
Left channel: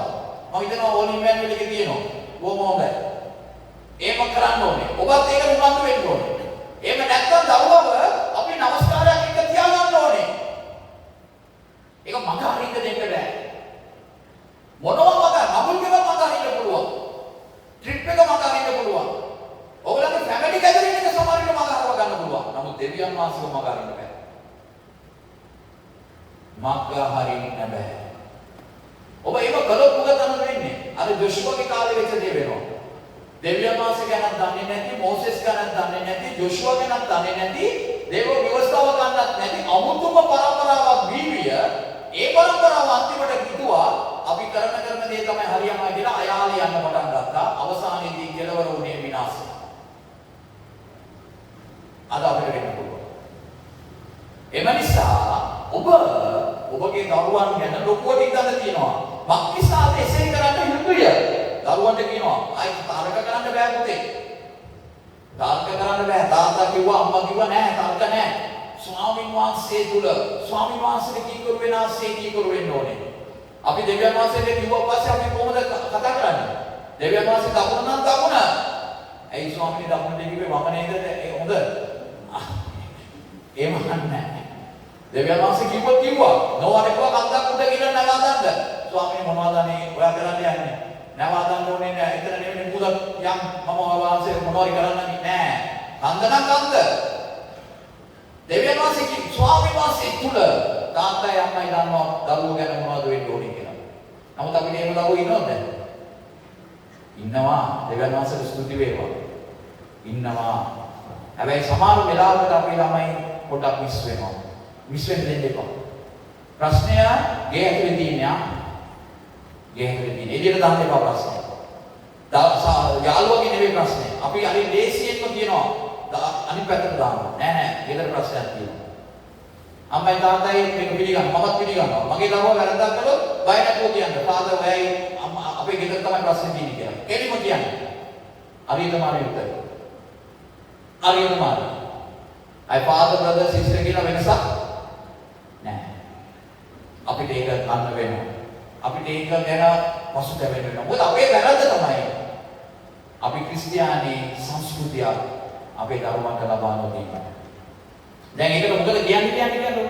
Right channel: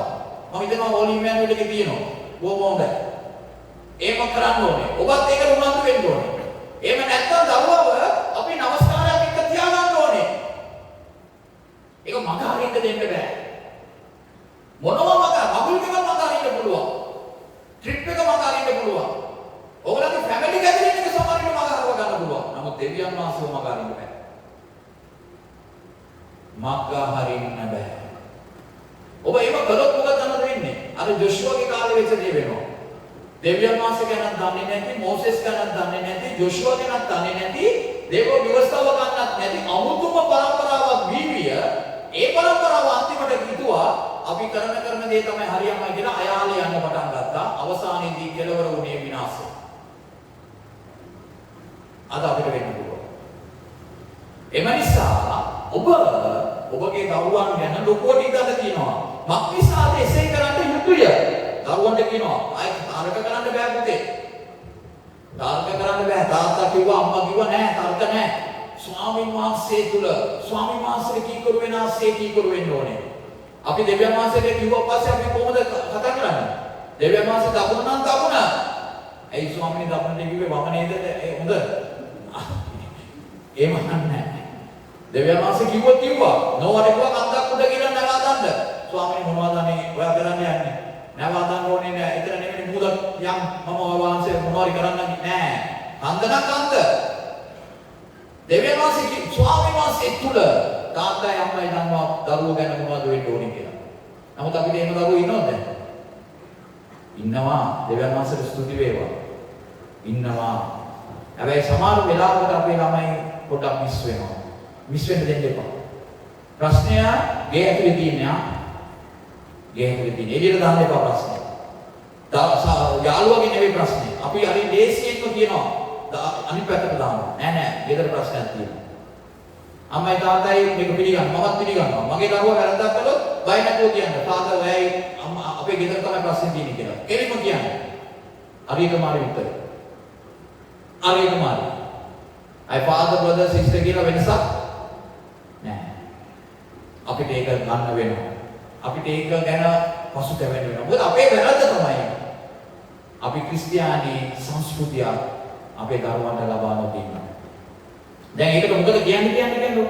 මම හිතනවා ඕල් ඉමැනුවල් එකේ තියෙනවා. බොහොම හොඳයි. ඒම කරන්න ඕනේ. ඔබත් ඒක උනන්දු වෙන්න ඕනේ. එහෙම නැත්නම් දරුවව අපි නමස්කාරයක් එක්ක තියාගන්න ඕනේ. ඒක මඟ හරියට දෙන්න බෑ. මොනවා මඟ අමුල් එකක් මඟ හරියට පුළුවන්. ට්‍රිප් එක මඟ හරියට පුළුවන්. ඔයගොල්ලන්ගේ ෆැමිලි ගැදරින් එක සමහරවිට මඟ හරව ගන්න පුළුවන්. නමුත් දෙවියන් වහන්සේව මඟ හරින්න බෑ. මඟ හරින්න බෑ. ඔබ ඒක කළොත් මොකද වෙන්නේ? අර ජොෂුවගේ කාලේ වෙච්ච දේ වෙනවා. දෙවියන් වහන්සේ ගැනත් දන්නේ නැති, මෝසෙස් ගැනත් දන්නේ නැති, ජොෂුවා ගැනත් දන්නේ නැති, දේව ව්‍යවස්ථාව ගැනත් නැති අමුතුම පරම්පරාවක් වීවිය ඒ පරම්පරාව අන්තිමට හිතුවා අපි කරන දේ තමයි හරියමයි කියලා අයාලේ යන්න පටන් ගත්තා. අවසානයේදී කෙලවර වුණේ විනාශය. අද අපිට වෙන්න පුළුවන්. එම නිසා ඔබගේ දරුවන් ගැන ලොකුවට හිතන්න තියෙනවා. මක්නිසාද එසේ කරන්න යුතුය? දරුවන්ට කියනවා අය තරක කරන්න බෑ පුතේ. තරක කරන්න බෑ. තාත්තා කිව්වා අම්මා කිව්වා නෑ තරක නෑ. ස්වාමීන් වහන්සේ තුල ස්වාමීන් වහන්සේ කීකරු වෙනාසේ කීකරු වෙන්න ඕනේ. අපි දෙවියන් වහන්සේට කිව්වා පස්සේ අපි කොහොමද කතා කරන්නේ? දෙවියන් වහන්සේ දකුණ නම් දකුණ. ඇයි ස්වාමීන් දකුණ දෙවියෝ වම නේද? හොඳ. එහෙම නැහැ. දෙවියන් වහන්සේ කිව්වා නෝවාට කිව්වා කන්දක් උඩ ගිහින් නගා දාන්න. ස්වාමීන් මොනවද මේ ඔයා කරන්න යන්නේ? නගා දාන්න ඕනේ නෑ. එතන නෙමෙයි මුදක් යම් මම වහන්සේ මොනවාරි කරන්න නෑ. කන්ද නම් කන්ද. දෙවියන් වහන්සේ ස්වාමීන් වහන්සේ තුල තාත්තයි අම්මයි දන්නවා දරුවෝ ගැන මොනවද වෙන්න ඕනේ කියලා. නමුත් අපිට එහෙම දරුවෝ ඉන්නවද? ඉන්නවා. දෙවියන් වහන්සේට ස්තුති වේවා. ඉන්නවා. හැබැයි සමහර වෙලාවකට අපේ ළමයි පොඩක් මිස් වෙනවා. මිස් වෙන්න දෙන්න එපා. ප්‍රශ්නය ගේ ඇතුලේ තියෙනවා. ගේ ඇතුලේ තියෙන. එළියට දාන්න එපා ප්‍රශ්නය. යාළුවගේ නෙවෙයි ප්‍රශ්නේ. අපි හරි ලේසියෙන්ම කියනවා. අනිත් පැත්තට දාන්න. නෑ. ගෙදර ප්‍රශ්නයක් තියෙනවා. අම්මයි තාත්තයි මේක පිළිගන්නවා. මමත් පිළිගන්නවා. මගේ ළමයා වැරද්දක් කළොත් බය නැතුව කියන්න. තාත්තා ඔයයි අම්මා අපේ ගෙදර තමයි ප්‍රශ්නේ තියෙන්නේ කියලා. එළිම කියන්න. හරියටම හරි උත්තර. හරියටම හරි. අය father brother sister කියලා වෙනසක් නෑ. අපිට ඒක ගන්න වෙනවා. අපිට ඒක ගැන පසුතැවෙන්න වෙනවා. මොකද අපේ වැරද්ද තමයි. අපි ක්‍රිස්තියානි සංස්කෘතිය අපේ දරුවන්ට ලබා නොදීනවා. දැන් ඒකට මොකද කියන්නේ?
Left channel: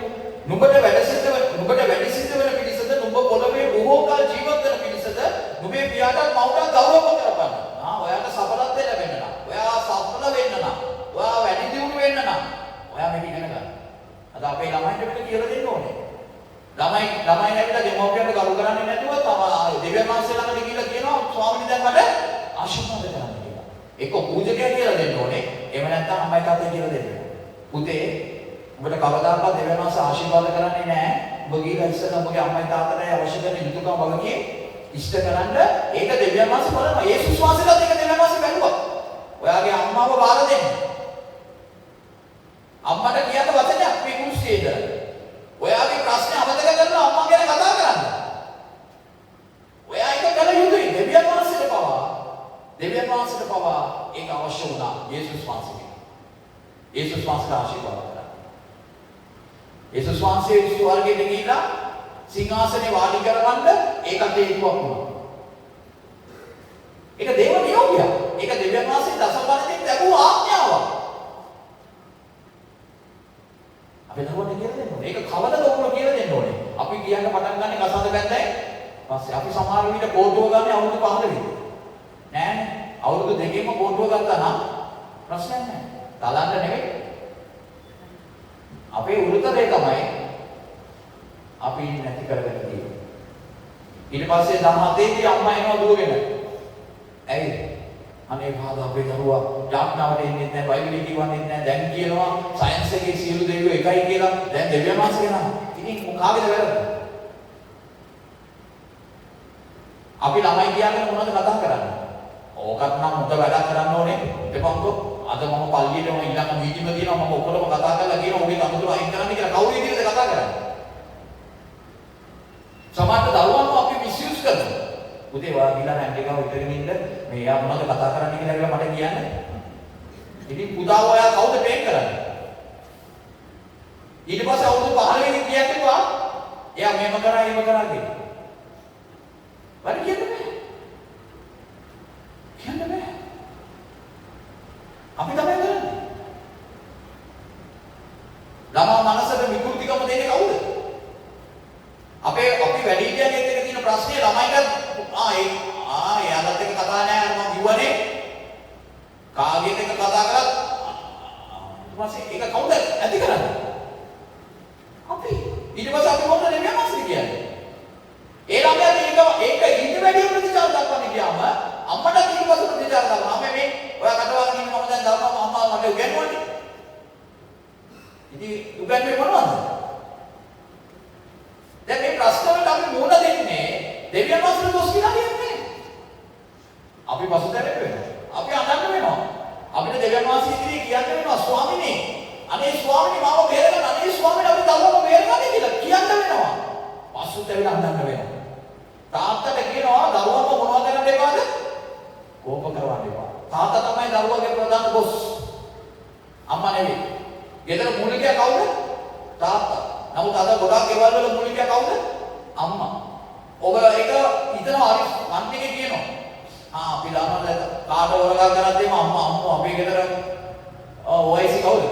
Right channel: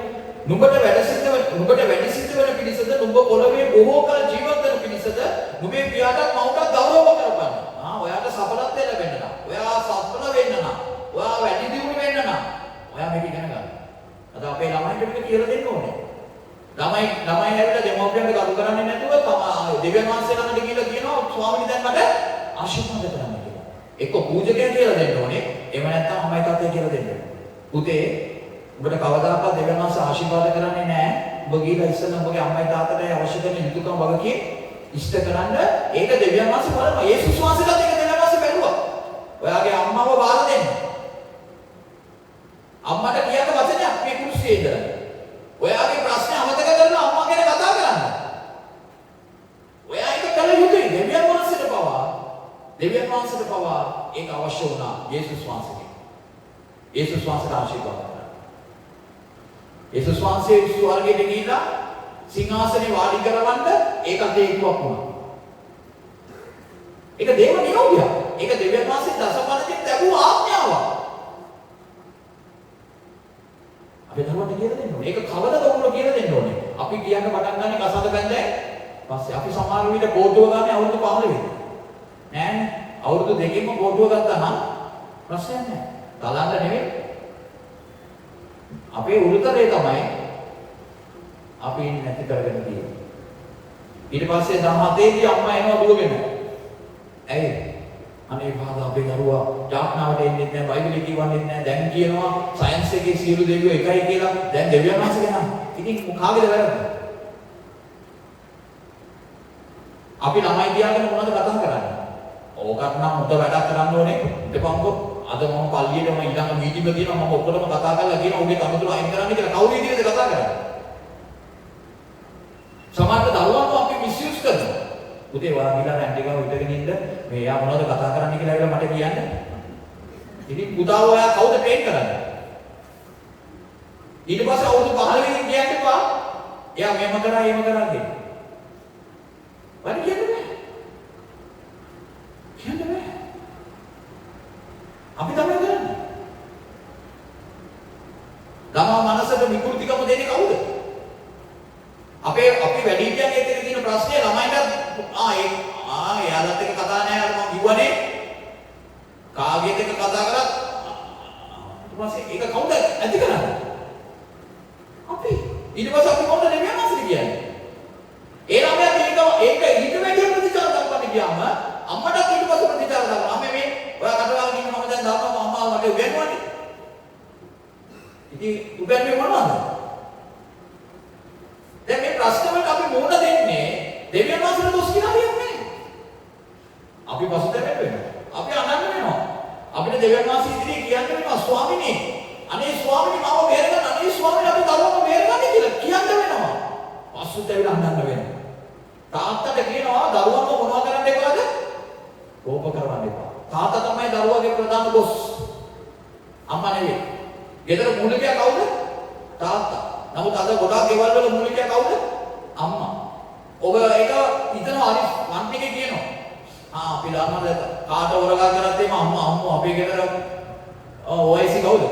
නුඹට වැඩ සිට වෙන පිළිසද නුඹ පොළවේ බොහෝ කල ජීවත් වෙන පිළිසද නුඹේ පියාට මවුට ගෞරව කරපන්. ඔයාට සඵලත්වය ලැබෙන්න නම්, ඔයා සඵල වෙන්න නම්, ඔයා වැඩි දියුණු වෙන්න නම් ඔයා මේක ඉගෙන ගන්න. අද අපේ ළමයින්ට මේක කියලා දෙන්න ඕනේ. ළමයි ඇවිල්ලා දෙමව්පියන්ට ගරු කරන්නේ නැතුව තමයි දෙවියන් වහන්සේ ළඟට ගිහිල්ලා කියනවා ස්වාමීනි දැන් මට ආශිර්වාද කරන්න කියලා. එක්ක පූජකයා කියලා දෙන්න ඕනේ. එහෙම නැත්නම් අම්මයි තාත්තයි කියලා දෙන්න ඕනේ. පුතේ ඔබට කවදාකවත් දෙවියන් වහන්සේ ආශිර්වාද කරන්නේ නැහැ. ඔබ ගිහිල්ලා ඉස්සෙල්ලා ඔබගේ අම්මයි තාත්තට අවශ්‍ය කරන යුතුයකම් වගකීම් ඉෂ්ට කරන්න. ඒක දෙවියන් වහන්සේ බලනවා. යේසුස් වහන්සේට ඒක දෙවියන් වහන්සේ බැලුවා. ඔයාගේ අම්මව බාර දෙන්න. අම්මට කියන්න වචනයක් මේ කුරුසියේද? ඔයාගේ ප්‍රශ්නේ අමතක කරලා අම්මා ගැන කතා කරන්න. ඔයා ඒක කළ යුතුයි. දෙවියන් වහන්සේට පවා ඒක අවශ්‍ය වුණා යේසුස් වහන්සේගෙන්. යේසුස් වහන්සේට ආශිර්වාද කරා. යේසුස් වහන්සේ ස්වර්ගයට ගිහිලා සිංහාසනේ වාඩි කරවන්න ඒකට හේතුවක් වුණා. ඒක දේව නියෝගයක්. ඒක දෙවියන් වහන්සේ දසපණකින් ලැබුව ආඥාවක්. අපි දරුවන්ට කියලා දෙන්න ඕනේ. ඒක කවදද ඔයගොල්ලෝ කියලා දෙන්න ඕනේ. අපි කියන්න පටන් ගන්න කසඳ බැන්දයි. පස්සේ අපි සමහර විට කෝටුව ගන්න අවුරුදු 15 නෑනේ. අවුරුදු 2කින්ම කෝටුව ගත්තා නම් ප්‍රශ්නයක් නෑ. තලන්න නෙමෙයි. අපේ උරුතරේ තමයි අපි නැති කරගෙන තියෙන්නේ. ඊට පස්සේ 17 දී අම්මා එනවා දුවගෙන. ඇයි? අනේ පාද අපේ දරුවා යාඥාවට එන්නේ නැහැ, බයිබලෙ කියවන්නේ නැහැ. දැන් කියනවා සයන්ස් එකේ සියලු දෙවියෝ එකයි කියලා. දැන් දෙවියන් වහන්සේ කියනවා. ඉතින් කාගේද වැරද්ද? අපි ළමයි කියන්නේ මොනවද කතා කරන්නේ? ඕකත් නම් මුත වැඩක් කරන්න ඕනේ. ඊටපන්කො අද මම පල්ලියට යන ඊළඟ මීටින්ග් එක තියෙනවා. මම ඔක්කොටම කතා කරලා කියනවා ඔබේ කමතුරු අයින් කරන්න කියලා. කවුරු ඉදිරියද කතා කරන්නේ? සමහර දරුවන්ව අපි මිස්යූස් කරනවා. පුතේ වා ගිහලා නැන්ටි ගාව ඉඳගෙන ඉන්න මේ යා මොනවද කතා කරන්නේ කියලා මට කියන්න. ඉතින් පුතා ඔයා කවුද ට්‍රේන් කරන්නේ? ඊට පස්සේ අවුරුදු 15 වෙනි කියන්නේ පා එයා මෙහෙම කරා එහෙම කරා කියන. වැඩි කියන්නේ නැහැ. කියන්නේ නැහැ. අපි තමයි කරන්නේ. ළමා මනසට විකෘතිකම දෙන්නේ කවුද? අපි වැඩිහිටියන් එක්ක තියෙන ප්‍රශ්නේ ළමයිට එයාලත් එක්ක කතා නැහැ මම කිව්වනේ කාගේද එක්ක කතා කරලා ඊට පස්සේ ඒක කවුද ඇති කරන්නේ? අපි ඊට පස්සේ අපි මොකද දෙවියන් වහන්සේ කියන්නේ? ඒ ළමයාට ඒක ඊට වැඩි ප්‍රතිචාර දක්වන්න ගියාම අම්මට ඊට පස්සේ ප්‍රතිචාර දක්වනවා. අම්මේ මේ ඔයා කටවාගෙන ඉන්න මම දැන් දාපුවම අම්මාව මට උගන්වන්නේ. ඉතින් උගන්වන්නේ මොනවද? දැන් මේ ප්‍රශ්න වලට අපි මුහුණ දෙන්නේ දෙවියන් වහන්සේට දොස් කියලා දෙන්නේ. අපි පසුතැවෙන්න වෙනවා. අපි අනන්න වෙනවා. අපිට දෙවියන් වහන්සේ ඉදිරියේ කියන්න වෙනවා ස්වාමිනේ අනේ ස්වාමිනේ මාව බේරගන්න අනේ ස්වාමිනේ අපි දරුවව බේරගන්න කියලා කියන්න වෙනවා. පසුතැවිලා අනන්න වෙනවා. තාත්තට කියනවා දරුවන්ව මොනවා කරන්න එපාද? කෝප කරවන්න එපා. තාත්තා තමයි දරුවගේ ප්‍රධාන බොස්. අම්මා නෙවෙයි. ගෙදර මූලිකයා කවුද? තාත්තා. නමුත් අද ගොඩාක් ගෙවල් වල මූලිකයා කවුද? අම්මා. ඔබ ඒක හිතන හරි මන්තිකේ කියනවා. අපි ළමල කාට වරගා කරද්දීම අම්මා අපේ ගෙදර OIC කවුද?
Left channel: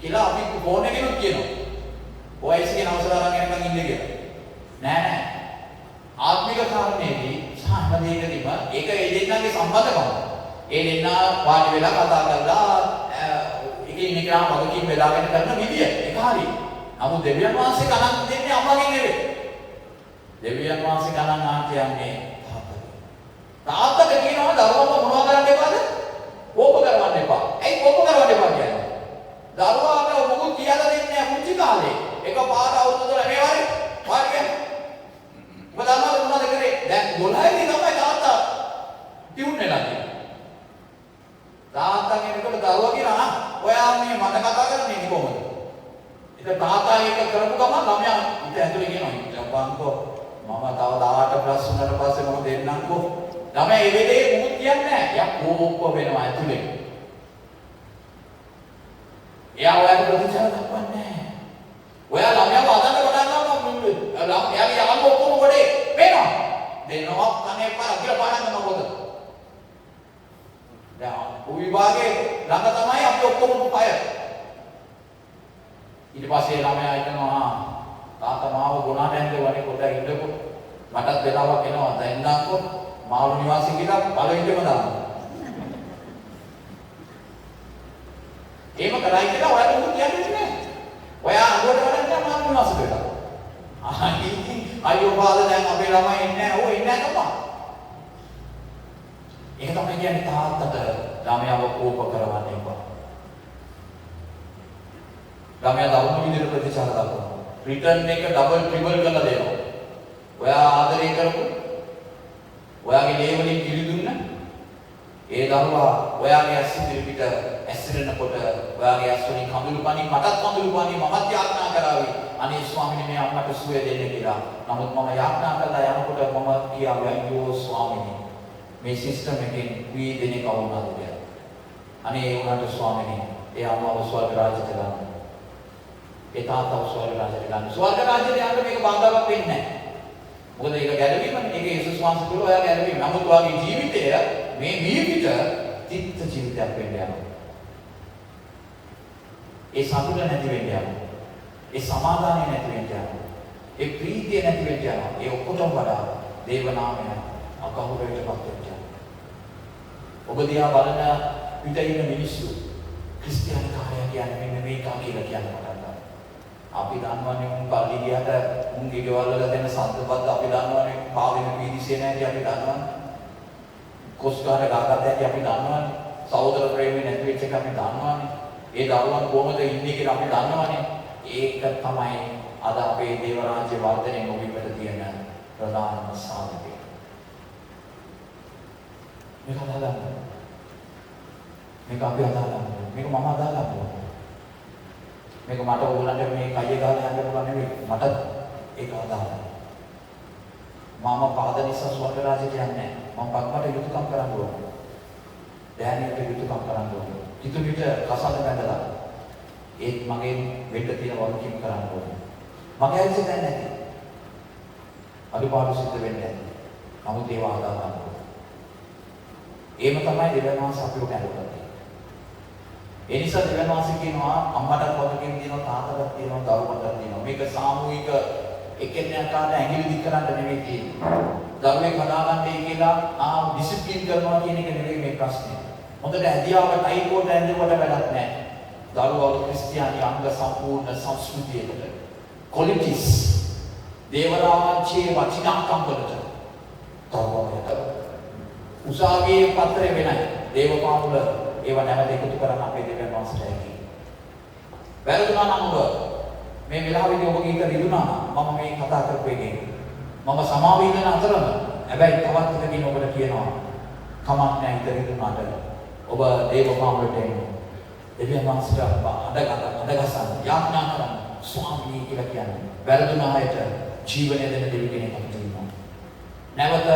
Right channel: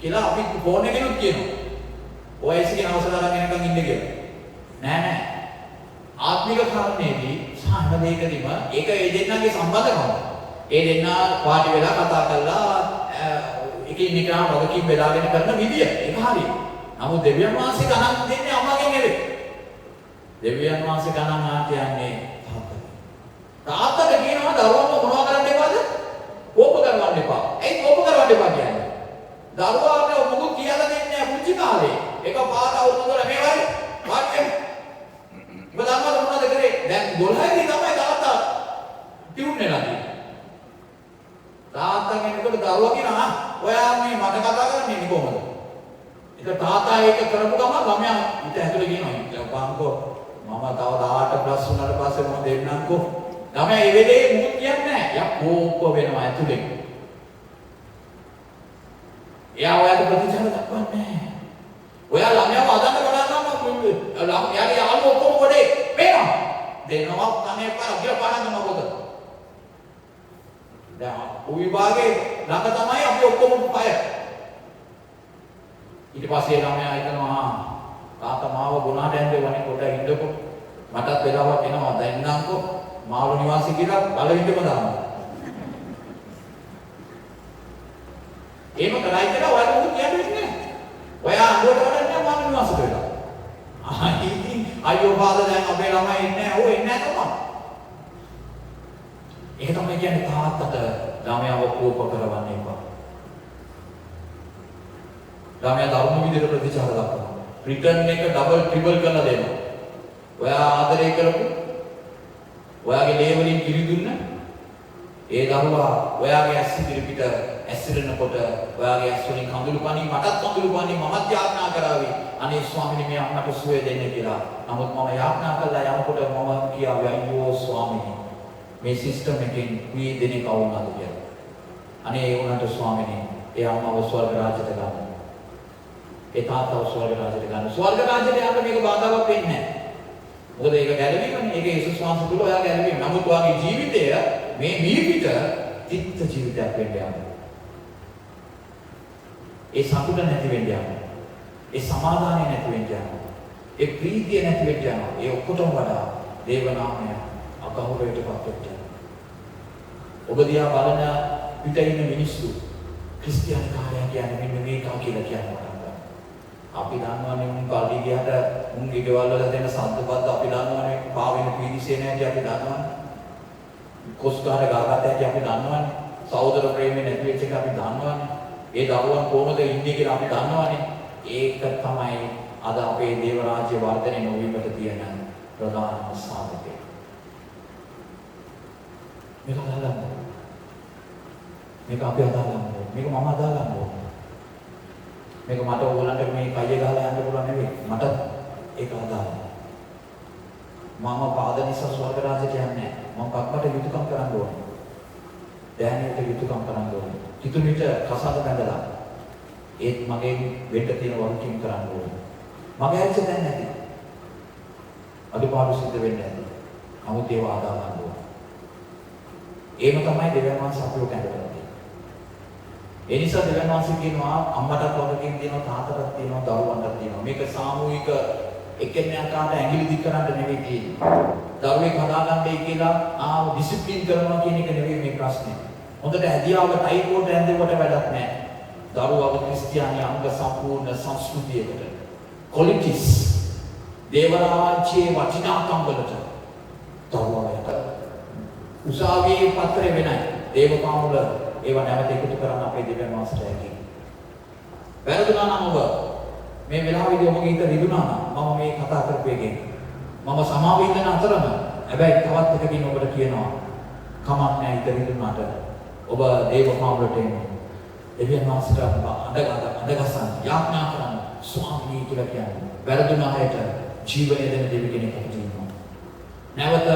කියලා අපි ෆෝන් එකෙන් කියනවා. OIC කියන අවසර අරන් එනකන් ඉන්නේ කියලා. නෑ. ආත්මික කාරණේදී සාහන දෙකදීම ඒක ඒ දෙන්නගේ සම්බන්ධකම. ඒ දෙන්නා වාඩි වෙලා කතා කරලා එකින් එක වගකීම් බෙදාගෙන කරන විදිය ඒක හරියි. නමුත් දෙවියන් වහන්සේ ගණන් දෙන්නේ අම්මාගෙන් නෙවෙයි. දෙවියන් වහන්සේ ගණන් ආන්තියන්නේ තාත්තට කියනවා දරුවම මොනවා කරන්න එපාද? කෝප කරවන්න එපා. ඇයි කෝප කරවන්න එපා කියන්නේ? දරුවාට මොකුත් කියලා දෙන්නේ නැහැ පුංචි කාලේ. ඒක පාර අවුරුදු වල මේ වගේ වාක්‍යයක්. ඔබ දන්නවද මොනවද කරේ? දැන් 12 දී තමයි තාත්තා ටියුන් වෙලා තියෙන්නේ. තාත්තා කෙනෙකුට දරුවා කියනවා ඔයා මේ මට කතා කරන්නේ කොහොමද? ඒක තාත්තා ඒක කරපු ගමන් ළමයා හිත ඇතුලේ කියනවා බංකෝ මම තව 18 ප්ලස් වුණාට පස්සේ මම දෙන්නම්කෝ. ළමයා ඒ වෙලේ මුකුත් කියන්නේ නැහැ. යා කෝප වෙනවා ඇතුලේ. එයා ඔයාට ප්‍රතිචාර දක්වන්නේ නැහැ. ඔයා ළමයාව අදන්න පටන් ගන්නවා එයාගේ යාළුවෝ ඔක්කොම ගොඩේ පේනවා. දෙනවා අනේ පාර පාරන්න මොකද? දැන් විභාගේ ළඟ තමයි අපි ඔක්කොම අය. ඊට පස්සේ ළමයා හිතනවා තාත්තා මාව ගුණාට ඇඳෙවනේ කොට ඉන්නකො මටත් වෙලාවක් එනවා දැන්නම්කො මාළු නිවාසී කියලා බලවින්දම දානවා. එහෙම කරයි කියලා ඔයාලට මොකද කියන්නේ නැහැ. ඔයා අඬුවට බලන්නේ මාළු නිවාසී කියලා. අයියෝ බාදා දැන් අපේ ළමයි ඉන්නේ නැහැ. ඔය ඉන්නේ නැහැ තමයි. ඒක තමයි කියන්නේ තාත්තට ළමයාව කෝප කරවන්න එපා. ළමයා ධර්ම විදිහට ප්‍රතිචාර දක්වනවා. රිටර්න් එක ඩබල් ට්‍රිපල් කරලා දෙනවා. ඔයා ආදරය කරපු ඔයාගේ ලේබලින් පිළිදුන්න ඒ දරුවා ඔයාගේ ඇස් ඉදිරි පිට ඇස්සිරෙනකොට ඔයාගේ ඇස් වලින් කඳුළු පණි මටත් කඳුළු පණි මමත් යාඥා කරાવી අනේ ස්වාමීනි මේ අම්මට සුවය දෙන්න කියලා. නමුත් මම යාඥා කළා යනකොට මම කියාවේ අයියෝ ස්වාමීනි මේ සිස්ටම් එකෙන් මේ දෙනේ කවුරුනාද කියලා. අනේ ඒ වුණාට ස්වාමීනි ඒ අම්මව ස්වර්ග රාජ්‍යයට ගන්න. ඒ තාත්තව ස්වර්ග රාජ්‍යයට ගන්න. ස්වර්ග රාජ්‍යයට යන්න මේක බාධාවක් වෙන්නේ නැහැ. මොකද ඒක ගැළවීමනේ. ඒක යේසුස් වහන්සේ තුල ඔයා ගැළවීම. නමුත් ඔයාගේ ජීවිතය මේ නිවිත තිත්ත ජීවිතයක් වෙන්න යනවා. ඒ සතුට නැති වෙන්න යනවා. ඒ සමාදානය නැති වෙන්න යනවා. ඒ ප්‍රීතිය නැති වෙන්න යනවා. ඒ ඔක්කොටම වඩා දේව නාමය අගෞරවයටපත් වෙන්න. ඔබ දිහා බලන පිට ඉන්න මිනිස්සු ක්‍රිස්තියානි කාර්යයන් කියන්නේ මෙන්න මේක කියලා කියනවා. අපි දන්නවනේ මුන් පාටි ගියට මුන් ගෙවල් වල දෙන සද්දපත් අපි දන්නවනේ පාවෙන පීඩිසේ නැති අපි දන්නවනේ කොස්කාර ගාගාතේ අපි දන්නවනේ සහෝදර ප්‍රේමේ නැති වෙච්ච එක අපි දන්නවනේ ඒ දරුවන් කොහොමද ඉන්නේ කියලා අපි දන්නවනේ ඒක තමයි අද අපේ දේව රාජ්‍ය වර්ධනය නොවීමට තියෙන ප්‍රධානම සාධකය මේක අදාළයි මේක අපි අදාළයි මේක මම අදාළයි මේක මට ඕගොල්ලන්ට මේ කයිය ගහලා යන්න පුළුවන් නෙවෙයි මට ඒක අදාළයි මම පාද නිසා ස්වර්ග රාජ්‍යයට යන්නේ මම පක්කට යුතුයකම් කරන්න ඕන දැනීමට යුතුයකම් කරන්න ඕන කිතුලිට කසාද බැඳලා ඒත් මගේ වෙන්න තියෙන වගකීම කරන්න ඕන මගේ ඇරිච්ච දැන් නැති අදුපාඩු සිද්ධ වෙන්නේ නැති නමුත් ඒව හදා ගන්න ඕන ඒම තමයි දෙවියන් වහන්සේ අපිට කැඳවන්නේ ඒ නිසා දෙවියන් වහන්සේ කියනවා අම්මටත් වගකීම් තියෙනවා තාත්තටත් තියෙනවා දරුවන්ටත් තියෙනවා මේක සාමූහික එක්කෙනෙක්ට ඇඟිලි දික් කරන්න නෙවෙයි තියෙන්නේ දරුවෙක් හදාගන්නයි කියලා ඩිසිප්ලින් කරනවා කියන එක නෙවෙයි මේ ප්‍රශ්නේ හොඳට ඇදියාවක ටයිකෝට ඇඳෙවට වැඩක් නැහැ දරුවව ක්‍රිස්තියානි අංග සම්පූර්ණ සංස්කෘතියකට ක්වොලිටිස් දේව රාජ්‍යයේ වටිනාකම් වලට දරුවවට උසාවියේ පත්‍රය වෙනයි දේව පාමුල ඒව නැවත එකතු කරන්න අපේ දෙවියන් වහන්සේට හැකියි. වැරදුනා නම් ඔබ මේ වෙලාවේදී ඔබගේ හිත රිදුනා නම් මම මේ කතා කරපු එකෙන්. මම සමාව ඉන්න අතරම හැබැයි තවත් එකකින් ඔබට කියනවා කමක් නැහැ ඉතිරිුණාට ඔබ දේව මාවලට එන්න. දෙවියන් වහන්සේට අඬගසන්න යාඥා කරන්න ස්වාමී කියලා කියන්නේ. වැරදුන අයට ජීවනය දෙන දෙවි කෙනෙක් අපිට ඉන්නවා. නැවත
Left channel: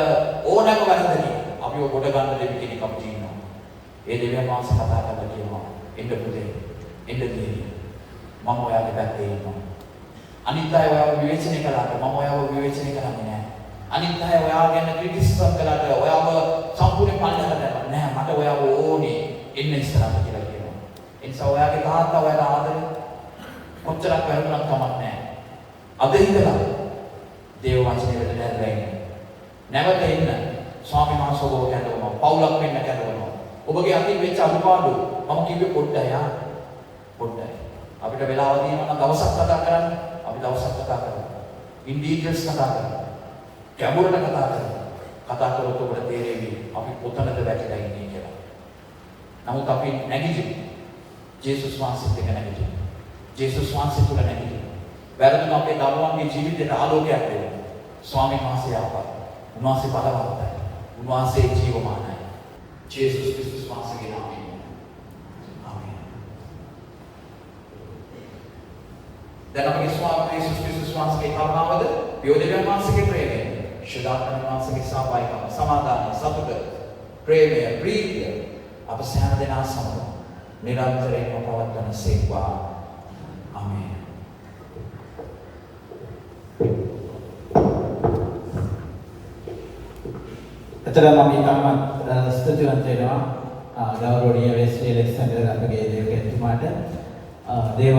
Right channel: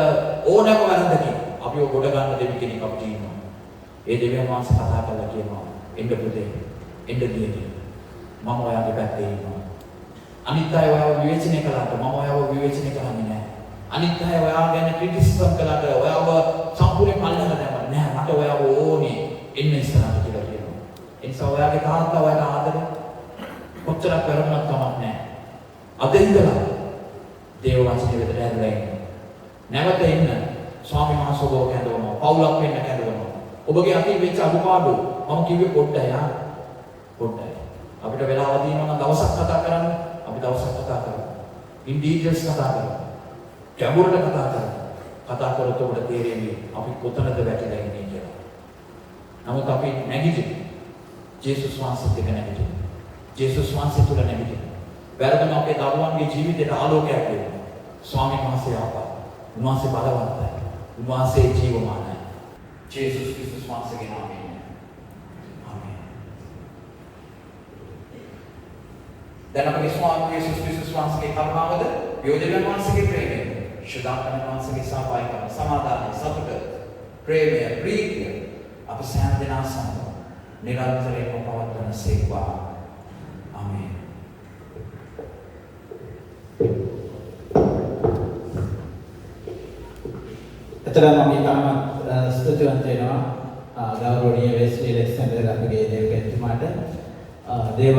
ඕනෑම වැරද්දකින් අපිව ගොඩ ගන්න දෙවි කෙනෙක් අපිට ඉන්නවා. ඒ දෙවියන් වහන්සේ කතා කරලා කියනවා එන්න පුතේ එන්න දෙවි මම ඔයාගේ පැත්තේ ඉන්නවා. අනිත් අය ඔයාව විවේචනය කළාට මම ඔයාව විවේචනය කරන්නේ නැහැ. අනිත් අය ඔයාව ගැන ක්‍රිටිසිසම් කළාට ඔයාව සම්පූර්ණයෙන් අල්ලන්න දැම්මා නෑ. මට ඔයාව ඕනේ එන්න ඉස්සරහට කියලා කියනවා. ඒ නිසා ඔයාගේ තාත්තා ඔයාට ආදරේ කොච්චරක් වැරදුනක් කමක් නැහැ. අද ඉඳලා දේව වචනේ වෙතට ඇදලා ඉන්න. නැවත එන්න ස්වාමීන් වහන්සේ ඔබව කැඳවනවා. පවුලක් වෙන්න කැඳවනවා. ඔබගේ අතින් වෙච්ච අඩුපාඩු මම කිව්වේ පොඩ්ඩයි ආ. පොඩ්ඩයි. අපිට වෙලාව තියෙනවා නම් දවසක් කතා කරන්න. අපි දවසක් කතා කරමු. ඉන් ඩීටේල්ස් කතා කරමු. ගැඹුරට කතා කරමු. කතා කරොත් ඔබට තේරෙන්නේ අපි කොතනද වැටලා ඉන්නේ කියලා. නමුත් අපි නැගිටිමු. ජේසුස් වහන්සේත් එක්ක නැගිටිමු. ජේසුස් වහන්සේ තුල නැගිටිමු. වැරදුන අපේ දරුවන්ගේ ජීවිතයට ආලෝකයක් දෙන්න. ස්වාමීන් වහන්සේ ආවා. උන්වහන්සේ බලවන්තයි. උන්වහන්සේ ජීවමානයි. ජේසුස් ක්‍රිස්තුස් වහන්සේගේ නාමයෙන්. ආමේන්. දැන් අපේ ස්වාමී ජේසුස් ක්‍රිස්තුස් වහන්සේගේ කරුණාවද, යෝධයන් වහන්සේගේ ප්‍රේමය, ශුද්ධාත්ම වහන්සේගේ සහභාගීකම, සමාදානය, සතුට, ප්‍රේමය, ප්‍රීතිය අප සෑම දෙනා සමග නිරන්තරයෙන්ම පවත්වන සේවා. ආමේන්. එතරම් අපි කම්මත් ස්තුතිවන්ත වෙනවා ගෞරවනීය වෙස්ලි ඇලෙක්සැන්ඩර් අපගේ දේවකතුමාට දේව